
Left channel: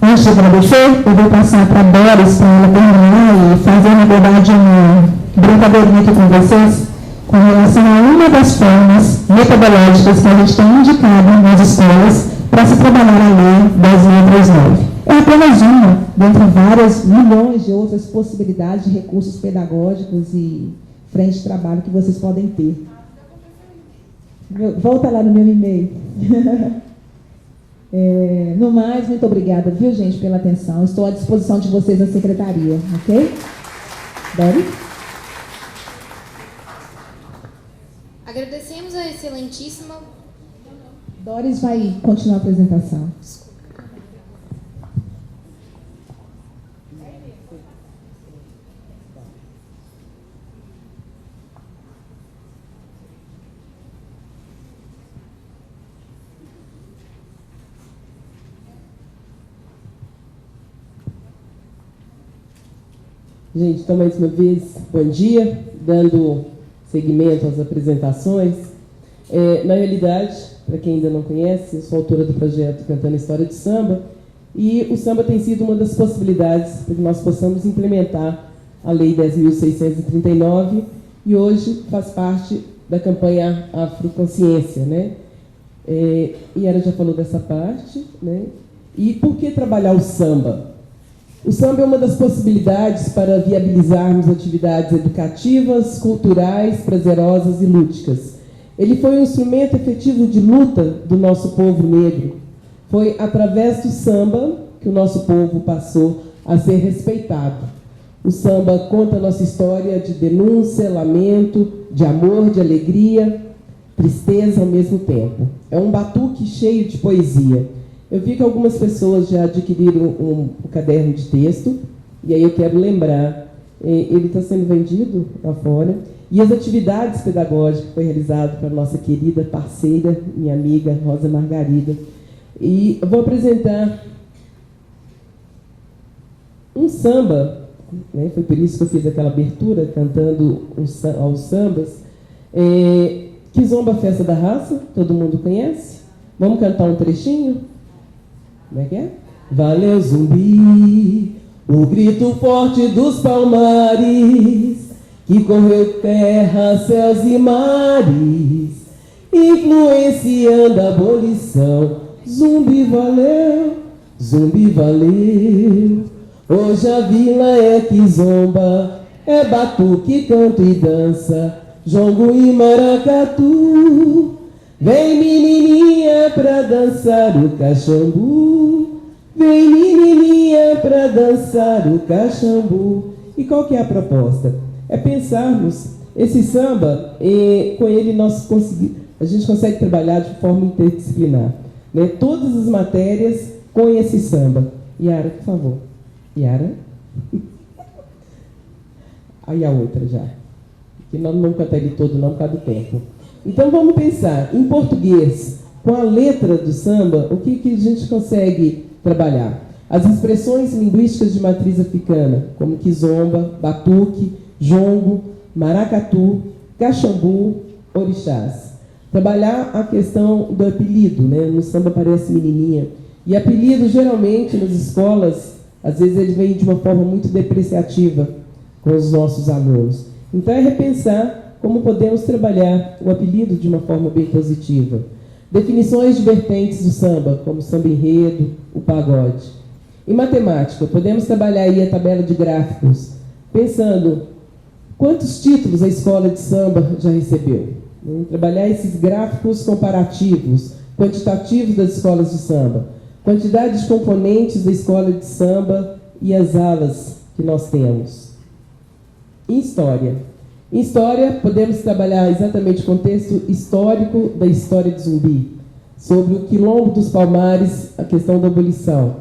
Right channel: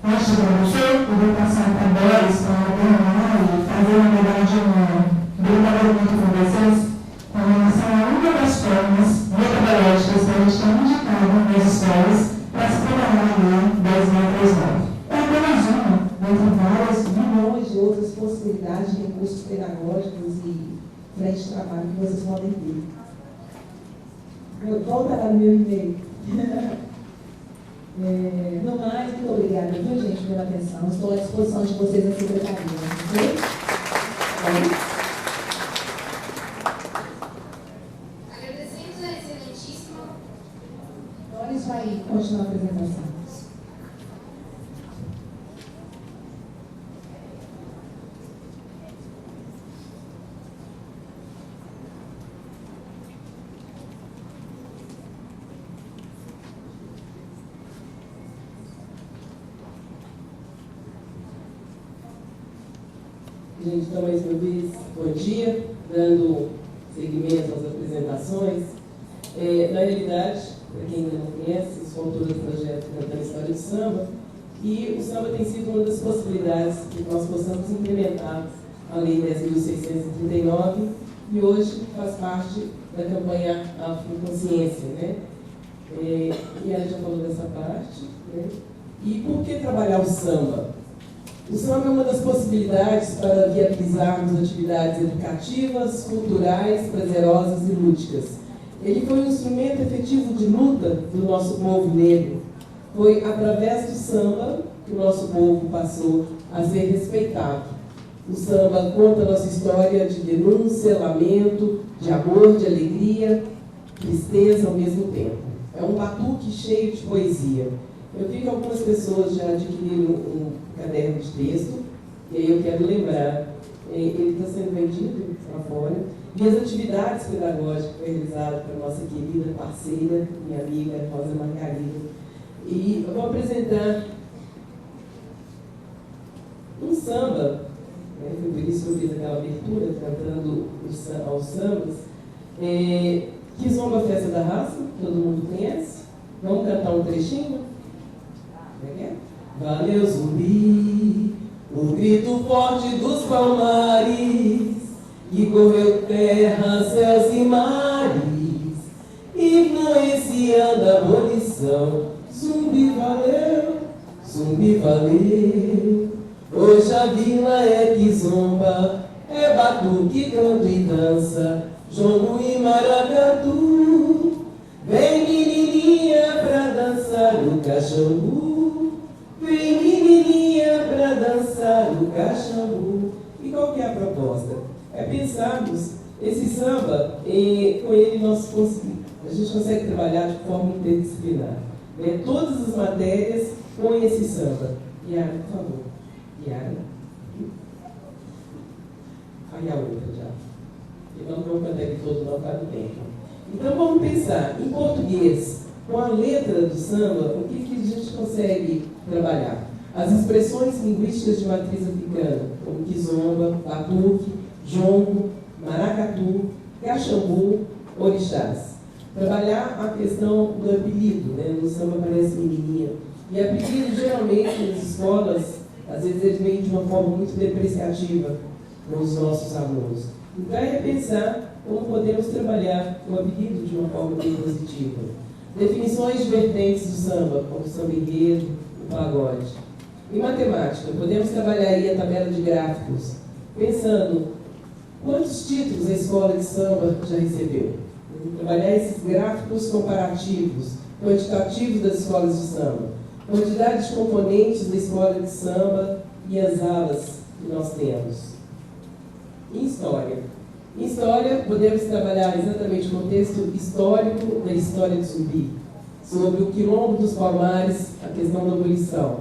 Antes de agradecer, eu vou passar para a Doris, para ela terminar e fazer, na verdade, uma brincadeirinha aqui com vocês, com relação a uma das formas metodológicas que a gente tem indicado nas escolas para se trabalhar a Lei 10.639. É apenas uma, dentre várias milhões de outras possibilidades de recursos pedagógicos e frente de trabalho que vocês podem ter. Volta lá no meu e-mail. No mais, muito obrigada, viu, gente, pela atenção. Estou à disposição de vocês na secretaria, ok? Doris? Agradecemos a excelentíssima... Doris vai continuar a apresentação. Gente, então, mais uma vez, bom dia, dando seguimento às apresentações. Na realidade, para quem ainda não conhece, eu sou autora do projeto Cantando História de Samba, e o samba tem sido uma das possibilidades para que nós possamos implementar a Lei 10.639, e hoje faz parte da campanha Afroconsciência, E ela já falou dessa parte, E por que trabalhar o samba? O samba é uma das possibilidades para viabilizarmos atividades educativas, culturais, prazerosas e lúdicas. Ele foi um instrumento efetivo de luta do nosso povo negro. Foi através do samba que o nosso povo passou a ser respeitado. O samba conta a nossa história de denúncia, lamento, de amor, de alegria, tristeza ao mesmo tempo. É um batuque cheio de poesia. Eu vi que algumas pessoas já adquiriram um caderno de texto, e aí eu quero lembrar, ele está sendo vendido lá fora, e as atividades pedagógicas que foi realizado pela nossa querida parceira, minha amiga Rosa Margarida. E eu vou apresentar um samba, né? Foi por isso que eu fiz aquela abertura, cantando aos sambas, Kizomba Festa da Raça, todo mundo conhece? Vamos cantar um trechinho? Como é que é? Valeu Zumbi, o grito forte dos palmares, que correu terra, céus e mares, influenciando a abolição. Zumbi valeu, hoje a vila é Kizomba, é batuque, canto e dança, jongo e maracatu. Vem menininha pra dançar o caxambu, vem menininha pra dançar o caxambu. E qual que é a proposta? É pensarmos esse samba, com ele a gente consegue trabalhar de forma interdisciplinar, né? Todas as matérias com esse samba. Yara, por favor. Yara. Aí a outra já. Que nós não vamos cantar ele todo não por causa do tempo. Então vamos pensar, em português, com a letra do samba, o que a gente consegue trabalhar? As expressões linguísticas de matriz africana, como kizomba, batuque, jongo, maracatu, caxambu, orixás. Trabalhar a questão do apelido, né? No samba aparece menininha. E apelido, geralmente, nas escolas, às vezes ele vem de uma forma muito depreciativa com os nossos alunos. Então é repensar como podemos trabalhar o apelido de uma forma bem positiva. Definições de vertentes do samba, como samba enredo, o pagode. Em matemática, podemos trabalhar aí a tabela de gráficos, pensando quantos títulos a escola de samba já recebeu. Trabalhar esses gráficos comparativos, quantitativos das escolas de samba, quantidade de componentes da escola de samba e as alas que nós temos. Em história. Em história, podemos trabalhar exatamente o contexto histórico da história de Zumbi, sobre o quilombo dos Palmares, a questão da abolição.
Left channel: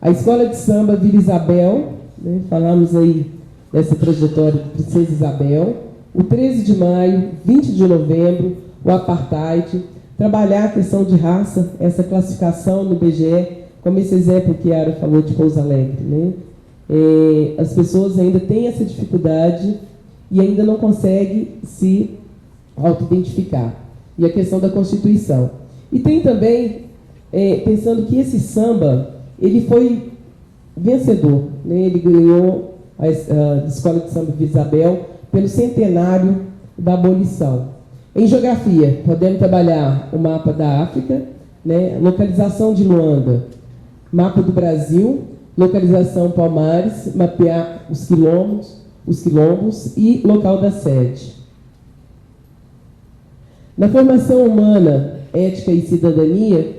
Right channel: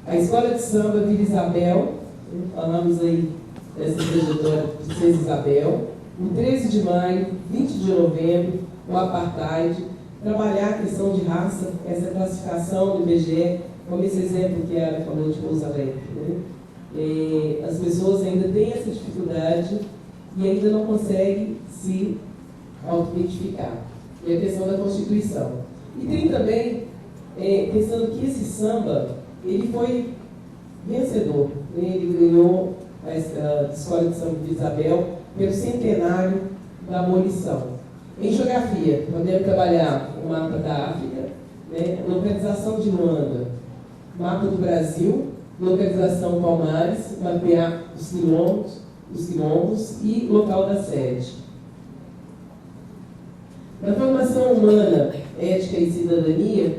A escola de samba Vila Isabel, né, falamos aí dessa trajetória de Princesa Isabel, o 13 de maio, 20 de novembro, o apartheid, trabalhar a questão de raça, essa classificação no IBGE, como esse exemplo que a Yara falou de Pouso Alegre, né? As pessoas ainda têm essa dificuldade e ainda não consegue se auto-identificar. E a questão da Constituição. E tem também, pensando que esse samba, ele foi vencedor, né? Ele ganhou a Escola de Samba de Isabel pelo centenário da abolição. Em geografia, podemos trabalhar o mapa da África, né? Localização de Luanda, mapa do Brasil, localização Palmares, mapear os quilombos e local da sede. Na formação humana, ética e cidadania,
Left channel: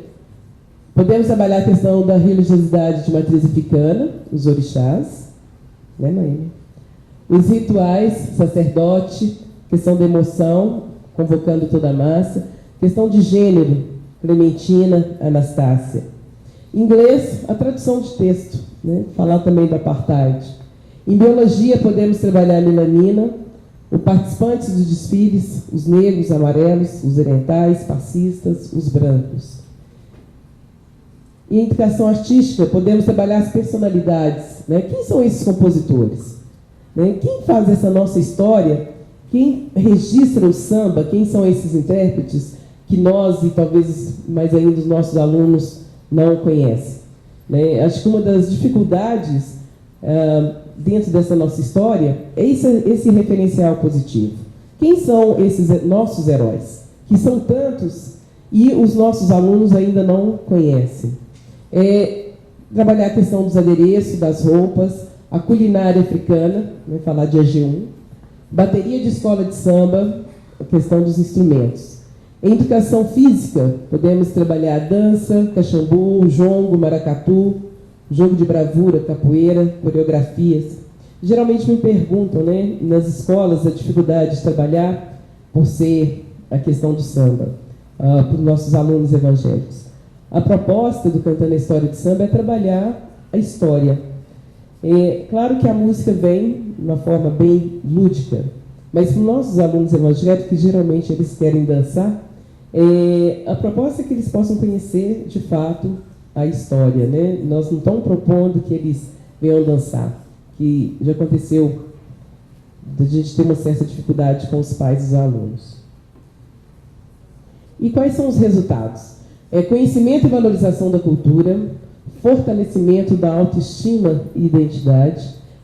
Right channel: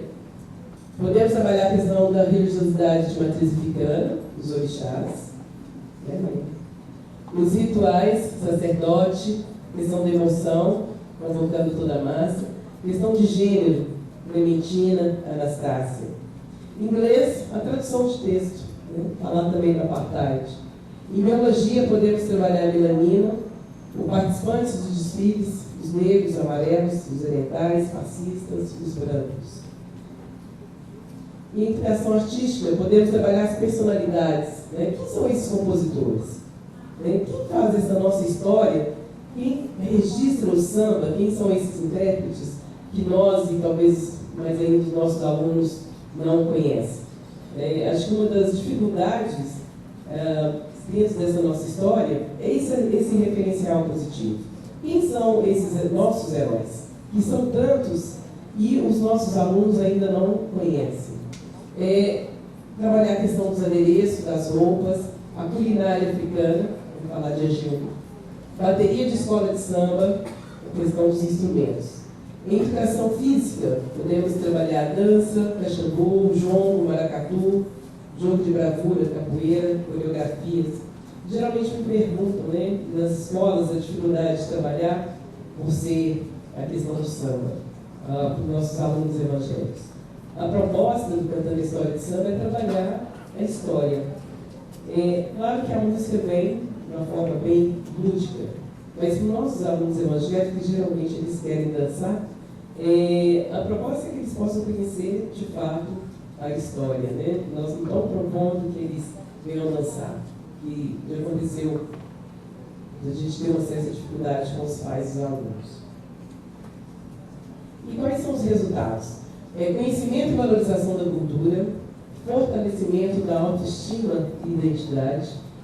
podemos trabalhar a questão da religiosidade de matriz africana, os orixás, né, mãe? Os rituais, sacerdote, questão da emoção, convocando toda a massa, questão de gênero, Clementina, Anastácia. Inglês, a tradução de texto, né? Falar também do apartheid. Em biologia, podemos trabalhar a melanina, os participantes dos desfiles, os negros, amarelos, os orientais, fascistas, os brancos. Em educação artística, podemos trabalhar as personalidades, né? Quem são esses compositores? Né? Quem faz essa nossa história? Quem registra o samba? Quem são esses intérpretes que nós e talvez mais ainda os nossos alunos não conhecem? Né? Acho que uma das dificuldades dentro dessa nossa história é esse referencial positivo. Quem são esses nossos heróis? Que são tantos e os nossos alunos ainda não conhecem. trabalhar a questão dos adereços, das roupas, a culinária africana, vamos falar de AG1, bateria de escola de samba, a questão dos instrumentos. Em educação física, podemos trabalhar dança, caxambu, jongo, maracatu, jogo de bravura, capoeira, coreografias. Geralmente me perguntam, né, nas escolas, a dificuldade de trabalhar por ser a questão do samba, para os nossos alunos evangélicos. A proposta do Cantando a História de Samba é trabalhar a história. É claro que a música vem de uma forma bem lúdica, mas para os nossos alunos evangélicos, geralmente eles querem dançar, a proposta é que eles possam conhecer, de fato, a história, né? Nós não estamos propondo que eles venham dançar, que já aconteceu de a gente ter uma certa dificuldade com os pais e os alunos. E quais são os resultados? Conhecimento e valorização da cultura, fortalecimento da autoestima e identidade,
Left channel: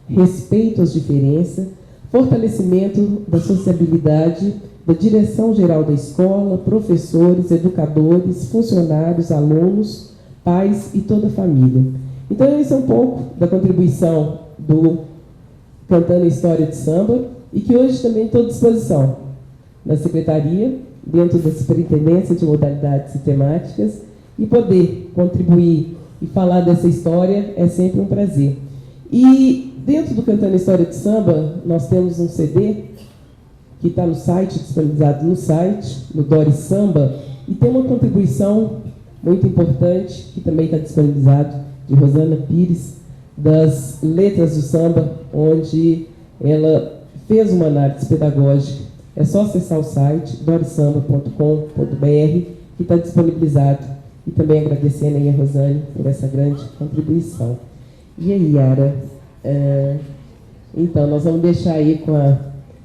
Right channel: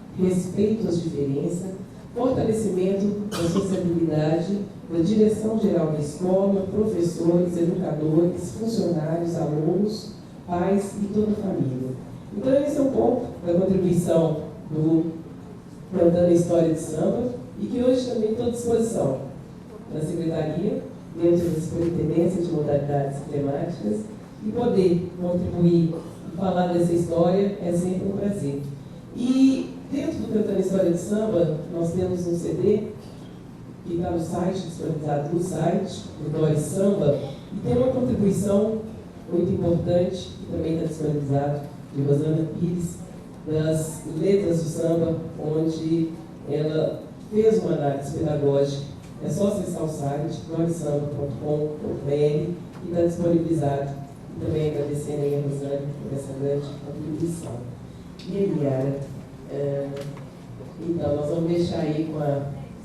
respeito às diferenças, fortalecimento da sociabilidade, da direção geral da escola, professores, educadores, funcionários, alunos, pais e toda a família. Então, esse é um pouco da contribuição do Cantando a História de Samba e que hoje também estou à disposição na Secretaria, dentro da Superintendência de Modalidades e Temáticas, e poder contribuir e falar dessa história é sempre um prazer. E dentro do Cantando a História de Samba, nós temos um CD que está no site, disponibilizado no site, no Doris Samba, e tem uma contribuição muito importante, que também está disponibilizado, de Rosana Pires, das letras do samba, onde ela fez uma análise pedagógica. É só acessar o site, dorisamba.com.br, que está disponibilizado. E também agradecendo a Rosane por essa grande contribuição. E aí, Yara? Então, nós vamos deixar aí com a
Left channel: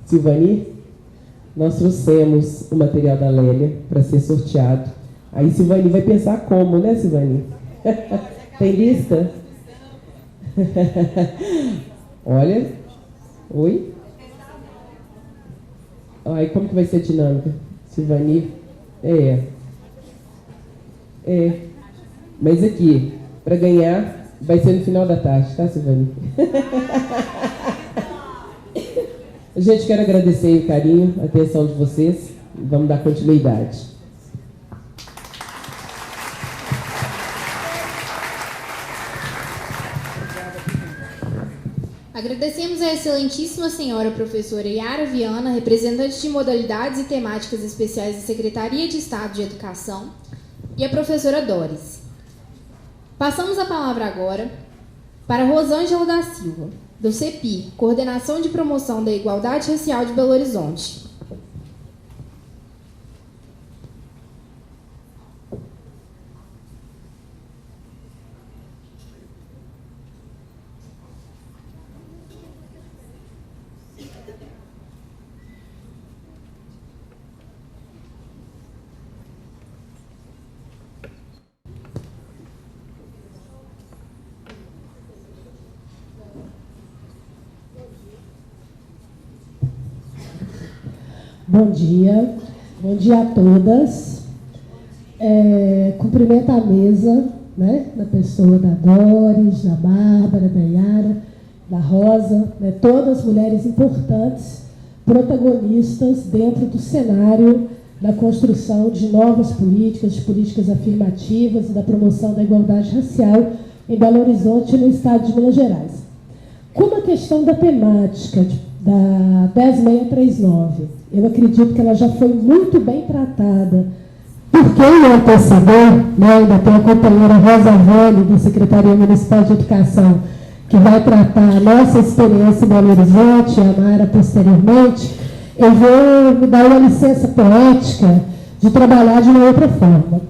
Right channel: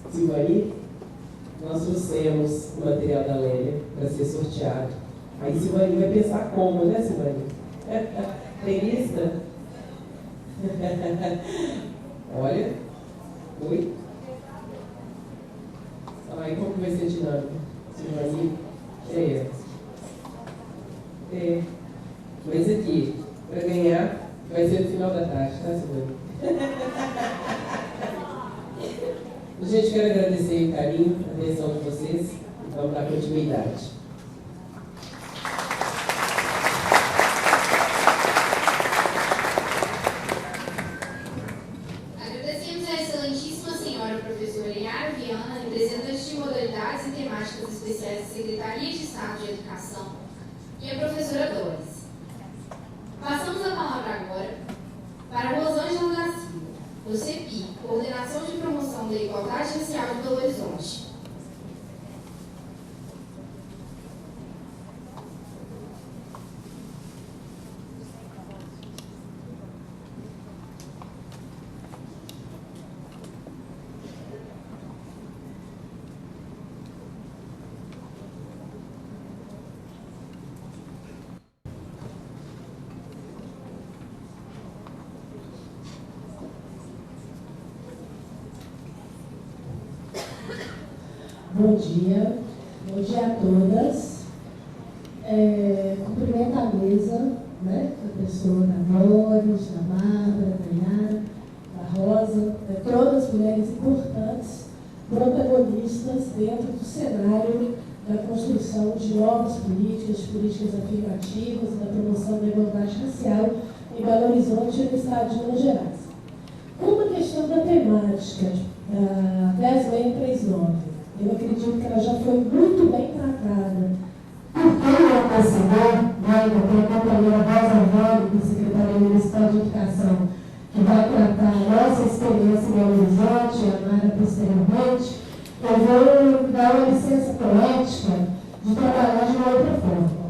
Silvani. Nós trouxemos o material da Lélia para ser sorteado. Aí Silvani vai pensar como, né, Silvani? Tem lista? Olha. Oi? Aí como que vai ser a dinâmica? Silvani? Mas aqui, para ganhar, vai ser no final da tarde, tá, Silvani? A gente quer agradecer o carinho, a atenção de vocês. Vamos dar continuidade. Agradecemos a excelentíssima senhora professora Yara Viana, representante de modalidades e temáticas especiais da Secretaria de Estado de Educação, e a professora Doris. Passamos a palavra agora para Rosângela da Silva, do CEPI, Coordenação de Promoção da Igualdade Racial de Belo Horizonte. Bom dia a todas. Cumprimento a mesa, né, da pessoa da Doris, da Bárbara, da Yara, da Rosa, né, todas mulheres importantes, protagonistas dentro do cenário da construção de novas políticas, de políticas afirmativas, da promoção da igualdade racial em Belo Horizonte e no estado de Minas Gerais. Como a questão da temática da 10639, eu acredito que ela já foi muito bem tratada por quem antecedeu, né, ainda tem a companheira Rosa Velho, da Secretaria Municipal de Educação, que vai tratar a nossa experiência em Belo Horizonte, a Mara posteriormente. Eu vou dar uma licença poética de trabalhar de uma outra forma.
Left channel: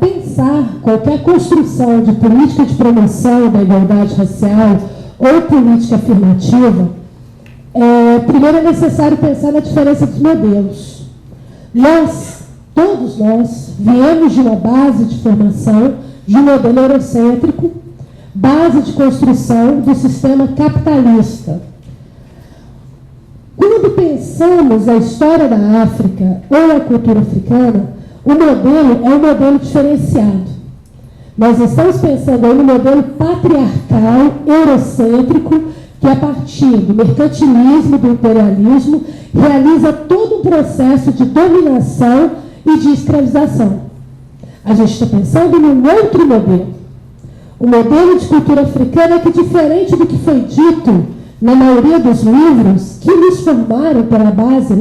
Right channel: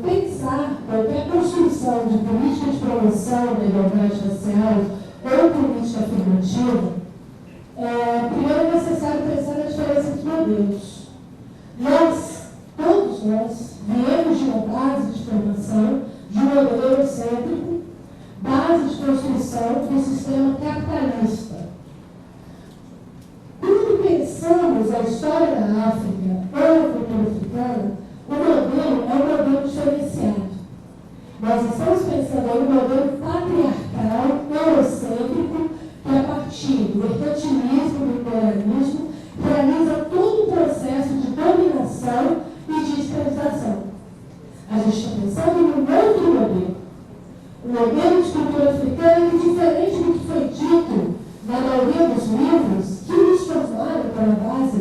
Pensar qualquer construção de política de promoção da igualdade racial ou política afirmativa, primeiro é necessário pensar na diferença dos modelos. Todos nós, viemos de uma base de formação, de um modelo eurocêntrico, base de construção do sistema capitalista. Quando pensamos a história da África ou a cultura africana, o modelo é um modelo diferenciado. Nós estamos pensando aí no modelo patriarcal, eurocêntrico, que a partir do mercantilismo, do imperialismo, realiza todo um processo de dominação e de escravização. A gente está pensando num outro modelo. O modelo de cultura africana que, diferente do que foi dito na maioria dos livros que nos formaram pela base,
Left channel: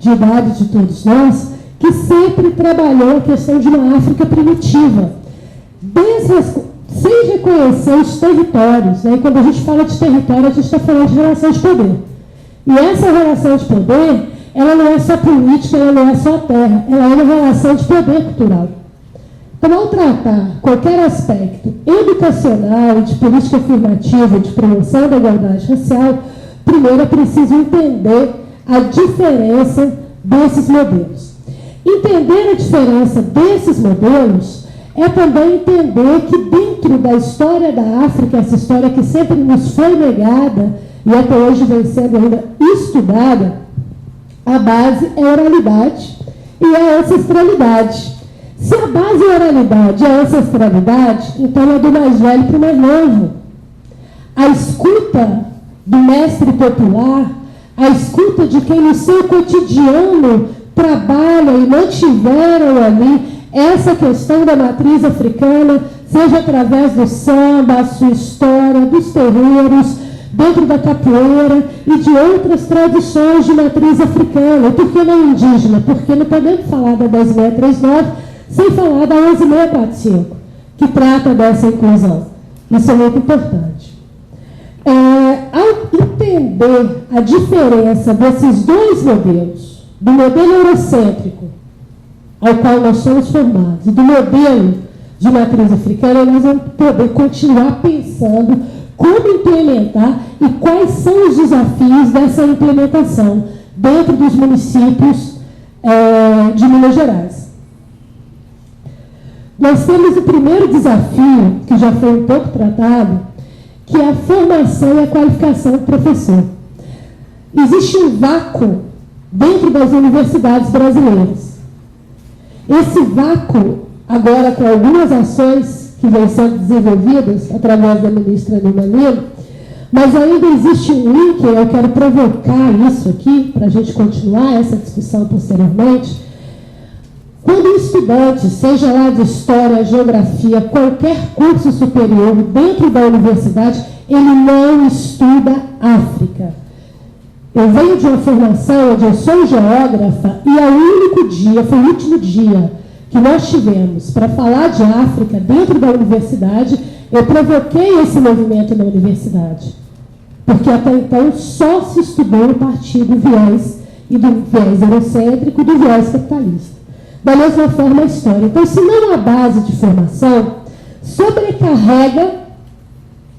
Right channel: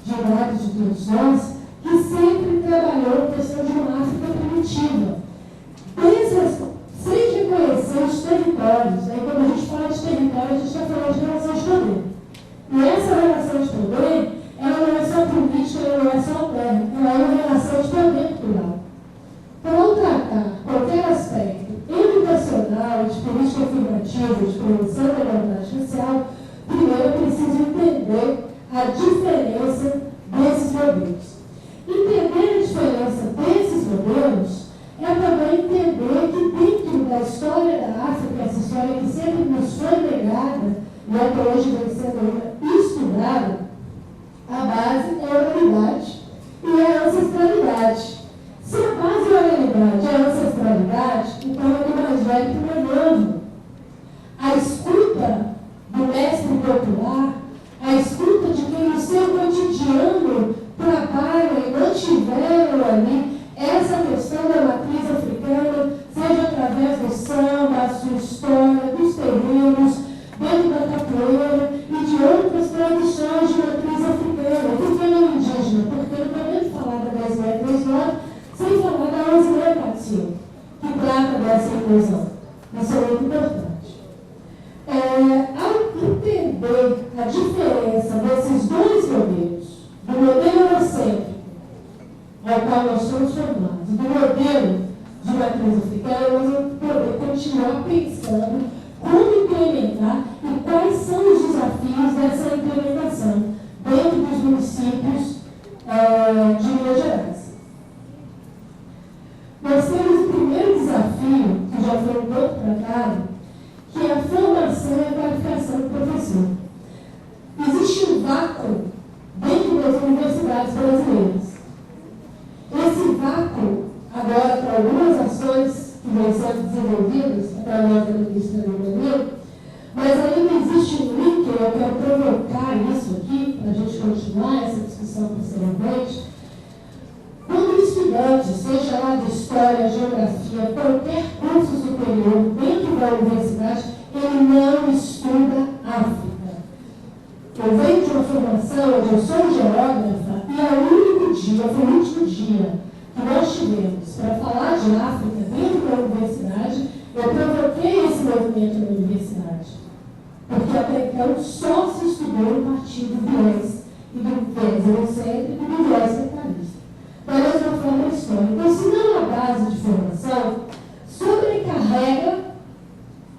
de idade de todos nós, que sempre trabalhou a questão de uma África primitiva, sem reconhecer os territórios. E quando a gente fala de território, a gente está falando de relação de poder. E essa relação de poder, ela não é só política, ela não é só terra, ela é uma relação de poder cultural. Então, ao tratar qualquer aspecto educacional, de política afirmativa, de promoção da igualdade racial, primeiro é preciso entender a diferença desses modelos. Entender a diferença desses modelos é também entender que dentro da história da África, essa história que sempre nos foi negada e até hoje vem sendo ainda estudada, a base é a oralidade e a ancestralidade. Se a base é a oralidade e a ancestralidade, então é do mais velho para o mais novo. A escuta do mestre popular, a escuta de quem no seu cotidiano trabalha e mantiveram ali essa questão da matriz africana, seja através do samba, a sua história, dos terreiros, dentro da capoeira e de outras tradições de matriz africana. Por que não indígena? Porque não podemos falar da 10.639 sem falar da 11.645, que trata dessa inclusão. Isso é muito importante. Ao entender a diferença desses dois modelos, do modelo eurocêntrico, ao qual nós somos formados, e do modelo de matriz africana, nós vamos poder continuar pensando como implementar e quais são os desafios dessa implementação dentro dos municípios de Minas Gerais. Nós temos o primeiro desafio, que já foi um pouco tratado, que é a formação e a qualificação do professor. Existe um vácuo dentro das universidades brasileiras. Esse vácuo, agora com algumas ações que vêm sendo desenvolvidas através da ministra Nilma Lima, mas ainda existe um link, eu quero provocar isso aqui, para a gente continuar essa discussão posteriormente. Quando o estudante, seja lá de História, Geografia, qualquer curso superior dentro da universidade, ele não estuda África. Eu venho de uma formação onde eu sou geógrafa e é o único dia, foi o último dia que nós tivemos para falar de África dentro da universidade, eu provoquei esse movimento na universidade. Porque até então só se estudou a partir do viés, e do viés eurocêntrico e do viés capitalista. Da mesma forma a história. Então, se não há base de formação, sobrecarrega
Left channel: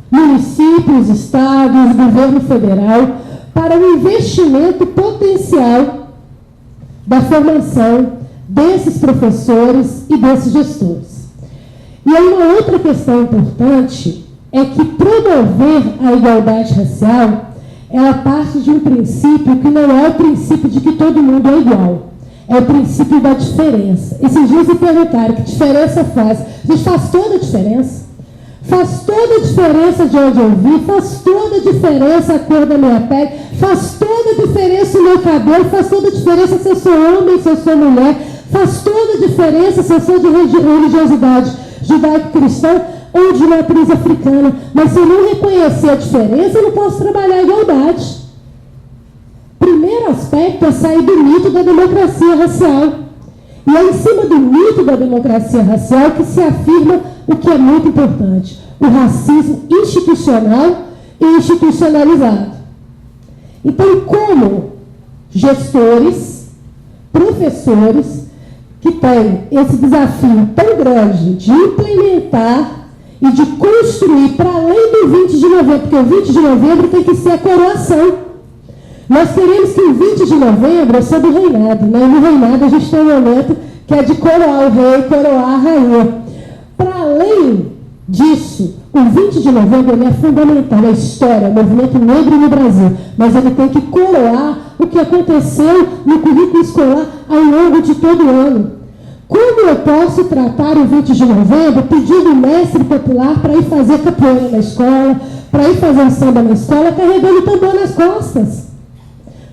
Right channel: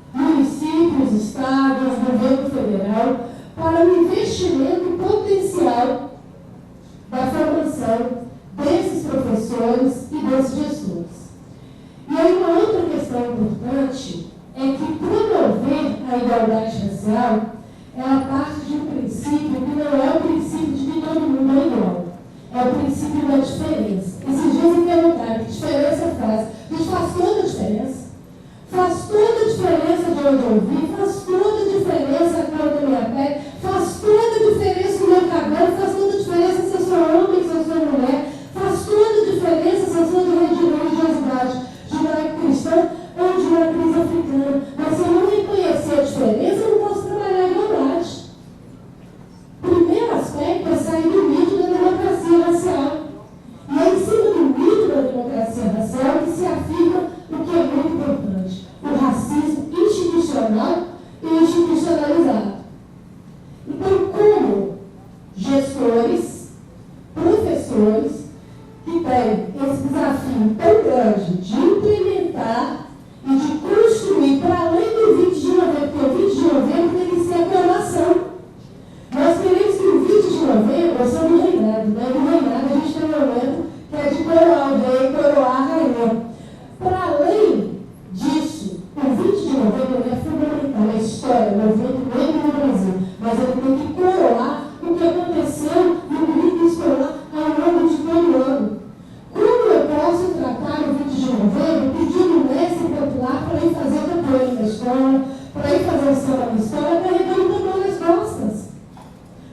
municípios, estados, governo federal para o investimento potencial da formação desses professores e desses gestores. E aí uma outra questão importante é que promover a igualdade racial, ela parte de um princípio que não é o princípio de que todo mundo é igual. É o princípio da diferença. Esses dias me perguntaram que diferença faz. A gente faz toda a diferença. Faz toda a diferença de onde eu vim, faz toda a diferença a cor da minha pele, faz toda a diferença o meu cabelo, faz toda a diferença se eu sou homem, se eu sou mulher, faz toda a diferença se eu sou de religiosidade judaico-cristã ou de matriz africana. Mas se eu não reconhecer a diferença, eu não posso trabalhar a igualdade. Primeiro aspecto é sair do mito da democracia racial. E é em cima do mito da democracia racial que se afirma o que é muito importante: o racismo institucional e institucionalizado. Então, como gestores, professores, que têm esse desafio tão grande de implementar e de construir para além do 20 de novembro, porque o 20 de novembro tem que ser a coroação. Nós queremos que o 20 de novembro seja do reinado, né? No reinado a gente tem um momento que é de coroar o rei, coroar a rainha. Para além disso, o 20 de novembro ele é fundamental na história, no movimento negro no Brasil, mas ele tem que coroar o que aconteceu no currículo escolar ao longo de todo o ano. Como eu posso tratar o 20 de novembro pedindo o mestre popular para ir fazer capoeira na escola, para ir fazer samba na escola, carregando o tambor nas costas?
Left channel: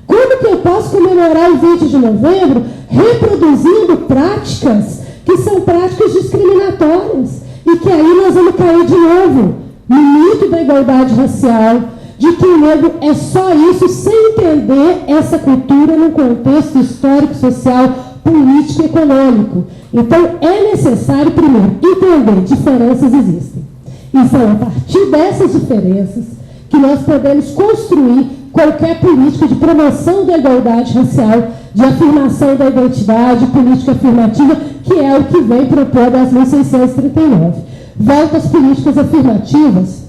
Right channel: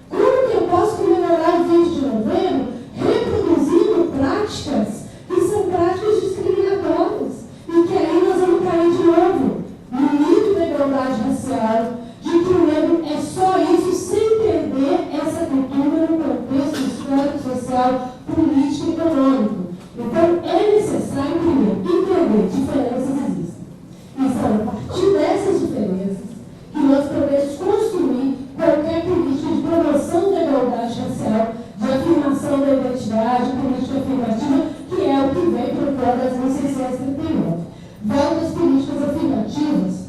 Como que eu posso comemorar o 20 de novembro reproduzindo práticas que são práticas discriminatórias? E que aí nós vamos cair de novo no mito da igualdade racial, de que o negro é só isso, sem entender essa cultura no contexto histórico, social, político e econômico. Então, é necessário, primeiro, entender diferenças existem. E são a partir dessas diferenças que nós podemos construir qualquer política de promoção da igualdade racial, de afirmação da identidade, política afirmativa, que é o que vem propondo as 1639. Volto às políticas afirmativas,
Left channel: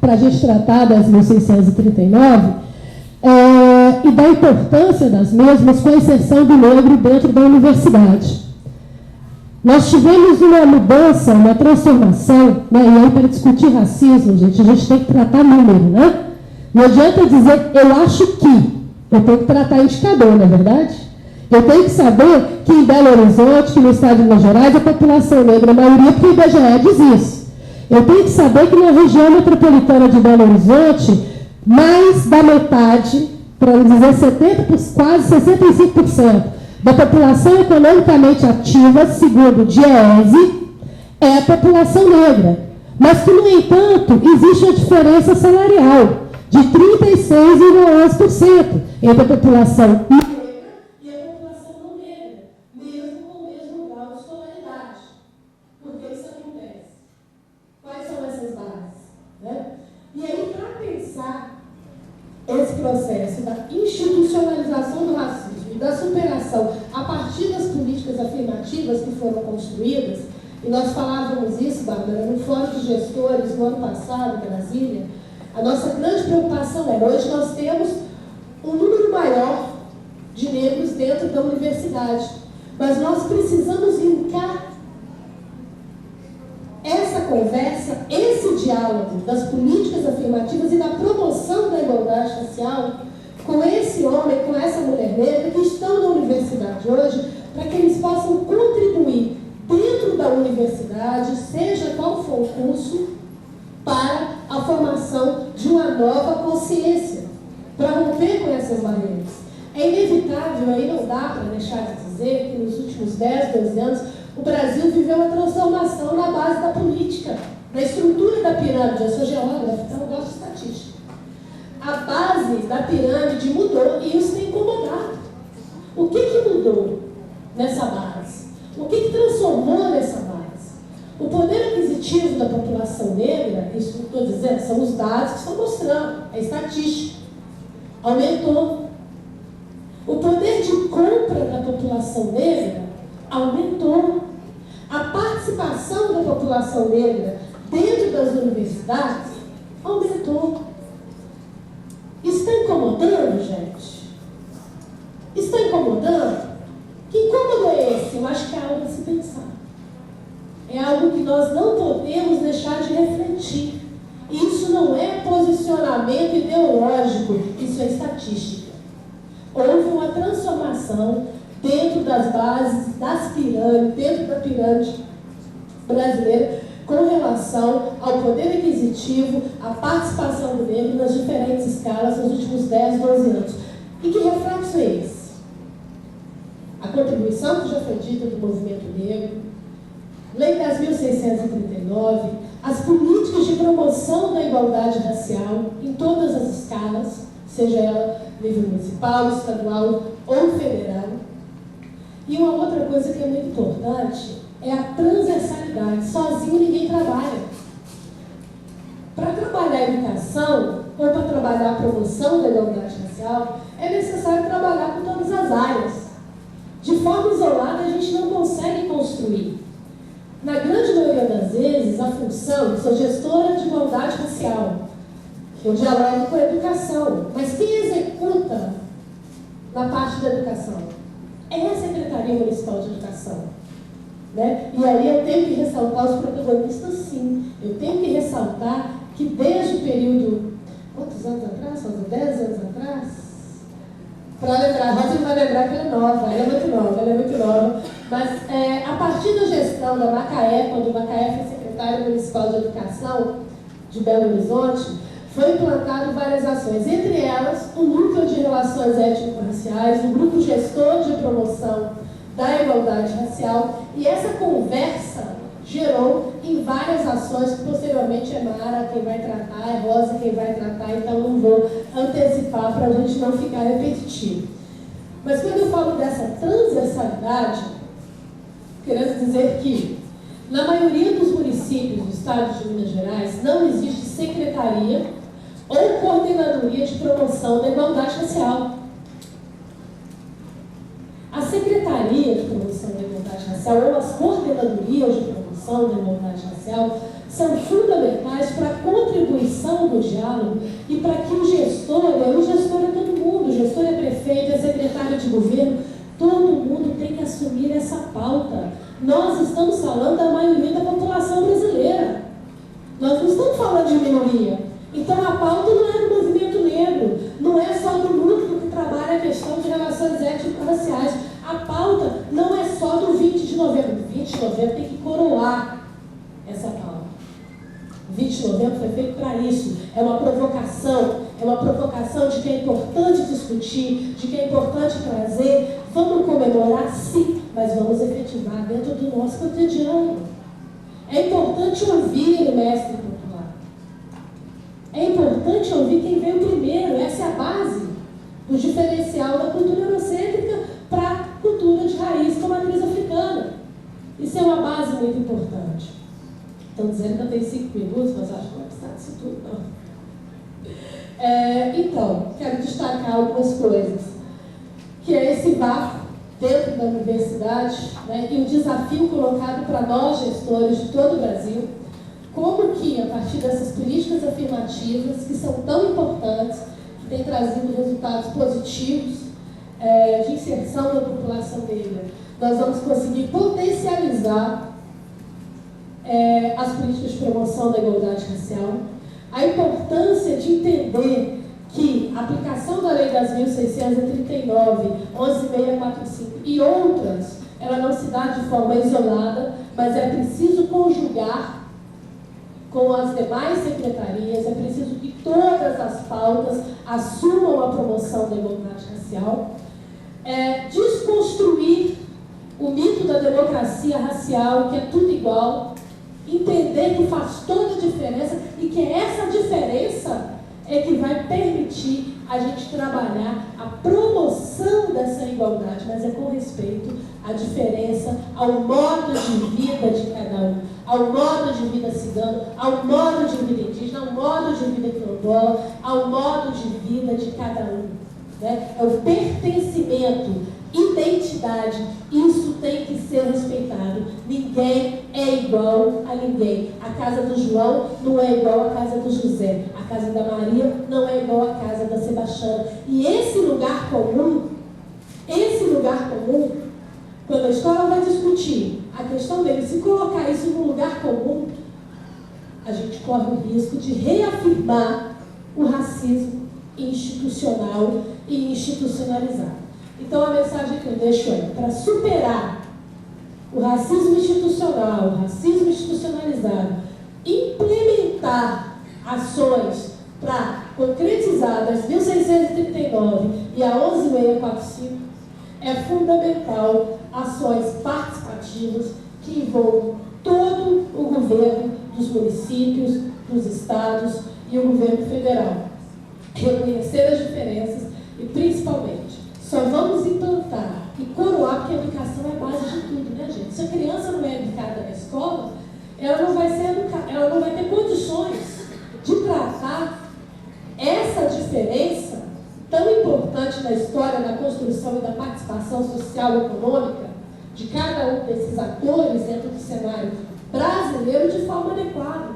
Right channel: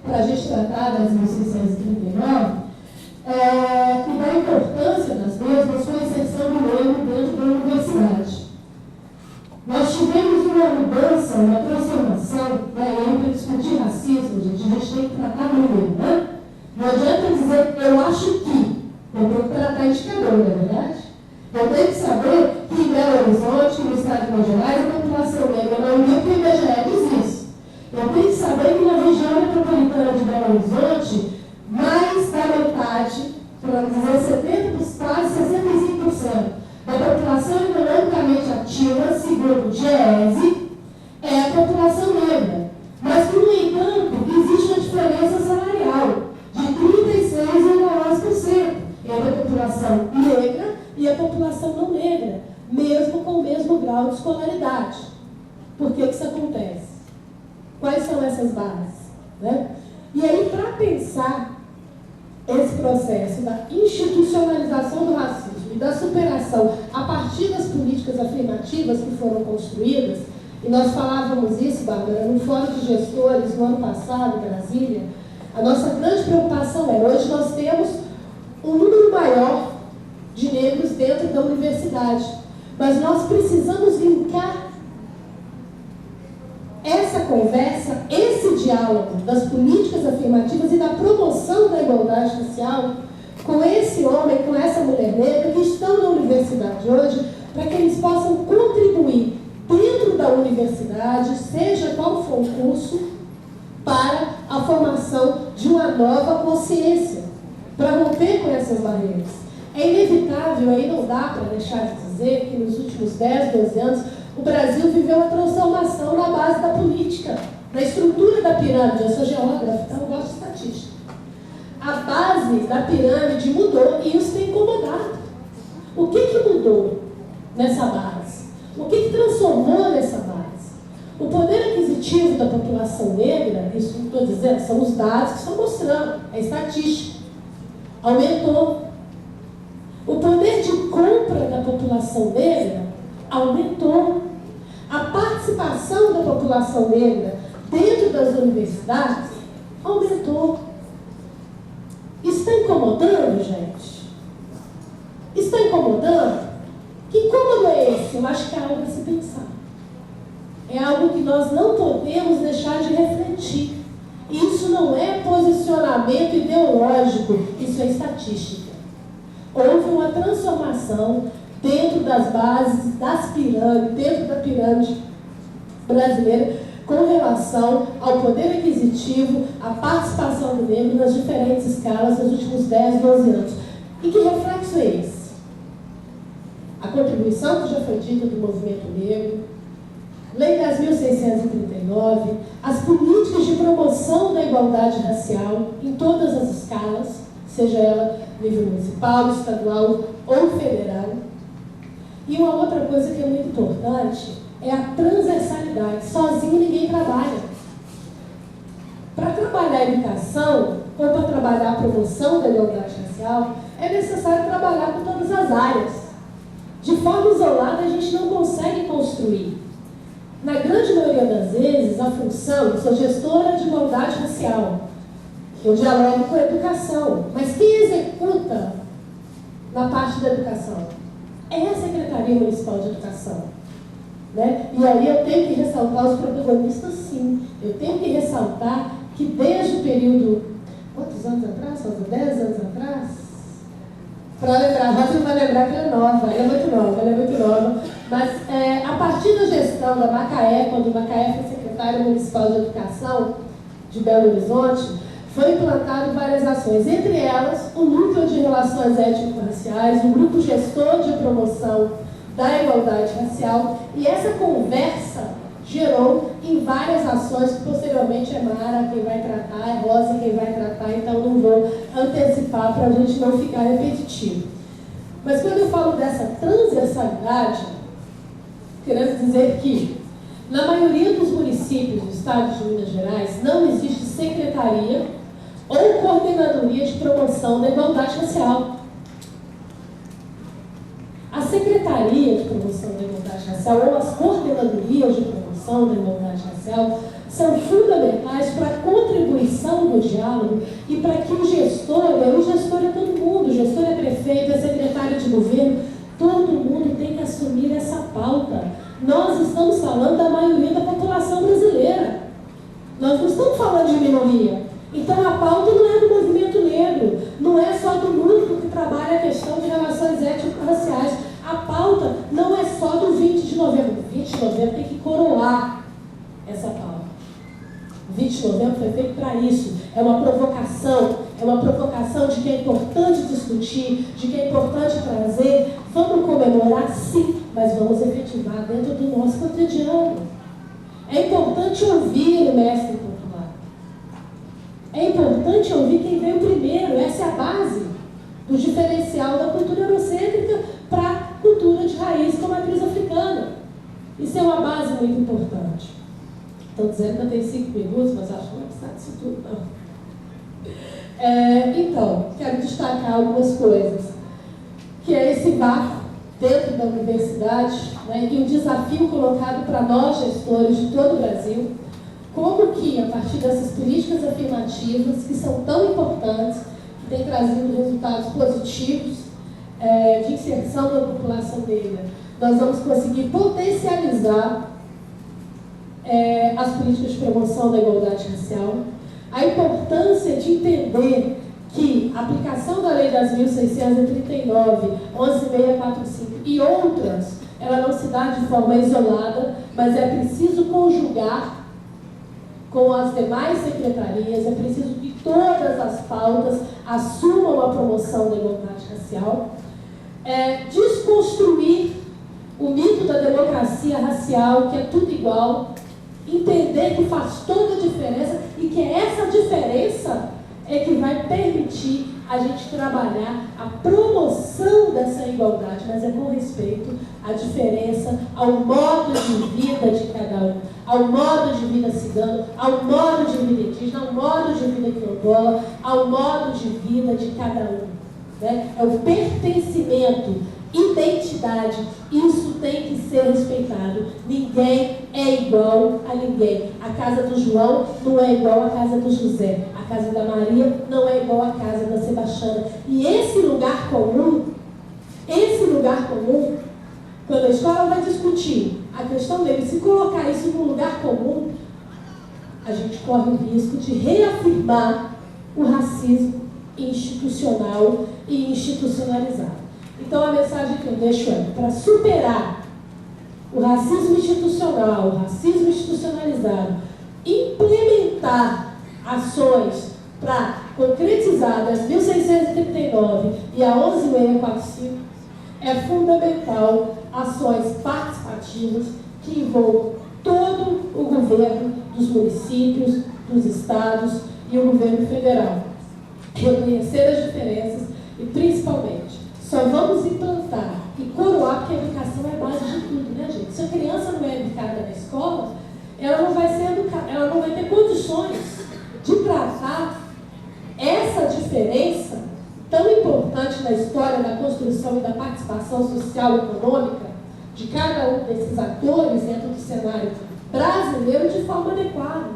para a gente tratar das 1639, e da importância das mesmas com a inserção do negro dentro da universidade. Nós tivemos uma mudança, uma transformação, né? E aí para discutir racismo, gente, a gente tem que tratar número, né? Não adianta dizer, eu acho que, eu tenho que tratar indicador, não é verdade? Eu tenho que saber que em Belo Horizonte, que no estado de Minas Gerais, a população negra, a maioria, porque o IBGE diz isso. Eu tenho que saber que na região metropolitana de Belo Horizonte, mais da metade, para não dizer 70%, quase 65%, da população economicamente ativa, segundo o DIEESE, é a população negra. Mas que, no entanto, existe uma diferença salarial de 36,11% entre a população negra e a população não negra, mesmo com o mesmo grau de escolaridade. Por que isso acontece? Quais são essas bases? Né? E aí, para pensar esse processo da institucionalização do racismo e da superação a partir das políticas afirmativas que foram construídas, e nós falávamos isso, Bárbara, no Fórum de Gestores, no ano passado, em Brasília, a nossa grande preocupação era, hoje nós temos um número maior de negros dentro da universidade, mas nós precisamos linkar essa conversa, esse diálogo das políticas afirmativas e da promoção da igualdade racial com esse homem, com essa mulher negra que estão na universidade hoje, para que eles possam contribuir dentro da universidade, seja qual for o curso, para a formação de uma nova consciência, para romper com essas barreiras. É inevitável, aí não dá para deixar de dizer que nos últimos 10, 12 anos, o Brasil viveu uma transformação na base da política, na estrutura da pirâmide. Eu sou geógrafa, então eu gosto de estatística. A base da pirâmide mudou e isso tem incomodado. O que mudou nessa base? O que transformou nessa base? O poder aquisitivo da população negra, isso não estou dizendo, são os dados que estão mostrando, é estatística, aumentou. O poder de compra da população negra aumentou. A participação da população negra dentro das universidades aumentou. Está incomodando, gente? Está incomodando? Que incômodo é esse? Eu acho que é algo a se pensar. É algo que nós não podemos deixar de refletir. Isso não é posicionamento ideológico, isso é estatística. Houve uma transformação dentro das bases, das pirâmides, dentro da pirâmide brasileira, com relação ao poder aquisitivo, à participação do negro nas diferentes escalas nos últimos 10, 12 anos. E que reflexo é esse? A contribuição que já foi dita do movimento negro, Lei 10.639, as políticas de promoção da igualdade racial em todas as escalas, seja ela nível municipal, estadual ou federal. E uma outra coisa que é muito importante é a transversalidade. Sozinho ninguém trabalha. Para trabalhar a educação ou para trabalhar a promoção da igualdade racial, é necessário trabalhar com todas as áreas. De forma isolada, a gente não consegue construir. Na grande maioria das vezes, a função, eu sou gestora de igualdade racial, eu dialogo com a educação, mas quem executa na parte da educação é a Secretaria Municipal de Educação. Né? E aí eu tenho que ressaltar os protagonistas, sim. Eu tenho que ressaltar que desde o período, quantos anos atrás? 10 anos atrás? Para lembrar, a Rosa vai lembrar que ela é nova, ela é muito nova, Mas a partir da gestão da Macaé, quando Macaé foi secretária municipal de educação de Belo Horizonte, foi implantado várias ações, entre elas o Núcleo de Relações Étnico-Raciais, o Grupo Gestor de Promoção da Igualdade Racial, e essa conversa gerou em várias ações que posteriormente é Mara quem vai tratar, é Rosa quem vai tratar, então não vou antecipar para a gente não ficar repetitivo. Mas quando eu falo dessa transversalidade, querendo dizer que na maioria dos municípios do estado de Minas Gerais não existe secretaria ou coordenadoria de promoção da igualdade racial. A Secretaria de Promoção da Igualdade Racial ou as coordenadorias de promoção da igualdade racial são fundamentais para a contribuição do diálogo e para que o gestor é todo mundo, o gestor é prefeito, é secretário de governo, todo mundo tem que assumir essa pauta. Nós estamos falando da maioria da população brasileira. Nós não estamos falando de minoria. Então a pauta não é do movimento negro, não é só do núcleo que trabalha a questão de relações étnico-raciais. A pauta não é só do 20 de novembro. 20 de novembro tem que coroar essa pauta. 20 de novembro foi feito para isso. É uma provocação de que é importante discutir, de que é importante trazer. Vamos comemorar, sim, mas vamos efetivar dentro do nosso cotidiano. É importante ouvir o mestre popular. É importante ouvir quem veio primeiro. Essa é a base do diferencial da cultura eurocêntrica para a cultura de raiz com a matriz africana. Isso é uma base muito importante. Estão dizendo que eu tenho 5 minutos, mas acho que não vai precisar disso tudo, não. Então, quero destacar algumas coisas. Que é esse vácuo dentro da universidade, né, e um desafio colocado para nós, gestores de todo o Brasil, como que, a partir dessas políticas afirmativas, que são tão importantes, que têm trazido resultados positivos de inserção da população negra, nós vamos conseguir potencializar as políticas de promoção da igualdade racial, a importância de entender que a aplicação da Lei das 1.639, 11.645 e outras, ela não se dá de forma isolada, mas é preciso conjugar com as demais secretarias, é preciso que todas as pautas assumam a promoção da igualdade racial, desconstruir o mito da democracia racial, que é tudo igual, entender que faz toda a diferença e que essa diferença é que vai permitir a gente trabalhar a promoção dessa igualdade, mas é com respeito à diferença, ao modo de vida de cada um, ao modo de vida cigano, ao modo de vida indígena, ao modo de vida quilombola, ao modo de vida de cada um. Né? É o pertencimento, identidade, isso tem que ser respeitado. Ninguém é igual a ninguém. A casa do João não é igual à casa do José. A casa da Maria não é igual à casa da Sebastiana. E esse lugar comum, quando a escola vai discutir a questão dele, se colocar isso num lugar comum, a gente corre o risco de reafirmar o racismo institucional e institucionalizado. Então a mensagem que eu deixo é, para superar o racismo institucional, o racismo institucionalizado, implementar ações para concretizar das 1.639 e a 11.645, é fundamental ações participativas que envolvam todo o governo dos municípios, dos estados e o governo federal. Reconhecer as diferenças e, principalmente, só vamos implantar e coroar, porque a educação é a base de tudo, né, gente? Se a criança não é educada na escola, ela não vai ter condições de tratar essa diferença tão importante na história da construção e da participação social e econômica de cada um desses atores dentro do cenário brasileiro de forma adequada.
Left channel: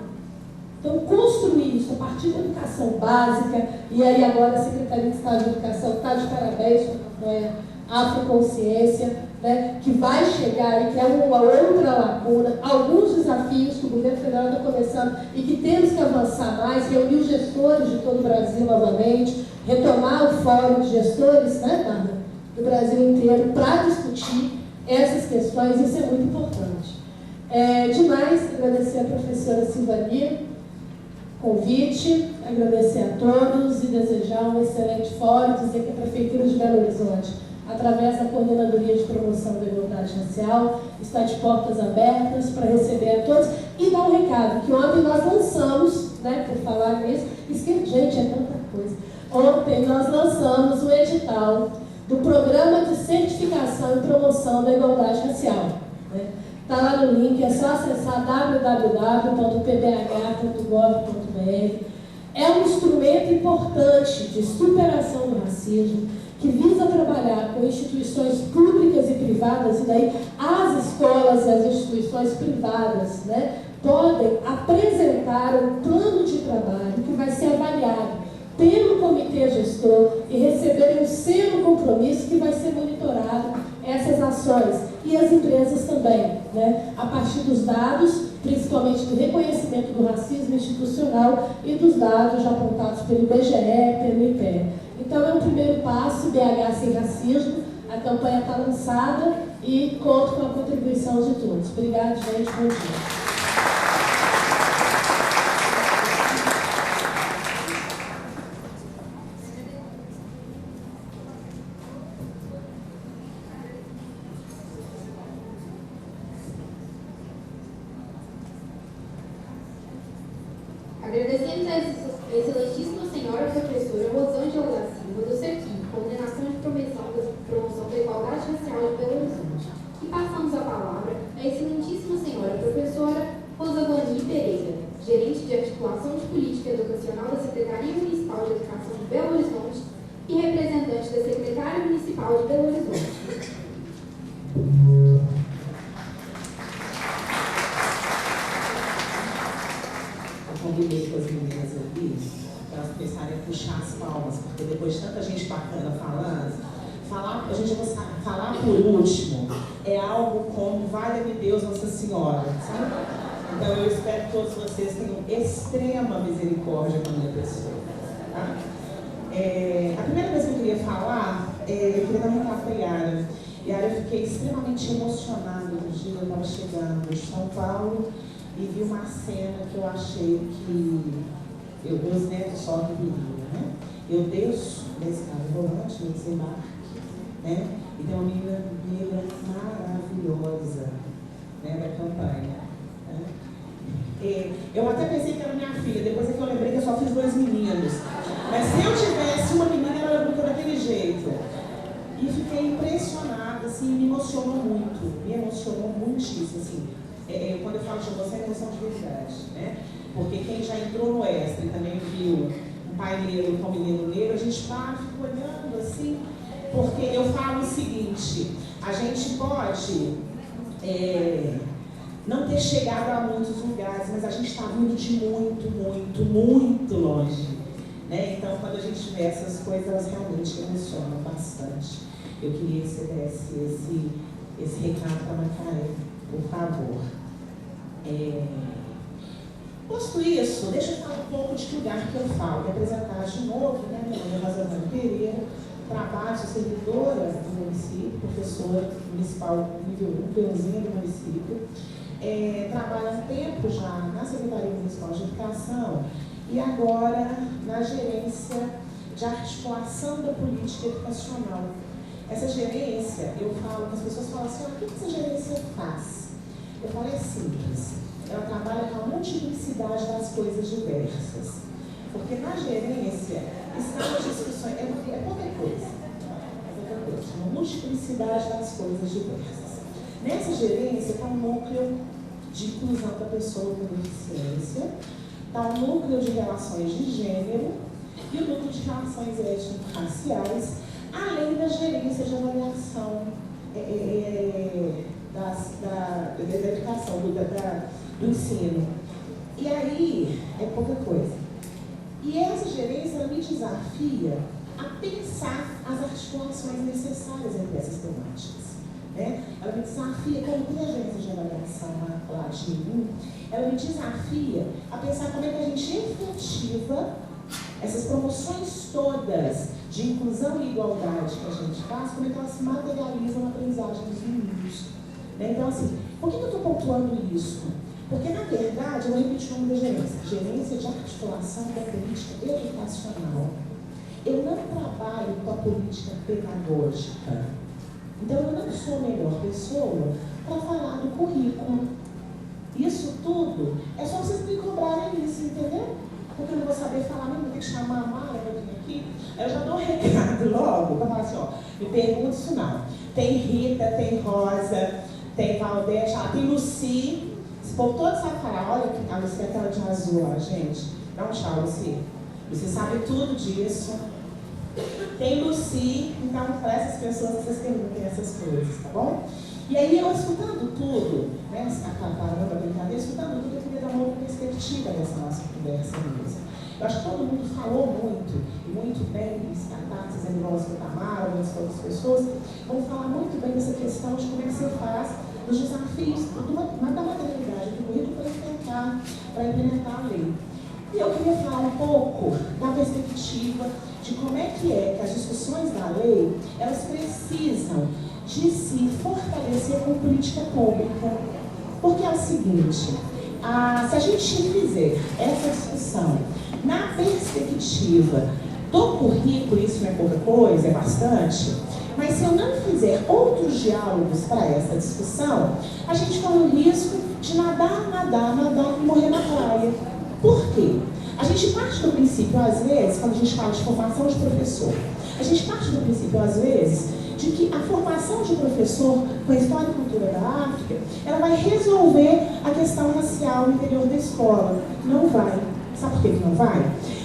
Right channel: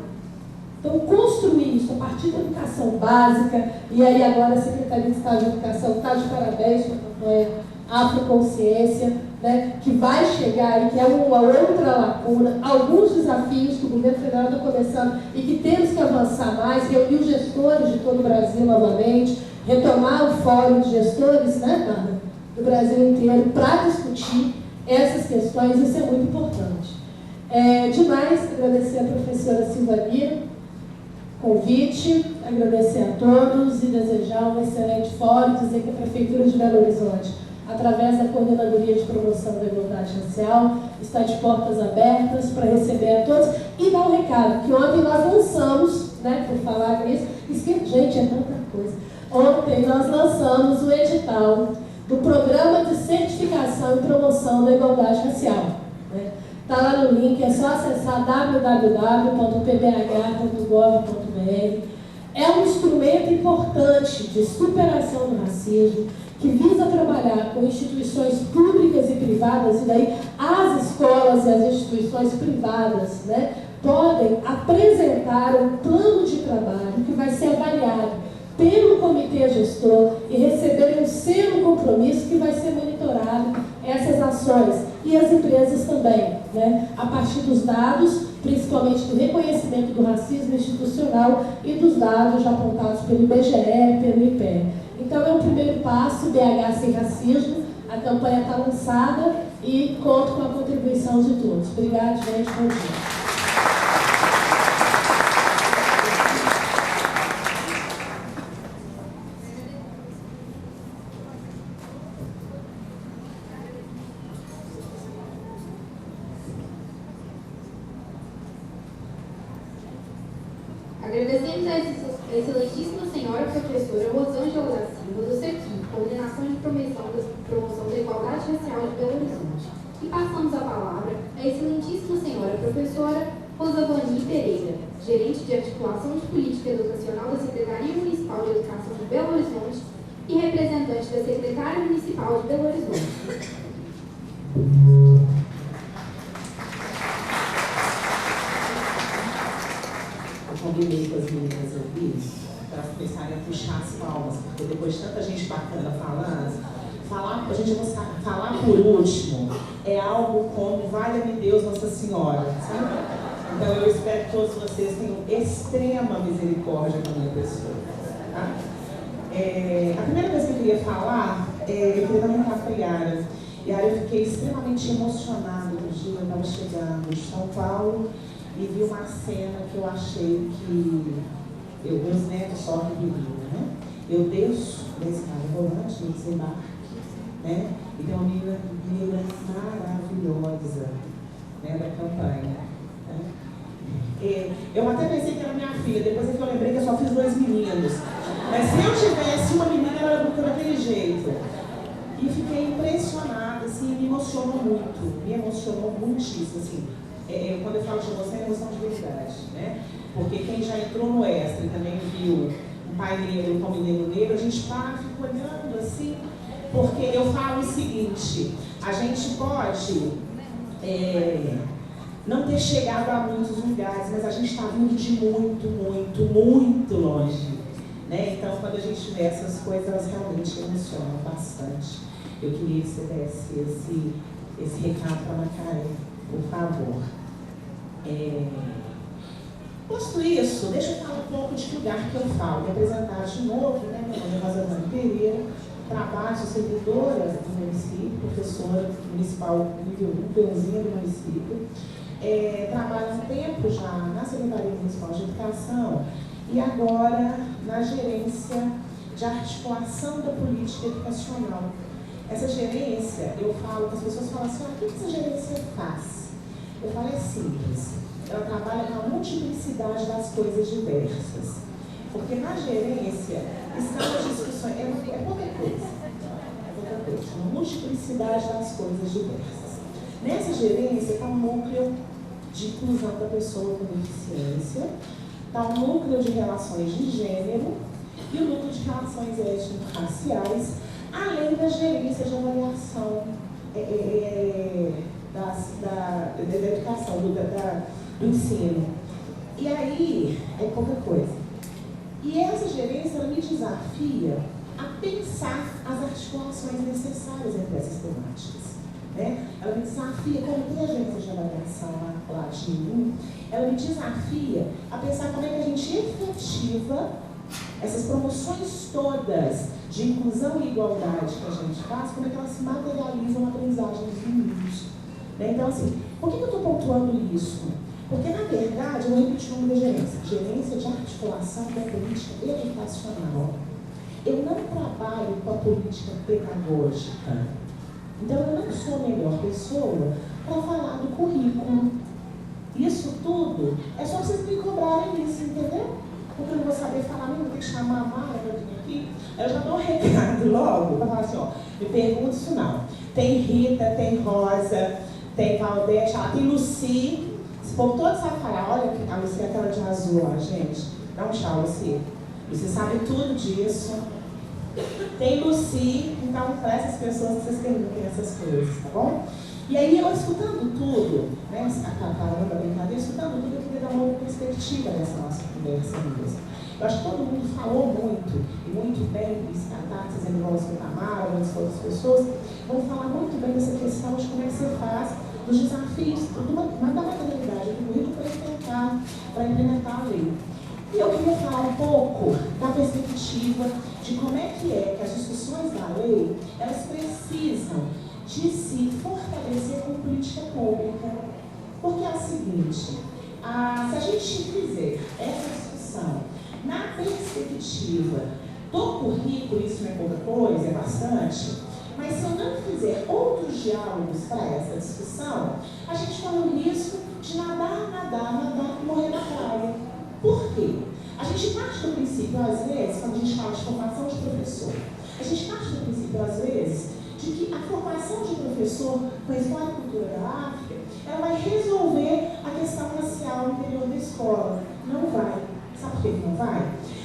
Então, construir isso a partir da educação básica, e aí agora a Secretaria de Estado de Educação está de parabéns com a campanha Afroconsciência, né, que vai chegar aí, que é uma outra lacuna, alguns desafios que o governo federal está começando e que temos que avançar mais, reunir os gestores de todo o Brasil novamente, retomar o fórum de gestores, né, Bárbara, do Brasil inteiro, para discutir essas questões, isso é muito importante. Demais, agradecer a professora Silvani, convite, agradecer a todos e desejar um excelente fórum, dizer que a Prefeitura de Belo Horizonte, através da Coordenadoria de Promoção da Igualdade Racial, está de portas abertas para receber a todos e dar um recado, que ontem nós lançamos, né, por falar nisso, gente, é tanta coisa. Ontem nós lançamos o edital do Programa de Certificação e Promoção da Igualdade Racial. Está lá no link, é só acessar www.pbh.gov.br. É um instrumento importante de superação do racismo, que visa trabalhar com instituições públicas e privadas, e daí as escolas e as instituições privadas, né, podem apresentar um plano de trabalho que vai ser avaliado pelo comitê gestor e receber um selo compromisso que vai ser monitorado essas ações. E as empresas também, né, a partir dos dados, principalmente do reconhecimento do racismo institucional e dos dados já apontados pelo IBGE, pelo IPE. Então é um primeiro passo, BH Sem Racismo, a campanha está lançada e conto com a contribuição de todos. Obrigada, gente, bom dia. Agradecemos a excelentíssima senhora professora Rosângela da Silva, do CEQUI, Coordenação de Promoção da Igualdade Racial de Belo Horizonte. E passamos a palavra à excelentíssima senhora professora Rosavani Pereira, gerente de Articulação de Política Educacional da Secretaria Municipal de Educação de Belo Horizonte e representante da Secretária Municipal de Belo Horizonte. Combinei com as meninas ali, para elas começarem a puxar as palmas, porque depois de tanta gente bacana falando, a gente vai falar por último é algo como valha-me Deus Nossa Senhora, sabe? Então eu espero que todos vocês tenham extrema misericórdia com a minha pessoa, tá? A primeira coisa que eu queria falar, eu queria dar um recado para a Yara. Yara, eu fiquei extremamente emocionada no dia, eu estava chegando de São Paulo, e vi uma cena que eu achei que meus netos só reveriam, né? Eu desço desse carro volante, no desembarque, né? E tem uma menina negra maravilhosa, né, da campanha. Né? Eu até pensei que era minha filha, depois é que eu lembrei que eu só fiz 2 meninos. Mas se eu tivesse uma menina, ela era bonita daquele jeito. E fiquei impressionada, assim, me emocionou muitíssimo, assim. Quando eu falo de emoção, é emoção de verdade, né? Porque quem já entrou no extra e também viu um pai negro com um menino negro, a gente para e fica olhando assim, porque eu falo o seguinte, a gente pode não ter chegado a muitos lugares, mas a gente está vindo de muito, muito, muito longe, né? Então, quando a gente vê essas coisas, elas realmente emocionam bastante. Eu queria que você desse esse recado para a Macaé, por favor. Posto isso, deixa eu falar um pouco de que lugar que eu falo. Me apresentar de novo, né? Meu nome é Rosavani Pereira, trabalho, sou servidora do município, professora municipal nível 1, peãozinha do município. Trabalho há um tempo já na Secretaria Municipal de Educação e agora na gerência de articulação da política educacional. Essa gerência, eu falo, que as pessoas falam assim, o que essa gerência faz? Eu falo, é simples. Ela trabalha com a multiplicidade das coisas diversas. Porque na gerência estão as discussões, é pouca coisa. Uma multiplicidade das coisas diversas. Nessa gerência está um núcleo de inclusão da pessoa com deficiência, está um núcleo de relações de gênero e o núcleo de relações étnico-raciais, além da gerência de avaliação da educação, do ensino. E aí, é pouca coisa. E essa gerência, ela me desafia a pensar as articulações necessárias entre essas temáticas. Né? Ela me desafia, como tem a gerência de avaliação lá de mim, ela me desafia a pensar como é que a gente efetiva essas promoções todas de inclusão e igualdade que a gente faz, como é que ela se materializa na aprendizagem dos meninos. Né? Então, assim, por que eu estou pontuando isso? Porque, na verdade, eu vou repetir o nome da gerência. Gerência de articulação da política educacional. Eu não trabalho com a política pedagógica. Então, eu não sou a melhor pessoa para falar do currículo. Isso tudo é só vocês me cobrarem isso, entendeu? Porque eu não vou saber falar, nem vou ter que chamar a Mara para vir aqui. Aí eu já dou um recado logo para falar assim, ó, me pergunta isso não. Tem Rita, tem Rosa, tem Valdete, tem Lucy. Esse povo todo sabe falar, olha que a Lucy é aquela de azul lá, gente. Dá um tchau, Lucy. Lucy sabe tudo disso. Tem Lucy, então para essas pessoas que vocês perguntem essas coisas, tá bom? E aí, eu escutando tudo, né, parando a brincadeira, escutando tudo, eu queria dar uma outra perspectiva dessa nossa conversa mesmo. Eu acho que todo mundo falou muito, e muito bem, a Tati, Zé Rosa, Tamara, muitas outras pessoas, vão falar muito bem dessa questão de como é que você faz dos desafios da materialidade do currículo para implementar a lei. E eu queria falar um pouco da perspectiva de como é que as discussões da lei, elas precisam de se fortalecer com política pública. Porque é o seguinte, se a gente fizer essa discussão na perspectiva do currículo, isso não é pouca coisa, é bastante, mas se eu não fizer outros diálogos para essa discussão, a gente corre o risco de nadar e morrer na praia. Por quê? A gente parte do princípio, às vezes, quando a gente fala de formação de professor, a gente parte do princípio, às vezes, de que a formação de professor com a história e cultura da África, ela vai resolver a questão racial no interior da escola. Não vai. Sabe por que não vai?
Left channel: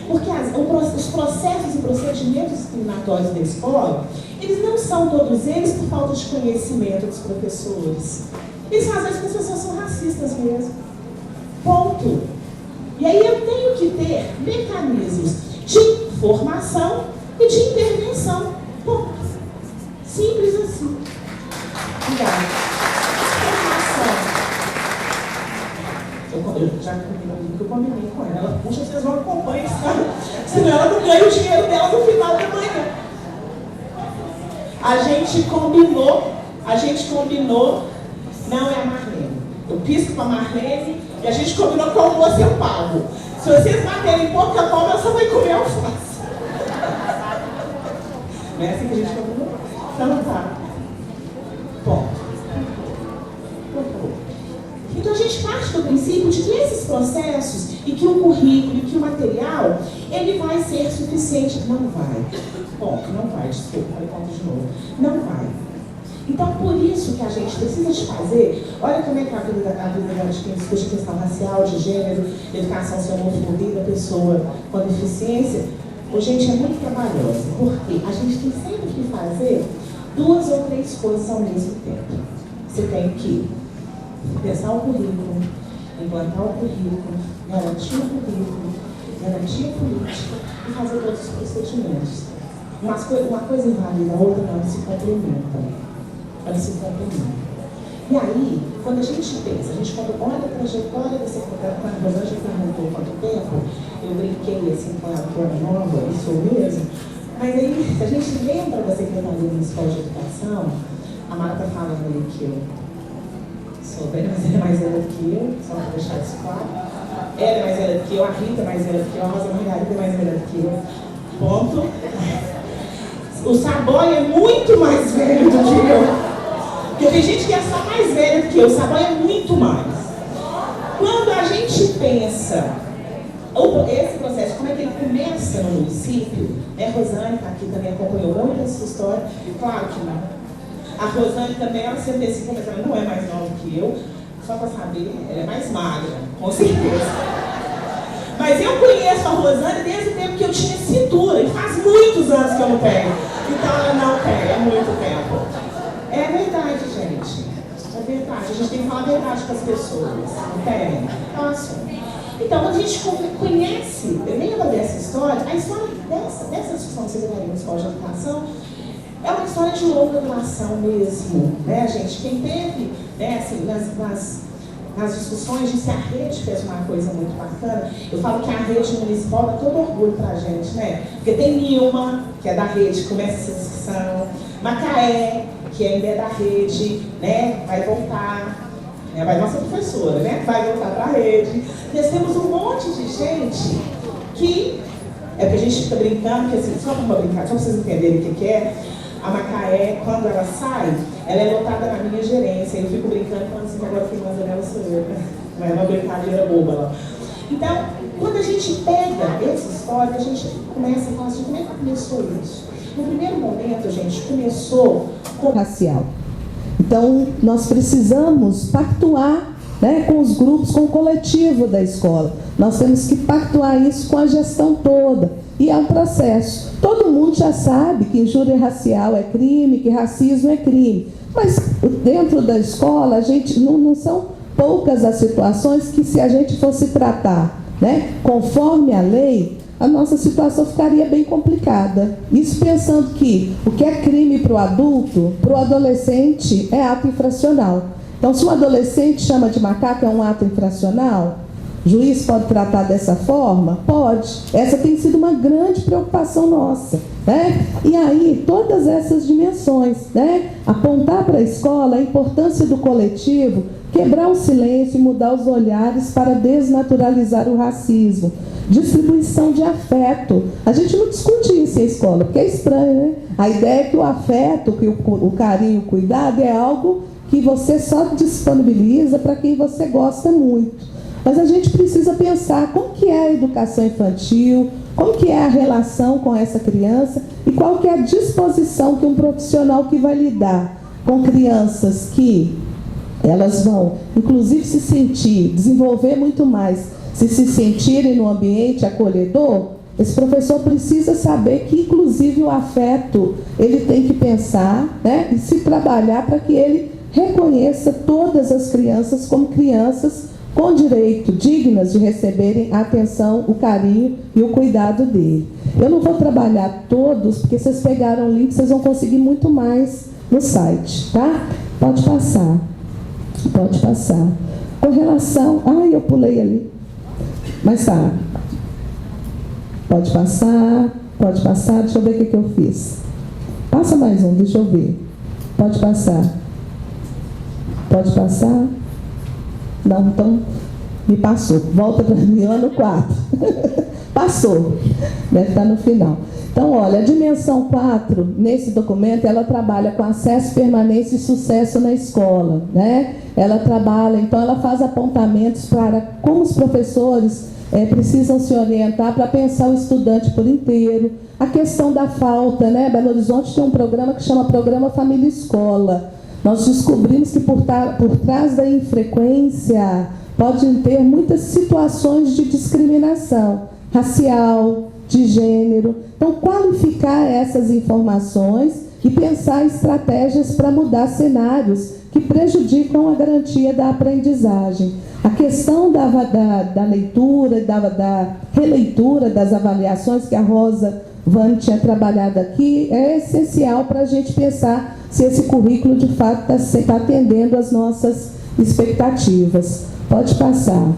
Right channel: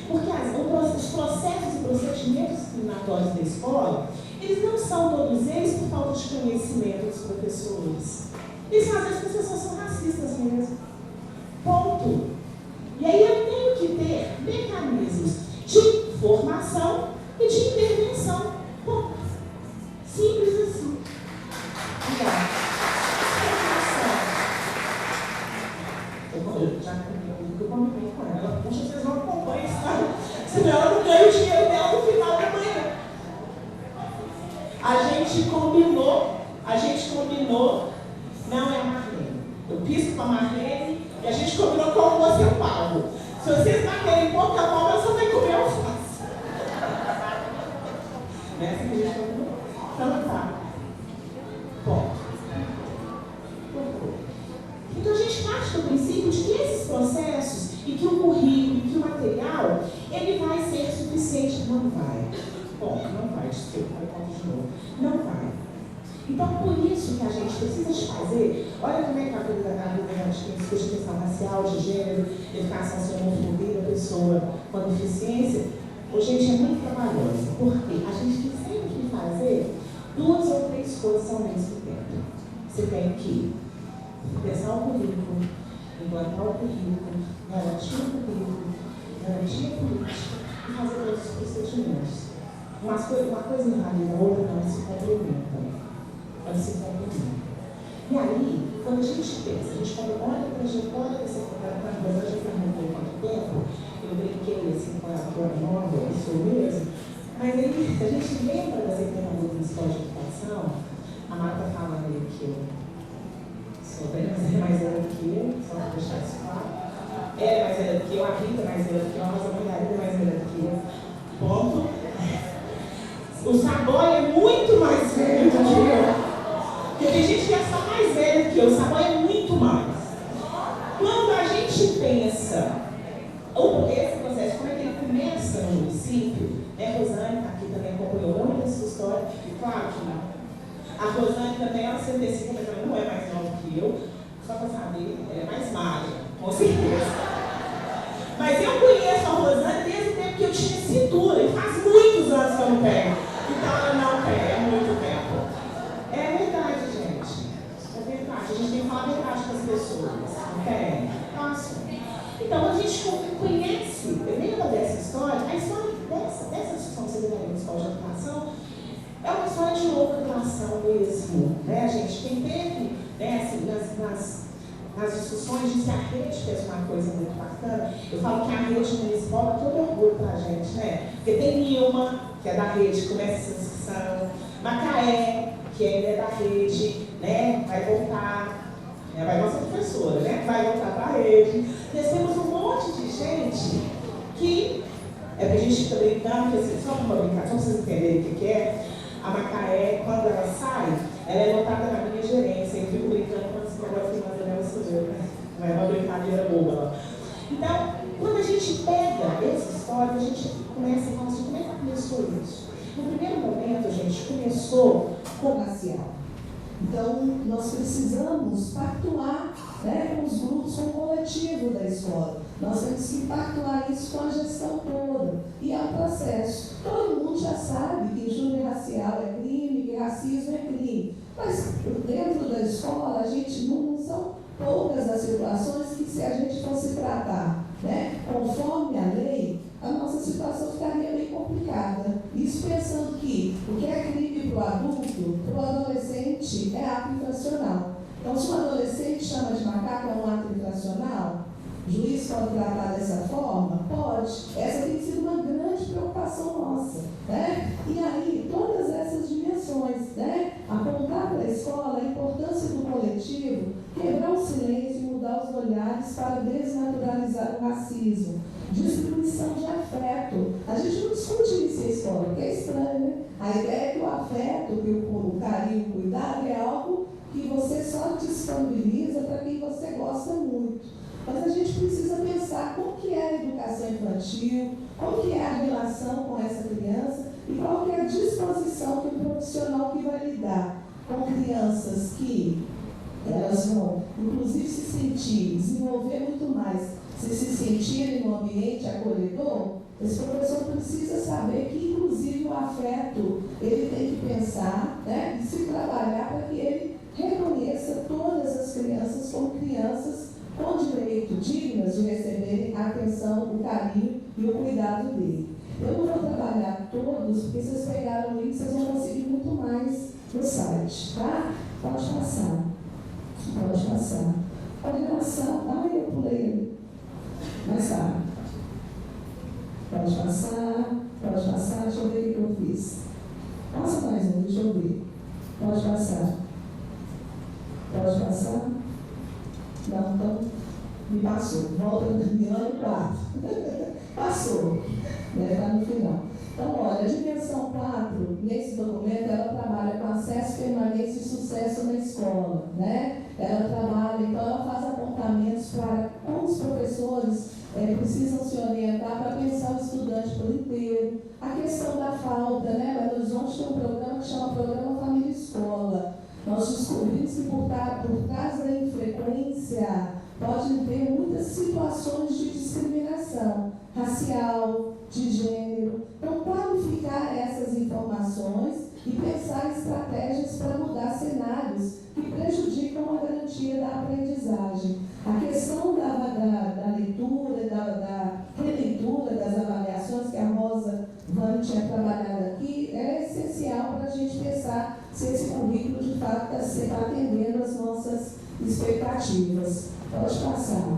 Porque os processos e procedimentos discriminatórios da escola, eles não são todos eles por falta de conhecimento dos professores. Eles às vezes as pessoas são racistas mesmo. Ponto. E aí eu tenho que ter mecanismos de formação e de intervenção. Ponto. Simples assim. Obrigada. Eu já combinei com ela. Ela puxa, vocês vão acompanhar, sabe? Senão ela não ganha o dinheiro dela no final da manhã. A gente combinou, não é a Marlene. Eu pisco para a Marlene e a gente combinou que o almoço eu pago. Se vocês baterem pouca palma, ela só vai comer alface. Não é assim que a gente combinou? Então tá. Ponto. Então a gente parte do princípio de que esses processos e que o currículo e que o material, ele vai ser suficiente. Não vai. Ponto. Não vai. Desculpa, eu conto de novo. Não vai. Então, por isso que a gente precisa de fazer, olha como é que a vida de quem discute a questão racial, de gênero, educação sem homofobia da pessoa com deficiência, gente, é muito trabalhosa, porque a gente tem sempre que fazer 2 ou 3 coisas ao mesmo tempo. Você tem que pensar o currículo, implantar o currículo, garantir o currículo, garantir a política e fazer todos os procedimentos. Uma coisa invalida, a outra não, se complementam. Elas se complementam. E aí, quando a gente pensa, quando olha a trajetória da secretária, quando a Rosângela perguntou quanto tempo, eu brinquei assim com a Ana Nova, isso mesmo, mas aí, se a gente lembra da Secretaria Municipal de Educação, a Mara está falando aí que eu sou bem mais velha do que eu, só para deixar isso claro. Ela é mais velha do que eu, a Rita é mais velha do que eu, a Rosa Margarida é mais velha do que eu. Ponto. O Saboia é muito mais velho do que eu. Porque tem gente que é só mais velha do que eu, o Saboia é muito mais. Quando a gente pensa esse processo, como é que ele começa no município, né? Rosane está aqui também, acompanhou muito essa história, claro que não. A Rosane também, ela se antecipa, mas ela não é mais nova que eu, só para saber, ela é mais magra, com certeza. Mas eu conheço a Rosane desde o tempo que eu tinha cintura, e faz muitos anos que eu não tenho. Então ela não tem, é muito tempo. É verdade, gente. É verdade. A gente tem que falar a verdade com as pessoas. Não tem? Então, assim. Então, quando a gente conhece, lembra dessa história, a história dessa discussão da Secretaria Municipal de Educação é uma história de longa duração mesmo, né, gente? Quem teve, né, assim, nas discussões de se a rede fez uma coisa muito bacana. Eu falo que a rede municipal dá todo orgulho pra gente, né? Porque tem Nilma, que é da rede, que começa essa discussão, Macaé, que ainda é da rede, né? Vai voltar, né? Vai nossa professora, né? Vai voltar pra rede. Nós temos um monte de gente que, é porque a gente fica brincando, que assim, só para brincar, só para vocês entenderem o que é, a Macaé, quando ela sai, ela é lotada na minha gerência. Eu fico brincando falando assim, que agora quem manda nela sou eu, né? Não é uma brincadeira boba lá. Então, quando a gente pega essa história, a gente começa a falar assim, como é que começou isso? No primeiro momento, gente, começou com racial. Então, nós precisamos pactuar, né, com os grupos, com o coletivo da escola. Nós temos que pactuar isso com a gestão toda. E é um processo. Todo mundo já sabe que injúria racial é crime, que racismo é crime. Mas dentro da escola, a gente não são poucas as situações que, se a gente fosse tratar, né, conforme a lei, a nossa situação ficaria bem complicada. Isso pensando que o que é crime para o adulto, para o adolescente é ato infracional. Então, se um adolescente chama de macaco, é um ato infracional? O juiz pode tratar dessa forma? Pode. Essa tem sido uma grande preocupação nossa, né? E aí, todas essas dimensões, né? Apontar para a escola a importância do coletivo, quebrar o silêncio e mudar os olhares para desnaturalizar o racismo. Distribuição de afeto. A gente não discute isso em escola, porque é estranho, né? A ideia é que o afeto, que o carinho, o cuidado é algo que você só disponibiliza para quem você gosta muito. Mas a gente precisa pensar como que é a educação infantil, como que é a relação com essa criança e qual que é a disposição que um profissional que vai lidar com crianças que elas vão, inclusive, se sentir, desenvolver muito mais, se sentirem no ambiente acolhedor. Esse professor precisa saber que, inclusive, o afeto, ele tem que pensar, né, e se trabalhar para que ele reconheça todas as crianças como crianças com direito, dignas de receberem a atenção, o carinho e o cuidado dele. Eu não vou trabalhar todos, porque vocês pegaram o link, vocês vão conseguir muito mais no site, tá? Pode passar. Pode passar. Com relação... Ai, eu pulei ali. Mas tá. Pode passar, pode passar. Deixa eu ver o que eu fiz. Passa mais um, deixa eu ver. Pode passar. Pode passar. Não, então, me passou. Volta para mim lá no 4. Passou. Deve estar no final. Então, olha, a dimensão 4, nesse documento, ela trabalha com acesso, permanência e sucesso na escola, né? Ela trabalha, então, ela faz apontamentos para como os professores precisam se orientar para pensar o estudante por inteiro. A questão da falta, né? Belo Horizonte tem um programa que chama Programa Família Escola. Nós descobrimos que por trás da infrequência podem ter muitas situações de discriminação racial, de gênero. Então, qualificar essas informações e pensar estratégias para mudar cenários que prejudicam a garantia da aprendizagem. A questão da leitura, da releitura das avaliações que a Rosa Vani tinha trabalhado aqui é essencial para a gente pensar se esse currículo de fato está atendendo às nossas expectativas. Pode passar.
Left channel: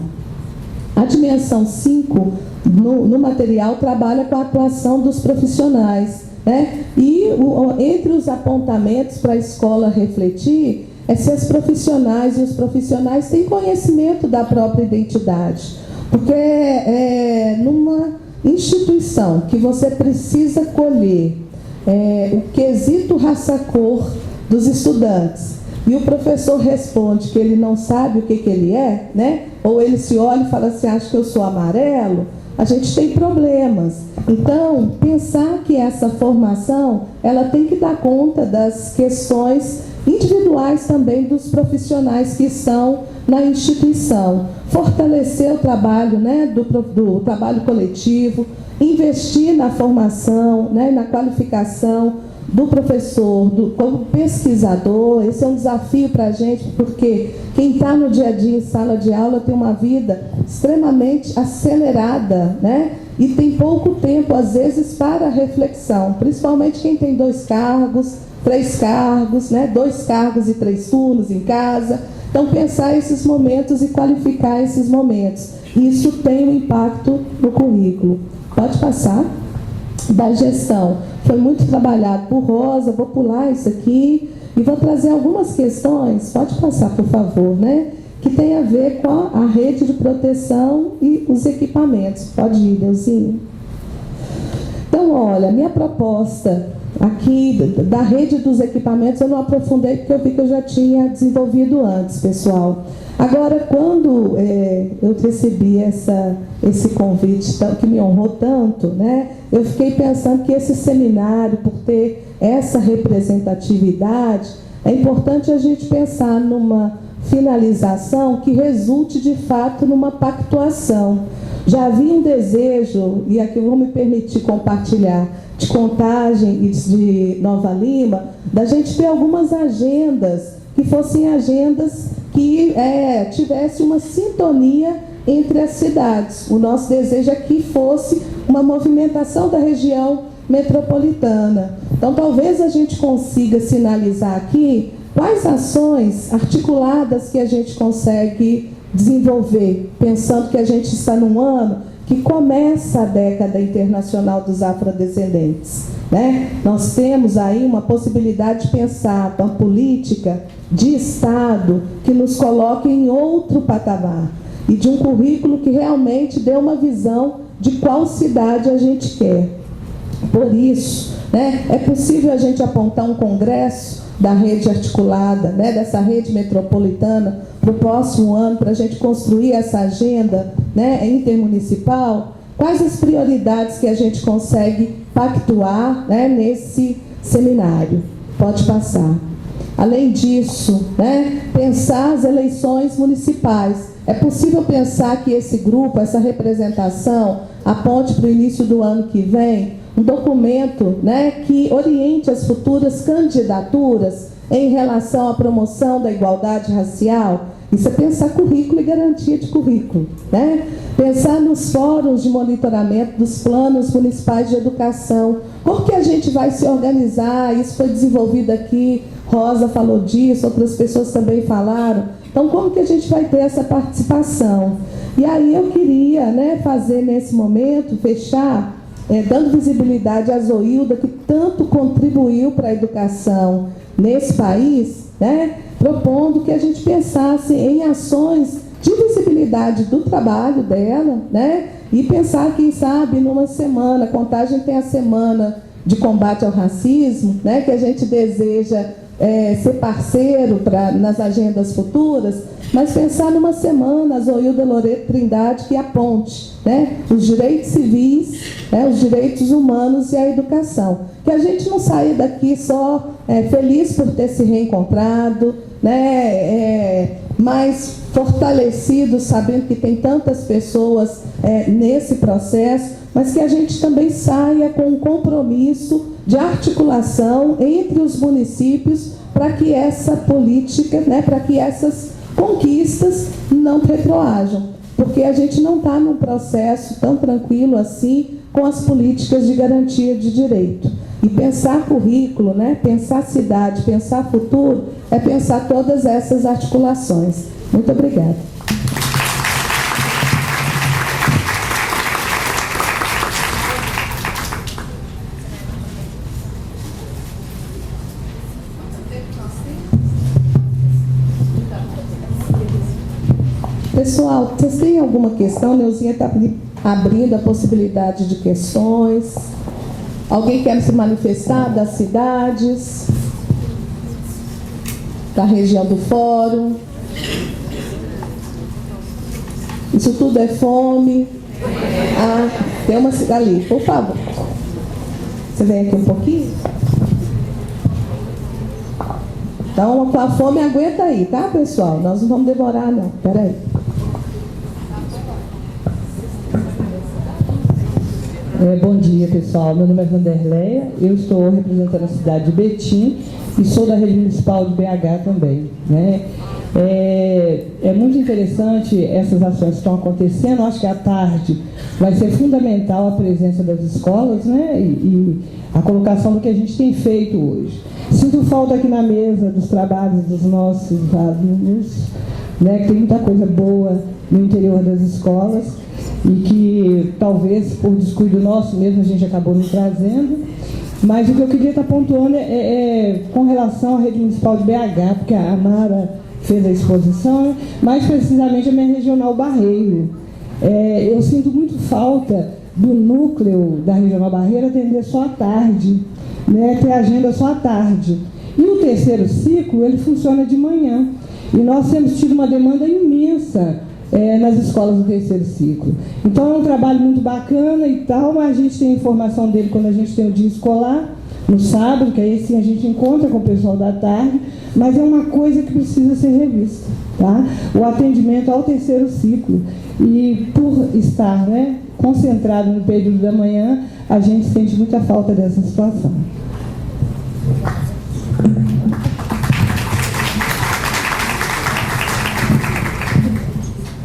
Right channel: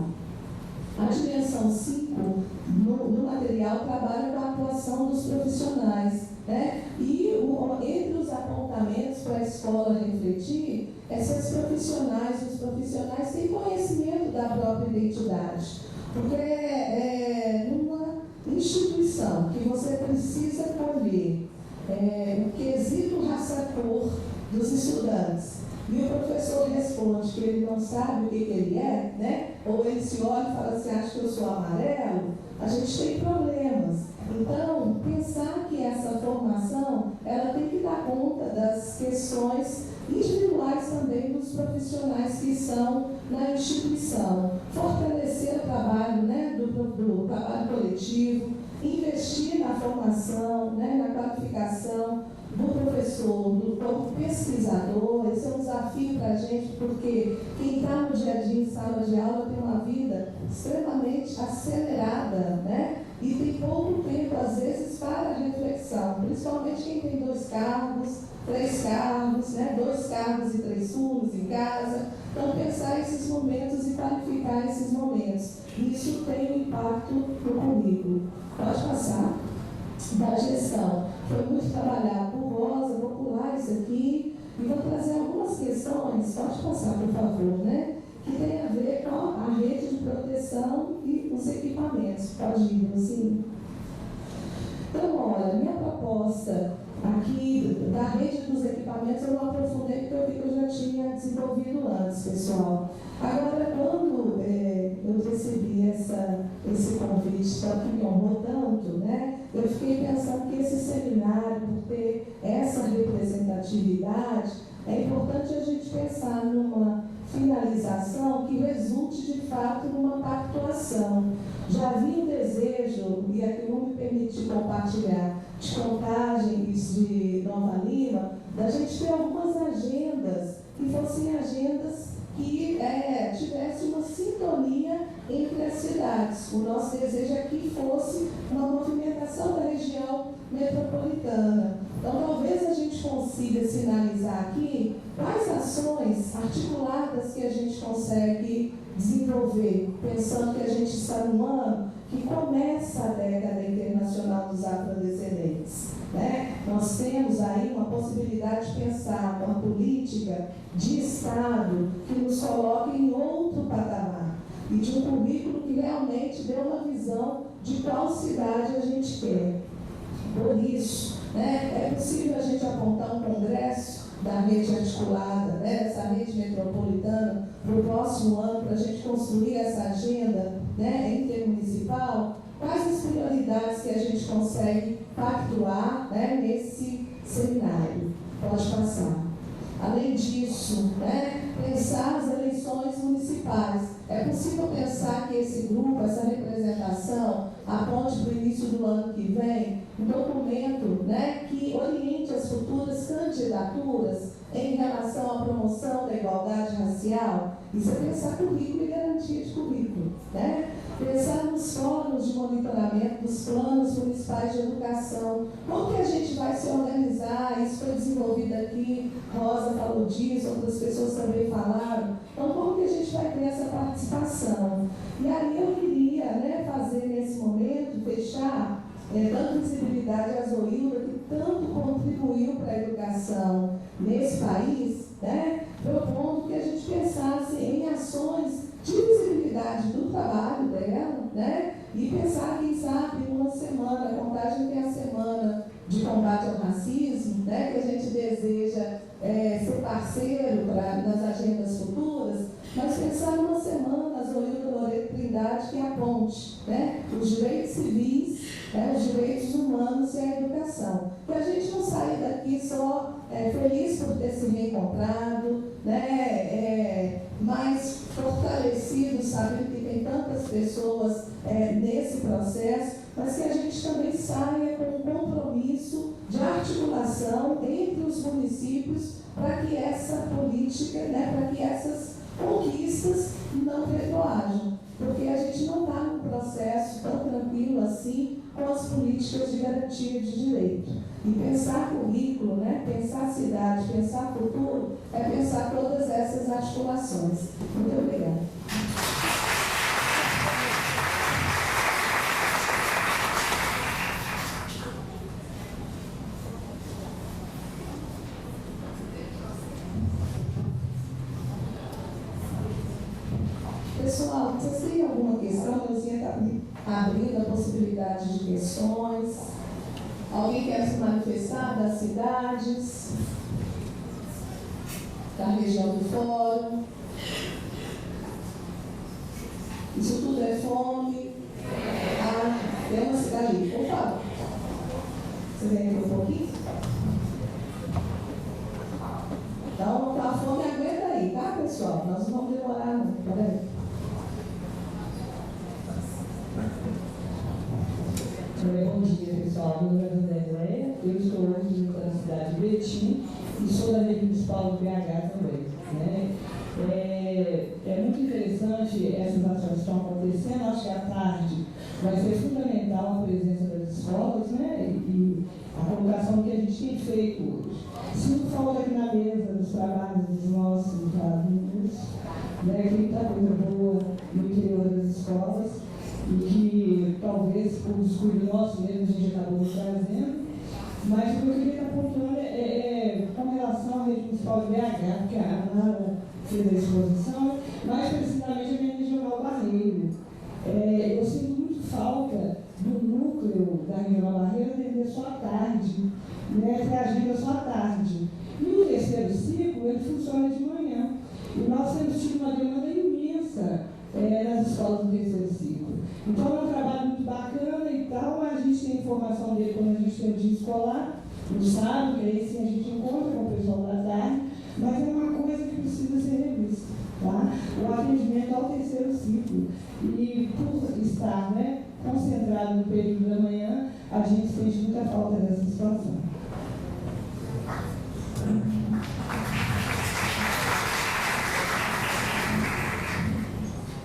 A dimensão 5, no material, trabalha com a atuação dos profissionais, né? E entre os apontamentos para a escola refletir é se as profissionais e os profissionais têm conhecimento da própria identidade. Porque numa instituição que você precisa colher o quesito raça-cor dos estudantes e o professor responde que ele não sabe o que ele é, né? Ou ele se olha e fala assim, acho que eu sou amarelo, a gente tem problemas. Então, pensar que essa formação, ela tem que dar conta das questões individuais também dos profissionais que estão na instituição. Fortalecer o trabalho, né, do trabalho coletivo, investir na formação, né, na qualificação do professor, como pesquisador. Esse é um desafio para a gente, porque quem está no dia a dia em sala de aula tem uma vida extremamente acelerada, né? E tem pouco tempo, às vezes, para reflexão, principalmente quem tem 2 cargos, 3 cargos, né? 2 cargos e 3 turnos em casa. Então, pensar esses momentos e qualificar esses momentos. Isso tem um impacto no currículo. Pode passar. Da gestão. Foi muito trabalhado por Rosa, vou pular isso aqui e vou trazer algumas questões, pode passar, por favor, né? Que tem a ver com a rede de proteção e os equipamentos. Pode ir, Deusinho. Então, olha, minha proposta aqui da rede dos equipamentos eu não aprofundei porque eu vi que eu já tinha desenvolvido antes, pessoal. Agora, quando eu recebi esse convite que me honrou tanto, né, eu fiquei pensando que esse seminário, por ter essa representatividade, é importante a gente pensar numa finalização que resulte de fato numa pactuação. Já havia um desejo, e aqui eu vou me permitir compartilhar, de Contagem e de Nova Lima, da gente ter algumas agendas que fossem agendas que tivesse uma sintonia entre as cidades. O nosso desejo é que fosse uma movimentação da região metropolitana. Então, talvez a gente consiga sinalizar aqui quais ações articuladas que a gente consegue desenvolver, pensando que a gente está num ano que começa a década internacional dos afrodescendentes, né? Nós temos aí uma possibilidade de pensar uma política de Estado que nos coloque em outro patamar e de um currículo que realmente dê uma visão de qual cidade a gente quer. Por isso, né, é possível a gente apontar um congresso da rede articulada, né, dessa rede metropolitana, para o próximo ano, para a gente construir essa agenda, né, intermunicipal. Quais as prioridades que a gente consegue pactuar, né, nesse seminário? Pode passar. Além disso, né, pensar as eleições municipais. É possível pensar que esse grupo, essa representação, aponte para o início do ano que vem um documento, né, que oriente as futuras candidaturas em relação à promoção da igualdade racial. Isso é pensar currículo e garantia de currículo, né? Pensar nos fóruns de monitoramento dos planos municipais de educação. Como que a gente vai se organizar? Isso foi desenvolvido aqui, Rosa falou disso, outras pessoas também falaram. Então, como que a gente vai ter essa participação? E aí eu queria, né, fazer nesse momento, fechar, dando visibilidade à Zoilda, que tanto contribuiu para a educação nesse país, né, propondo que a gente pensasse em ações de visibilidade do trabalho dela, né, e pensar, quem sabe, numa semana, a Contagem tem a semana de combate ao racismo, né, que a gente deseja ser parceiro nas agendas futuras, mas pensar numa semana, a Zoilda Loreto Trindade, que aponte, né, os direitos civis, né, os direitos humanos e a educação. Que a gente não saia daqui só feliz por ter se reencontrado, né, mais fortalecido, sabendo que tem tantas pessoas nesse processo, mas que a gente também saia com um compromisso de articulação entre os municípios para que essa política, né, para que essas conquistas não retroajam, porque a gente não está num processo tão tranquilo assim com as políticas de garantia de direito. E pensar currículo, né, pensar cidade, pensar futuro, é pensar todas essas articulações. Muito obrigada. Pessoal, vocês têm alguma questão? Neuzinha está abrindo a possibilidade de questões. Alguém quer se manifestar das cidades? Da região do fórum? Isso tudo é fome? Ah, tem uma ali, por favor. Você vem aqui um pouquinho? Então, com a fome, aguenta aí, tá, pessoal? Nós não vamos demorar, não. Espera aí. Bom dia, pessoal. Meu nome é Vanderleia, eu estou representando a cidade de Betim e sou da rede municipal de BH também, né? É muito interessante essas ações que estão acontecendo. Acho que à tarde vai ser fundamental a presença das escolas, né? E a colocação do que a gente tem feito hoje. Sinto falta aqui na mesa dos trabalhos dos nossos alunos, né, que tem muita coisa boa no interior das escolas e que talvez por descuido nosso mesmo a gente acabou não trazendo. Mas o que eu queria estar pontuando é com relação à rede municipal de BH, porque a Amara fez a exposição, mais precisamente a minha regional Barreiro. Eu sinto muito falta do núcleo da regional Barreiro atender só à tarde, né, ter agenda só à tarde. E o terceiro ciclo, ele funciona de manhã. E nós temos tido uma demanda imensa nas escolas do terceiro ciclo. Então é um trabalho muito bacana e tal, mas a gente tem informação dele quando a gente tem o dia escolar, no sábado, que aí sim a gente encontra com o pessoal da tarde, mas é uma coisa que precisa ser revista, tá? O atendimento ao terceiro ciclo. E por estar, né, concentrado no período da manhã, a gente sente muita falta dessa situação.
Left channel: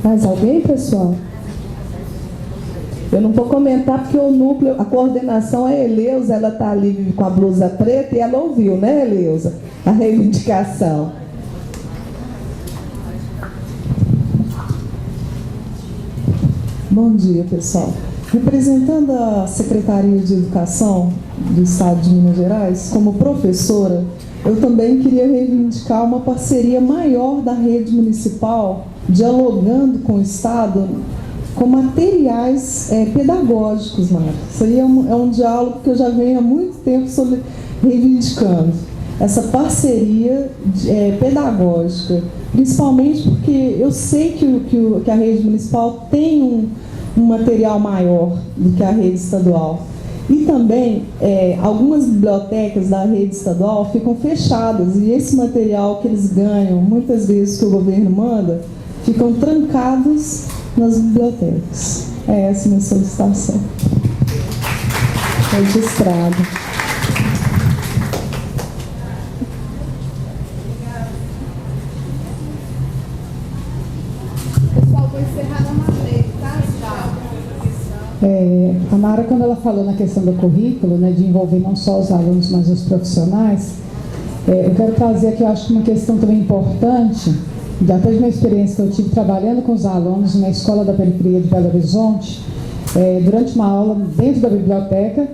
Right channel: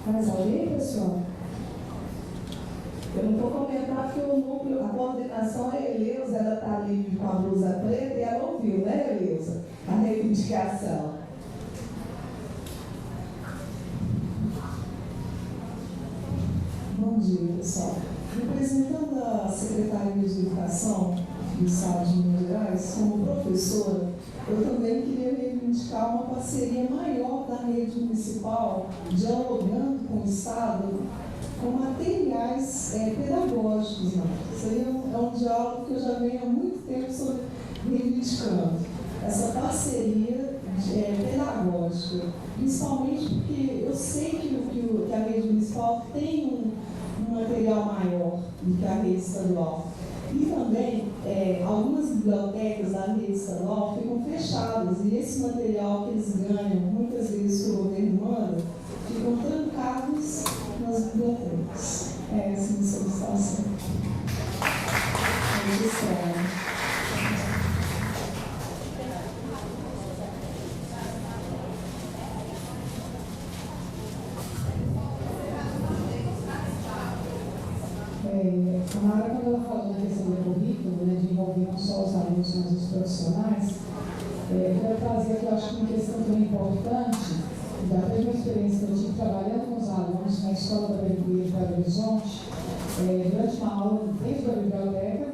Mais alguém, pessoal? Eu não vou comentar porque o núcleo, a coordenação é a Eleusa, ela está ali com a blusa preta e ela ouviu, né, Eleusa? A reivindicação. Bom dia, pessoal. Representando a Secretaria de Educação do Estado de Minas Gerais, como professora, eu também queria reivindicar uma parceria maior da rede municipal, dialogando com o Estado, com materiais pedagógicos, Mara. Isso aí é um diálogo que eu já venho há muito tempo reivindicando. Essa parceria pedagógica, principalmente porque eu sei que a rede municipal tem um material maior do que a rede estadual. E também, algumas bibliotecas da rede estadual ficam fechadas e esse material que eles ganham, muitas vezes que o governo manda, ficam trancados nas bibliotecas. É essa a minha solicitação. Registrado. Pessoal, vou encerrar na Marlene, tá? A Mara, quando ela falou na questão do currículo, né, de envolver não só os alunos, mas os profissionais, eu quero trazer aqui, eu acho que uma questão também importante, até de uma experiência que eu tive trabalhando com os alunos na Escola da Periferia de Belo Horizonte, durante uma aula dentro da biblioteca,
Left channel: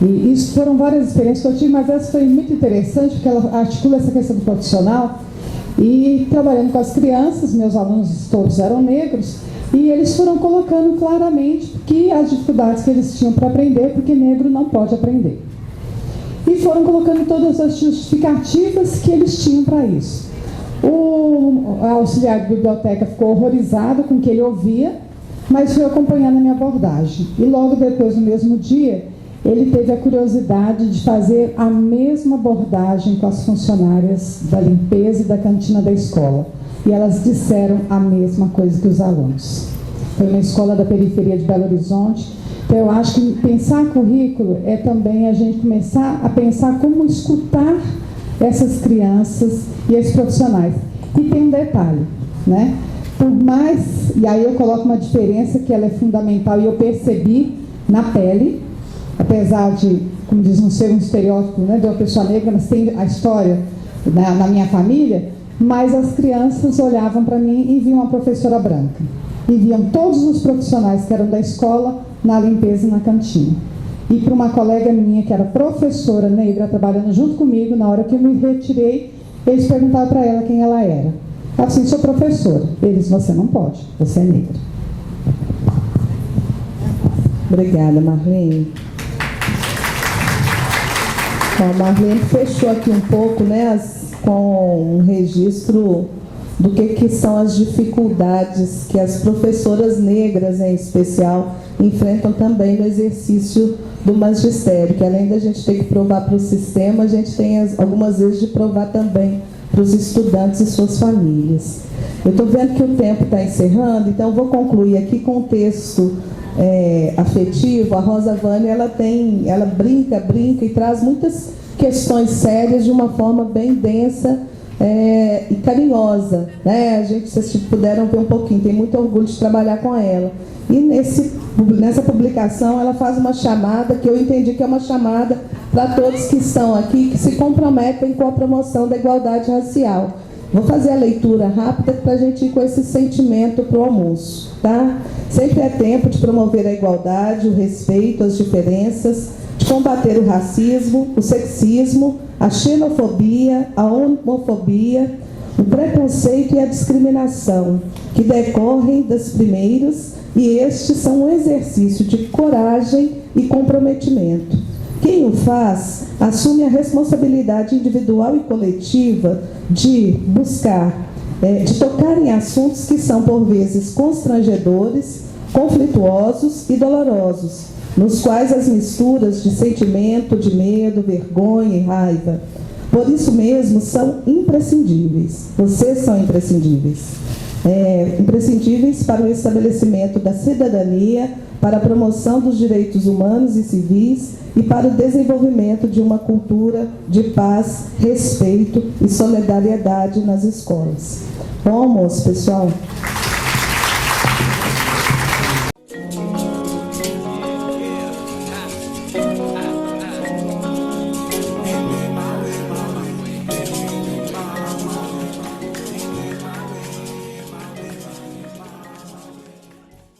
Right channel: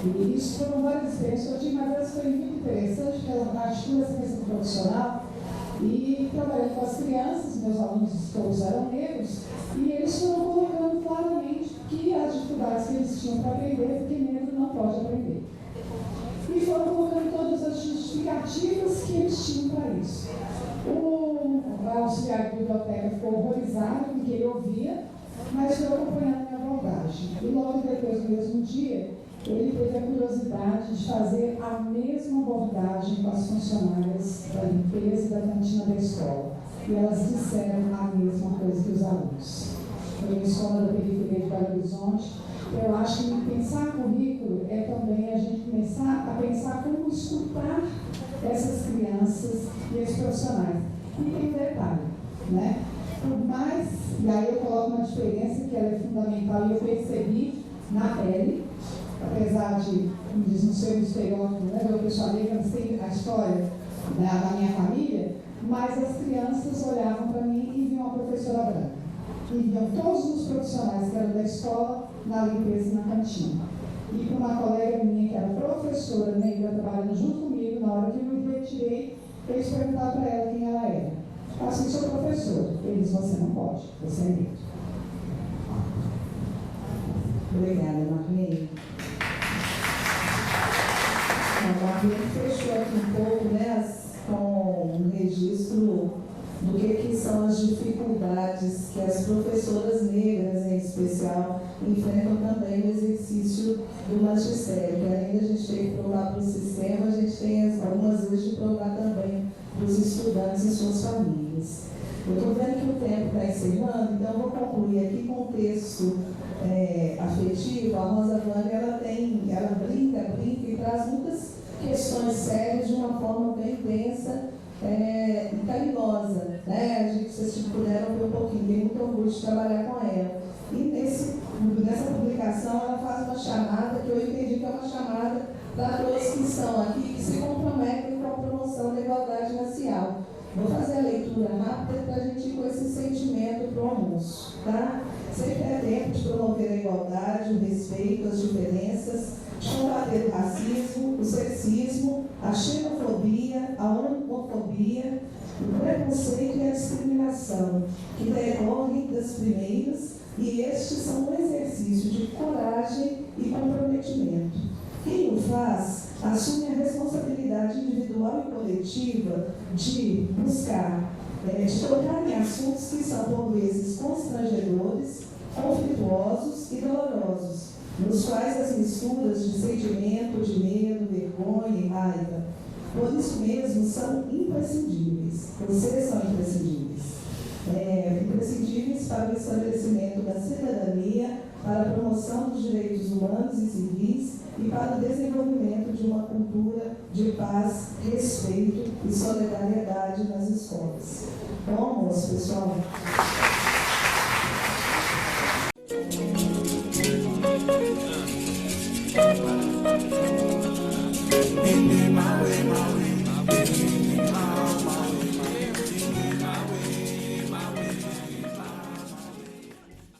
e isso foram várias experiências que eu tive, mas essa foi muito interessante, porque ela articula essa questão do profissional, e trabalhando com as crianças, meus alunos todos eram negros, e eles foram colocando claramente que as dificuldades que eles tinham para aprender, porque negro não pode aprender. E foram colocando todas as justificativas que eles tinham para isso. O auxiliar de biblioteca ficou horrorizado com o que ele ouvia, mas foi acompanhando a minha abordagem. E logo depois, no mesmo dia, ele teve a curiosidade de fazer a mesma abordagem com as funcionárias da limpeza e da cantina da escola. E elas disseram a mesma coisa que os alunos. Foi uma escola da periferia de Belo Horizonte. Então, eu acho que pensar currículo é também a gente começar a pensar como escutar essas crianças e esses profissionais. E tem um detalhe, né? Por mais, e aí eu coloco uma diferença que ela é fundamental e eu percebi na pele, apesar de, como diz, não ser um estereótipo, né, de uma pessoa negra, mas tem a história na minha família, mas as crianças olhavam para mim e viam uma professora branca. E viam todos os profissionais que eram da escola na limpeza e na cantina. E para uma colega minha, que era professora negra, trabalhando junto comigo, na hora que eu me retirei, eles perguntaram para ela quem ela era. Ela disse, sou professora. Eles, você não pode, você é negra. Obrigada, Marlene. Então, a Marlene fechou aqui um pouco, né, com um registro do que são as dificuldades que as professoras negras, em especial, enfrentam também no exercício do magistério, que além da gente ter que provar para o sistema, a gente tem algumas vezes de provar também para os estudantes e suas famílias. Eu estou vendo que o tempo está encerrando, então eu vou concluir aqui com o texto afetivo. A Rosa Vânia, ela brinca e traz muitas questões sérias de uma forma bem densa e carinhosa, né? Vocês puderam ver um pouquinho, tem muito orgulho de trabalhar com ela. E nessa publicação ela faz uma chamada que eu entendi que é uma chamada para todos que estão aqui, que se comprometem com a promoção da igualdade racial. Vou fazer a leitura rápida para a gente ir com esse sentimento para o almoço, tá? Sempre é tempo de promover a igualdade, o respeito, as diferenças, de combater o racismo, o sexismo, a xenofobia, a homofobia, o preconceito e a discriminação, que decorrem das primeiras, e estes são um exercício de coragem e comprometimento. Quem o faz assume a responsabilidade individual e coletiva de buscar, de tocar em assuntos que são por vezes constrangedores, conflituosos e dolorosos, nos quais as misturas de sentimento, de medo, vergonha e raiva, por isso mesmo, são imprescindíveis. Vocês são imprescindíveis. Imprescindíveis para o estabelecimento da cidadania, para a promoção dos direitos humanos e civis e para o desenvolvimento de uma cultura de paz, respeito e solidariedade nas escolas. Bom almoço, pessoal.